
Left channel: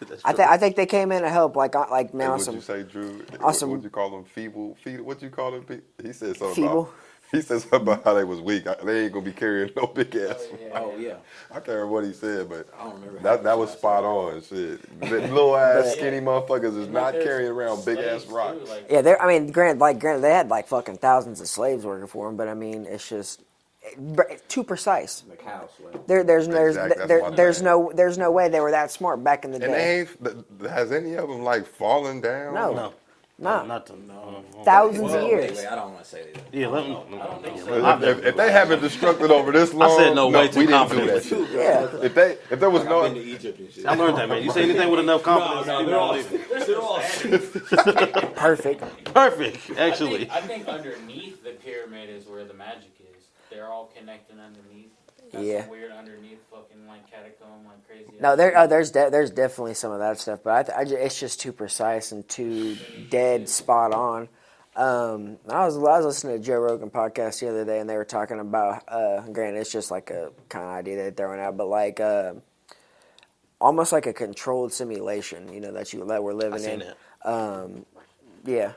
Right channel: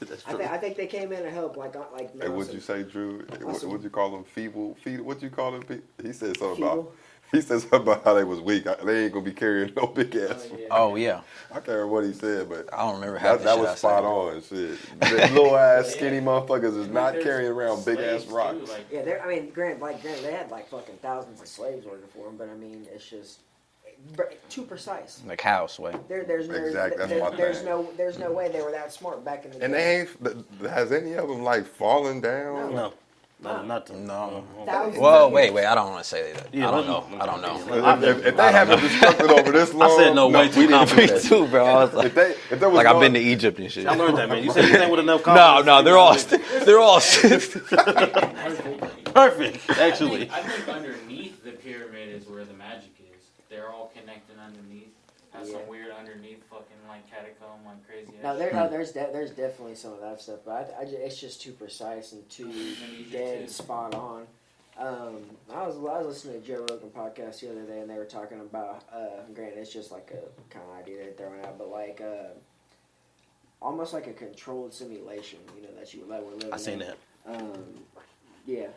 That's I true. think they came in to help. Like Hey, now what'd some you say, Drew? awesome- What'd you call them? Feeble? What'd you call them? He said something Feeble? about. He said something about how they was weak. They ain't gonna be carrying no big ass. Oh yeah. I can't remember what he said, but I don't remember half that the was shit I spot said. on. Shit, the little ass skinny motherfuckers is and not there's carrying around big ass slaves, too, rocks. like, yeah. I mean, granted, they had like fucking thousands of slaves working for them, but I mean, it's just too precise. Like how, Sway? There's Exactly, that's my thing. there's no way they were that smart back in the day. And they ain't. Has any of them like fallen down? No. No, nothing. No. Thousands Well, of years. wait. I don't want to say that. Yeah, I let don't me- know. I don't know. If they haven't destructed over this long, I said no way we too didn't do concrete that. too, bro. I was like, If there was like no, I've been to Egypt and shit. I learned that, man. You say anything with enough No, confidence. they're all Perfect. perfect. Actually, I think underneath the pyramid is where the magic is. They're all connected underneath. Got Yeah. some weird underneath fucking like catacomb, like crazy. No, ass there's definitely some of that stuff, but it's just too precise and too dead spot on. I was listening to Joe Rogan podcast the other day, and they were talking about. Granted, it's just like a kind of idea they're throwing out, but like almost like a controlled simulation. You know that we're living I seen in. that. Yeah.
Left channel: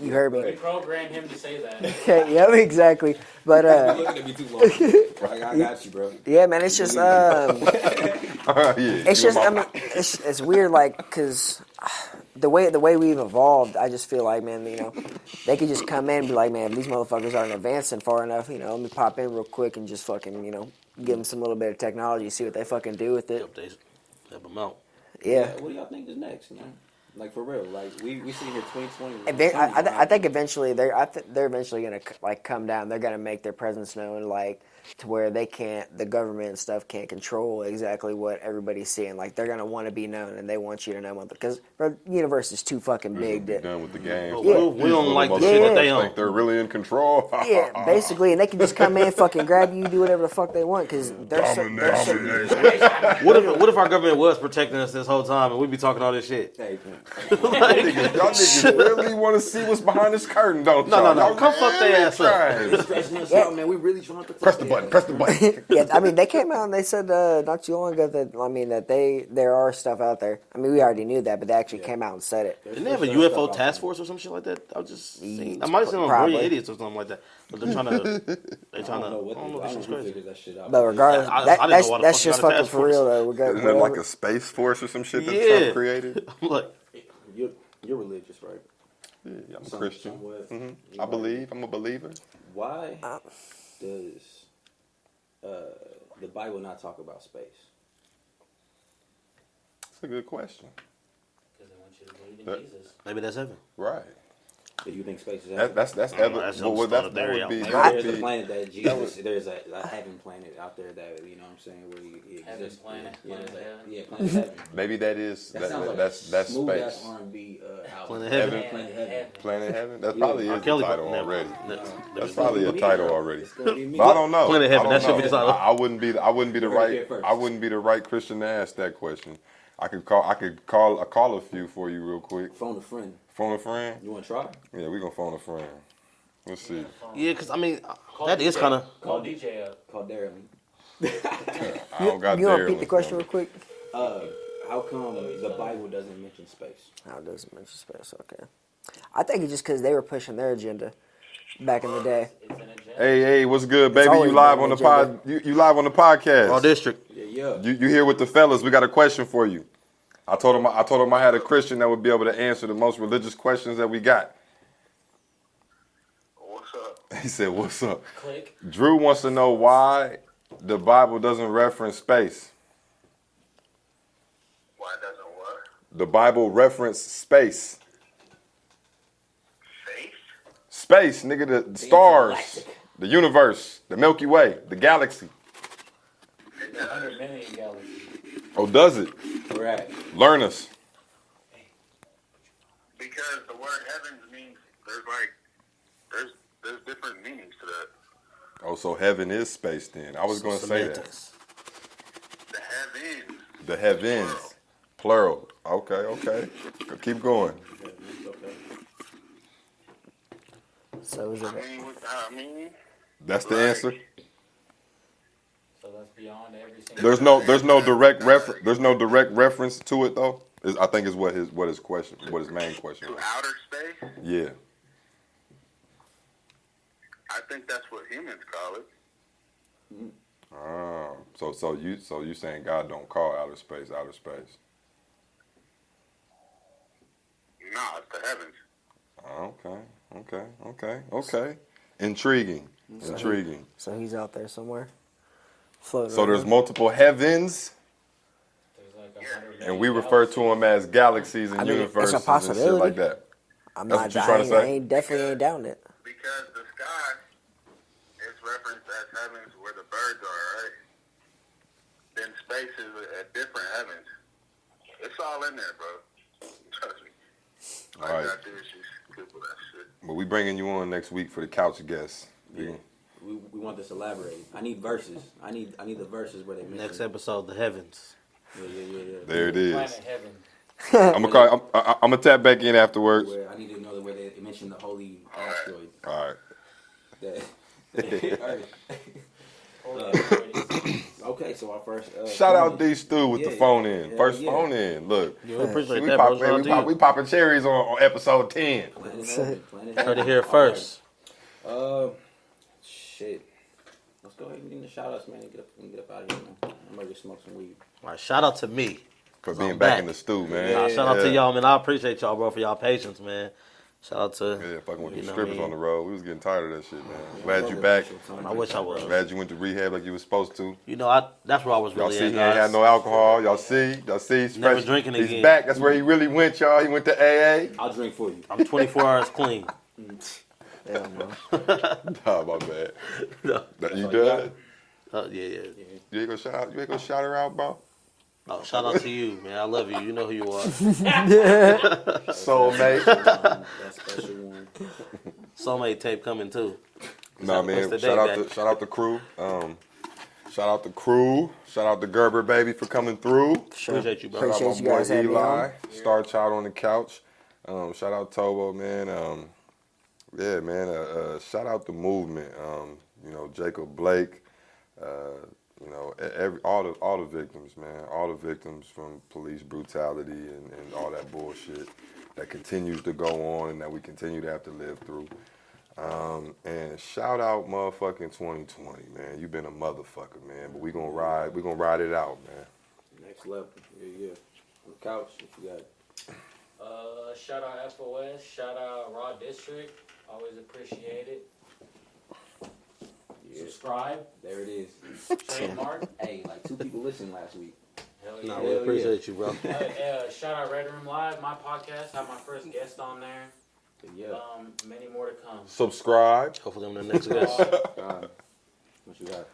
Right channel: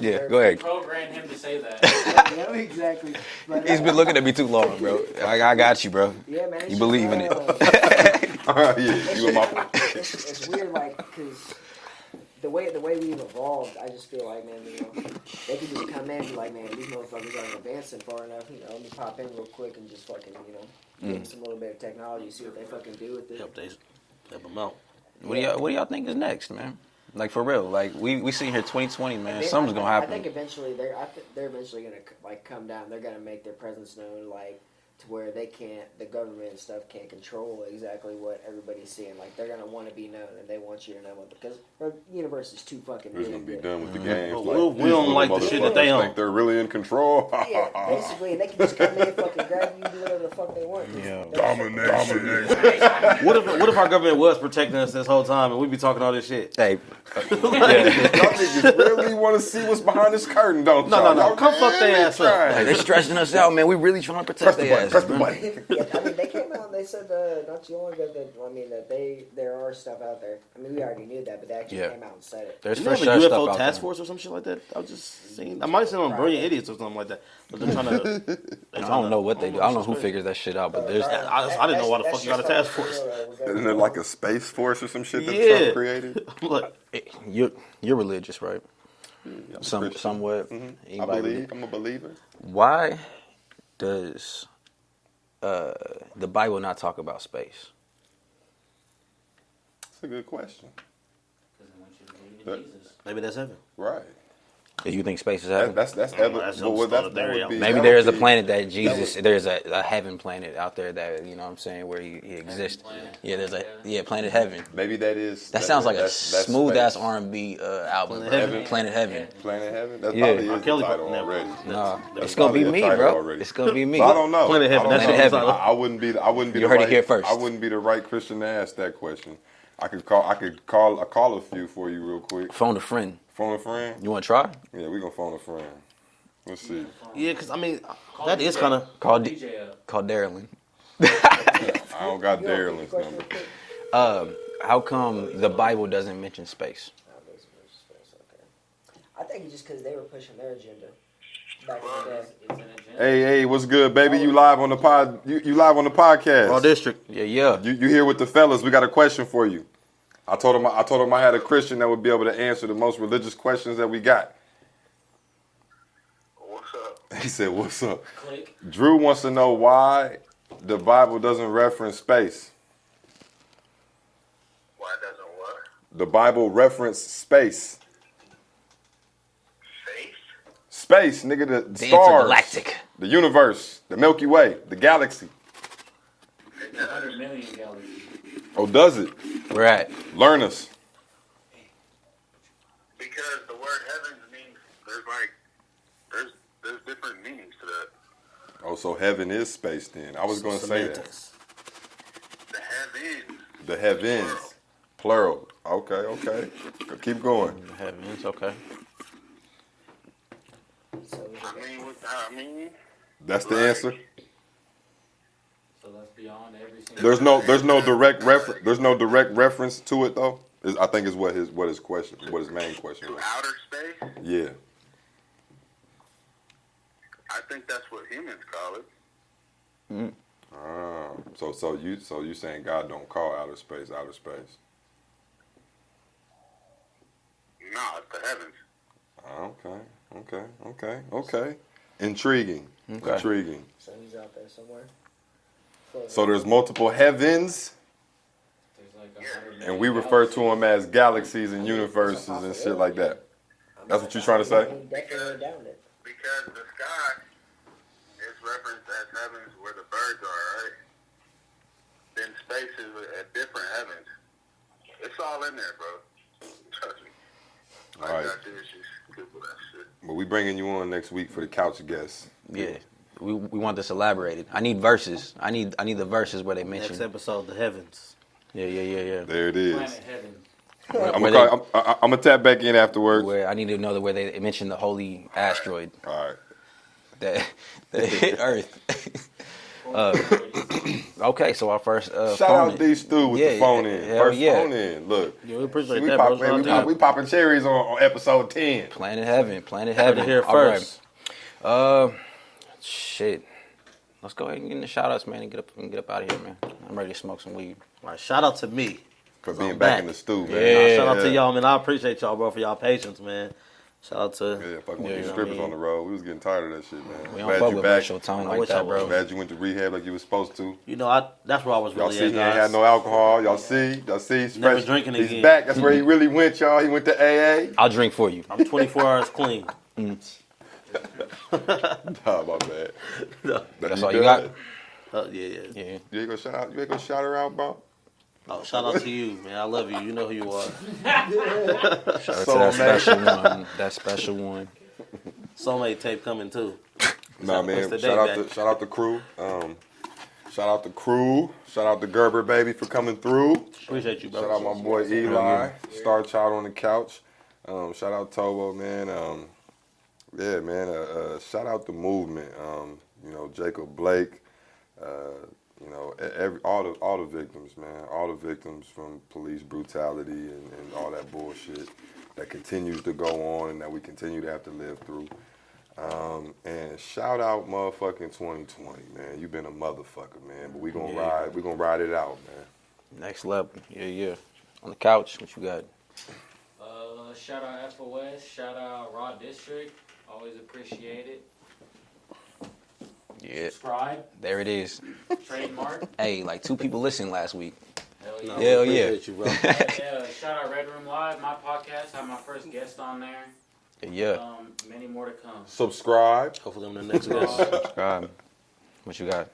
Yeah, go ahead. Program him to say that. Yeah, exactly. But He's been looking at me too long, bro. I got you, bro. yeah, man, it's You just believe me. it's just I mean, it's weird, like because the way we've evolved, I just feel like, man, you know, they could just come in and be like, man, these motherfuckers aren't advancing far enough. You know, let me pop in real quick and just fucking, you know, give them some little bit of technology, see what they fucking do with it. Help them out. Yeah. What do y'all think is next, man? Like for real, like we see here 2020, man. And they, Something's gonna I happen. think eventually they're eventually gonna like come down. They're gonna make their presence known, like to where the government and stuff can't control exactly what everybody's seeing. Like they're gonna want to be known, and they want you to know because the universe is too fucking This will big. be that- done with the game. We don't like the shit that they own. Think they're really in control. Yeah, basically, and they can just come in, fucking grab you, do whatever the fuck they want, because they're so What if our government was protecting us this whole time and we be talking all this shit? Hey, Y'all niggas really want to see what's behind this curtain, don't No, y'all? no, no. Y'all Come fuck really their ass up. trying. they're stressing us out, man. We really trying to Press protect the their button. ass, Press the man. button. Yeah, I mean, they came out and they said not too long ago that there are stuff out there. I mean, we already knew that, but they actually Yeah. came out and said it. There's Didn't they have for a sure UFO stuff out task there. force or some shit like that? I was just seeing. I might have seen on Probably. Brilliant Idiots or something like that. But they're trying to. I don't know what they do. I don't know who figures that shit out. But But there's regardless, I didn't know why the that's fuck you just got a fucking task for real, force. though. Regardless, Isn't it like a space force or some shit that Yeah. Trump created? Look, you're religious, right? I'm a Some, Christian. somewhat. I Anybody? believe. I'm a believer. Why does the Bible not talk about space? That's a good question. Because they want you to believe in Jesus. maybe that's heaven. Right. Do you think space is heaven? That's that's evidence. some Well, sort of that theory would out be. there. Maybe that there's would a be- planet that Jesus. There's a heaven planet out there that you know what I'm saying where he exists. planet. Yeah, there's a Yeah. planet heaven. Maybe that is. That sounds like a that's smooth ass space. R&B album. Planet Heaven. Planet Heaven. Planet Heaven. That Yeah. probably R. is the Kelly title never. already. Nah, That's it's gonna probably be a me, title bro. already. It's gonna be me. But I don't know. Planet Heaven, I that's don't what know. it's all. I wouldn't be. I wouldn't be You the heard it right. here first. I wouldn't be the right Christian to ask that question. I could call a few for you real quick. Phone a friend. Phone a friend. You want to try? Yeah, we gonna phone a friend. Let's see. Yeah, because I mean, Call that is DJ. kind of. Call Call DJ up. Call Darylyn. I don't got You want to repeat Daryl's the question real number. quick? How come the Bible doesn't mention space? How does it mention space? Okay. I think it's just because they were pushing their agenda back in the day. It's an agenda. Hey, what's good, baby? always You live been on the an pod. You live on the podcast. Raw District. Yeah. You here with the fellas? We got a question for you. I told him I had a Christian that would be able to answer the most religious questions that we got. What's up? He said, "What's up?" Click. Drew wants to know why the Bible doesn't reference space. Why doesn't what? The Bible reference space. Faith? Space, nigga, the stars, intergalactic. the universe, the Milky Way, the galaxy. 100 million galaxies. Oh, does it? We're at. Learn us. Because the word heavens means there's different meanings to that. Oh, so heaven is space then. I was going to say that. Semantics. The heavens. The heavens. Plural. Okay. Keep going. Heavens, okay. So is it, I mean, That's the answer. So that's beyond every single. There's no direct reference to it though. I think is what his main question to was. outer space, Yeah. I think that's what humans call it. So you saying God don't call outer space? No, it's the heavens. Okay. Intriguing. Intriguing. So he's out there somewhere. Floating So there's around. multiple heavens, There's like 100 and we refer to them as galaxies and I mean, it's a universes and shit possibility. like that. I'm That's not- what you're trying to say? I ain't definitely ain't down it. Because the sky is referenced as heavens where the birds are, right? Then space is a different heavens. It's all in there, bro. Trust me. All All right. you gotta do is just Google that shit. But we bringing you on next week for the couch guests. Yeah. We want this elaborated. I need verses. I need the verses where they mention. Next episode, the heavens. Yeah. There it is. Planet Heaven. I'm gonna tap back in afterwards. Where I need to know where they mention the holy asteroid All right. that hit Earth. Okay, so our first Shout phone out in. D Stu with the Yeah, phone yeah. in. Hell First yeah. phone in. Look. Yeah, we appreciate We, that, pop, bro. Shout out to you. we popping cherries on episode 10. Planet Heaven. Planet Heard Heaven. it here All first. right. Shit. Let's go ahead and get in the shout outs, man, and get up out of here, man. I'm ready to smoke some weed. All right, shout out to me. For 'Cause being I'm back back. in the stew, man. Yeah. Nah, shout out to Yeah. y'all, man. I appreciate y'all, bro, for y'all patience, man. Shout out to. Yeah, fucking with you these know strippers what I on the mean? road. We was getting tired of that shit, We man. don't Glad fuck you with back. racial tone I like wish that, I was. bro. Glad you went to rehab like you was supposed to. You know, that's where I was Y'all really see, at, he ain't guys. had no alcohol. Y'all see? He's Never fresh. drinking He's again. back. That's where he really went, y'all. He went to AA. I'll drink for you. I'm 24 hours clean. Nah, my bad. No. That's You all you got? done? Yeah. Yeah. You ain't gonna shout her out, bro? Oh, shout out to you, man. I love you. You know who you are. Soulmate. That special one. Soulmate tape coming too. Nah, man. What's the Shout date out back? shout out the crew. Shout out the crew. Shout out to Gerber baby for coming through. Appreciate you, bro. Shout out Appreciate my you boy guys having Eli, Star Child on the couch. Shout out Tobo, man. Yeah, man. Shout out the movement. Jacob Blake. All the victims, man. All the victims from police brutality and all that bullshit that continues to go on and that we continue to have to live through. And shout out motherfucking 2020, man. You've been a motherfucker, man. But we gonna ride it out, man. Next level. Yeah. On the couch, what you got? Shout out FOS. Shout out Raw District. Always appreciate it. Yeah. Subscribe. There it is. Trademark. Hey, like 2 people listened last week. Hell No, yeah. we Hell appreciate you, bro. Shout out Red Room Live, my podcast. Have my first guest on there. Yeah. Many more to come. Subscribe. Hopefully I'm the next guest. What you got?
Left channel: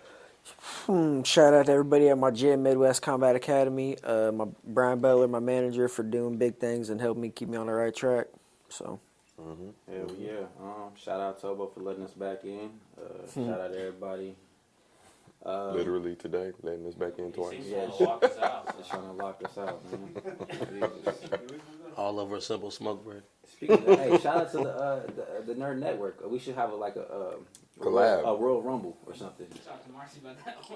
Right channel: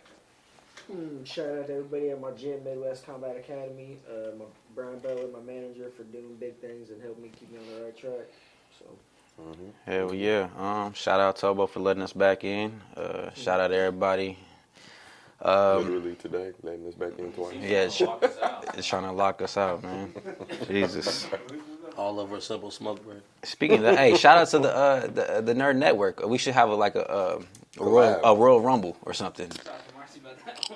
Shout out to everybody at my gym, Midwest Combat Academy. My Brian Butler, my manager, for doing big things and helping me keep me on the right track. So. Hell yeah. Shout out Tobo for letting us back in. Shout out to everybody. Literally today, letting us back in twice. Yeah, Walk us out. it's trying to lock us out, man. Jesus. All over a simple smoke break. Speaking of that, hey, shout out to the Nerd Network. We should have a Royal Rumble or something.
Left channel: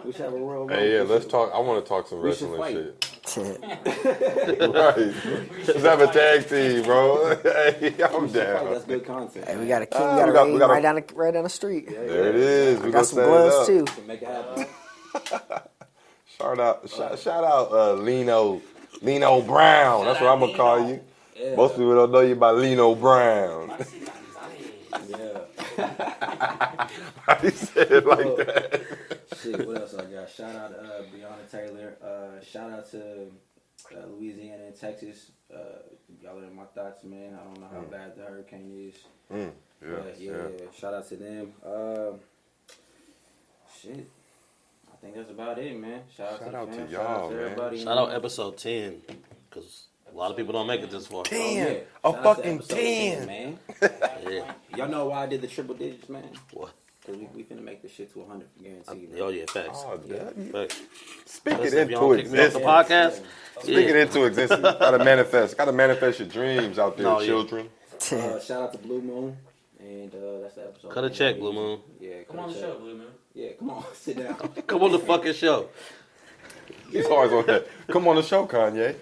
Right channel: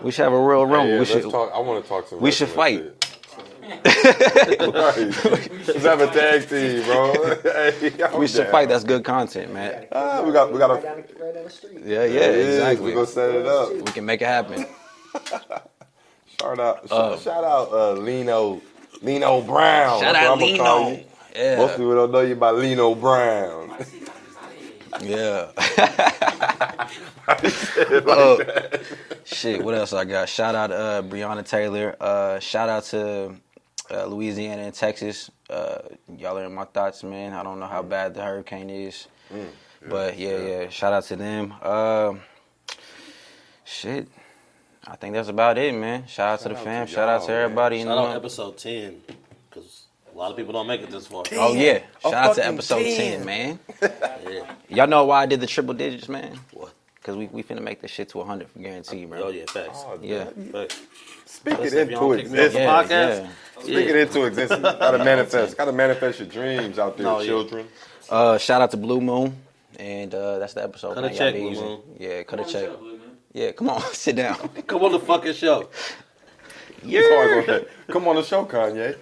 We should have a Royal Rumble. Hey, yeah, we let's should, talk. I want to talk some. we should wrestling fight. shit. Right. Let's have a tag team, bro. Hey, We should fight. That's good content, We man. got a kid we got right down the street. Yeah, There it is. exactly. We Got gonna some set it gloves up. too. We can make it happen. Shout out, Lino Brown. Shout That's what out I'm gonna call Lino. you. Yeah. Most people don't know you by Lino Brown. Yeah. He said it like that. Shit, what else I got? Shout out to Breonna Taylor. Shout out to Louisiana and Texas. Y'all are in my thoughts, man. I don't know how bad the hurricane is. But yeah. Shout out to them. Shit. I think that's about it, man. Shout out to the Shout out fam. to Shout out y'all, to man. everybody. in Shout the out room. episode 10, because a lot of people don't make it this far. Oh yeah. A Shout out to fucking episode 10, man. Yeah. Y'all know why I did the triple digits, man? What? Because we finna make this shit to 100 for guarantee, bro. Oh, yeah, facts. Oh, Yeah. Facts. Speak it Listen, if y'all into don't kick me off the existence. podcast, Speak it into existence. Gotta manifest your dreams out there, No, yeah. children. Shout out to Blue Moon. And that's the episode. Cut a man. Y'all check, be Blue easy. Moon. Yeah, cut Come a on the check. show, Blue Moon. Yeah, come on, sit down. Come on the fucking show. He's always on that. Come on the show, Kanye.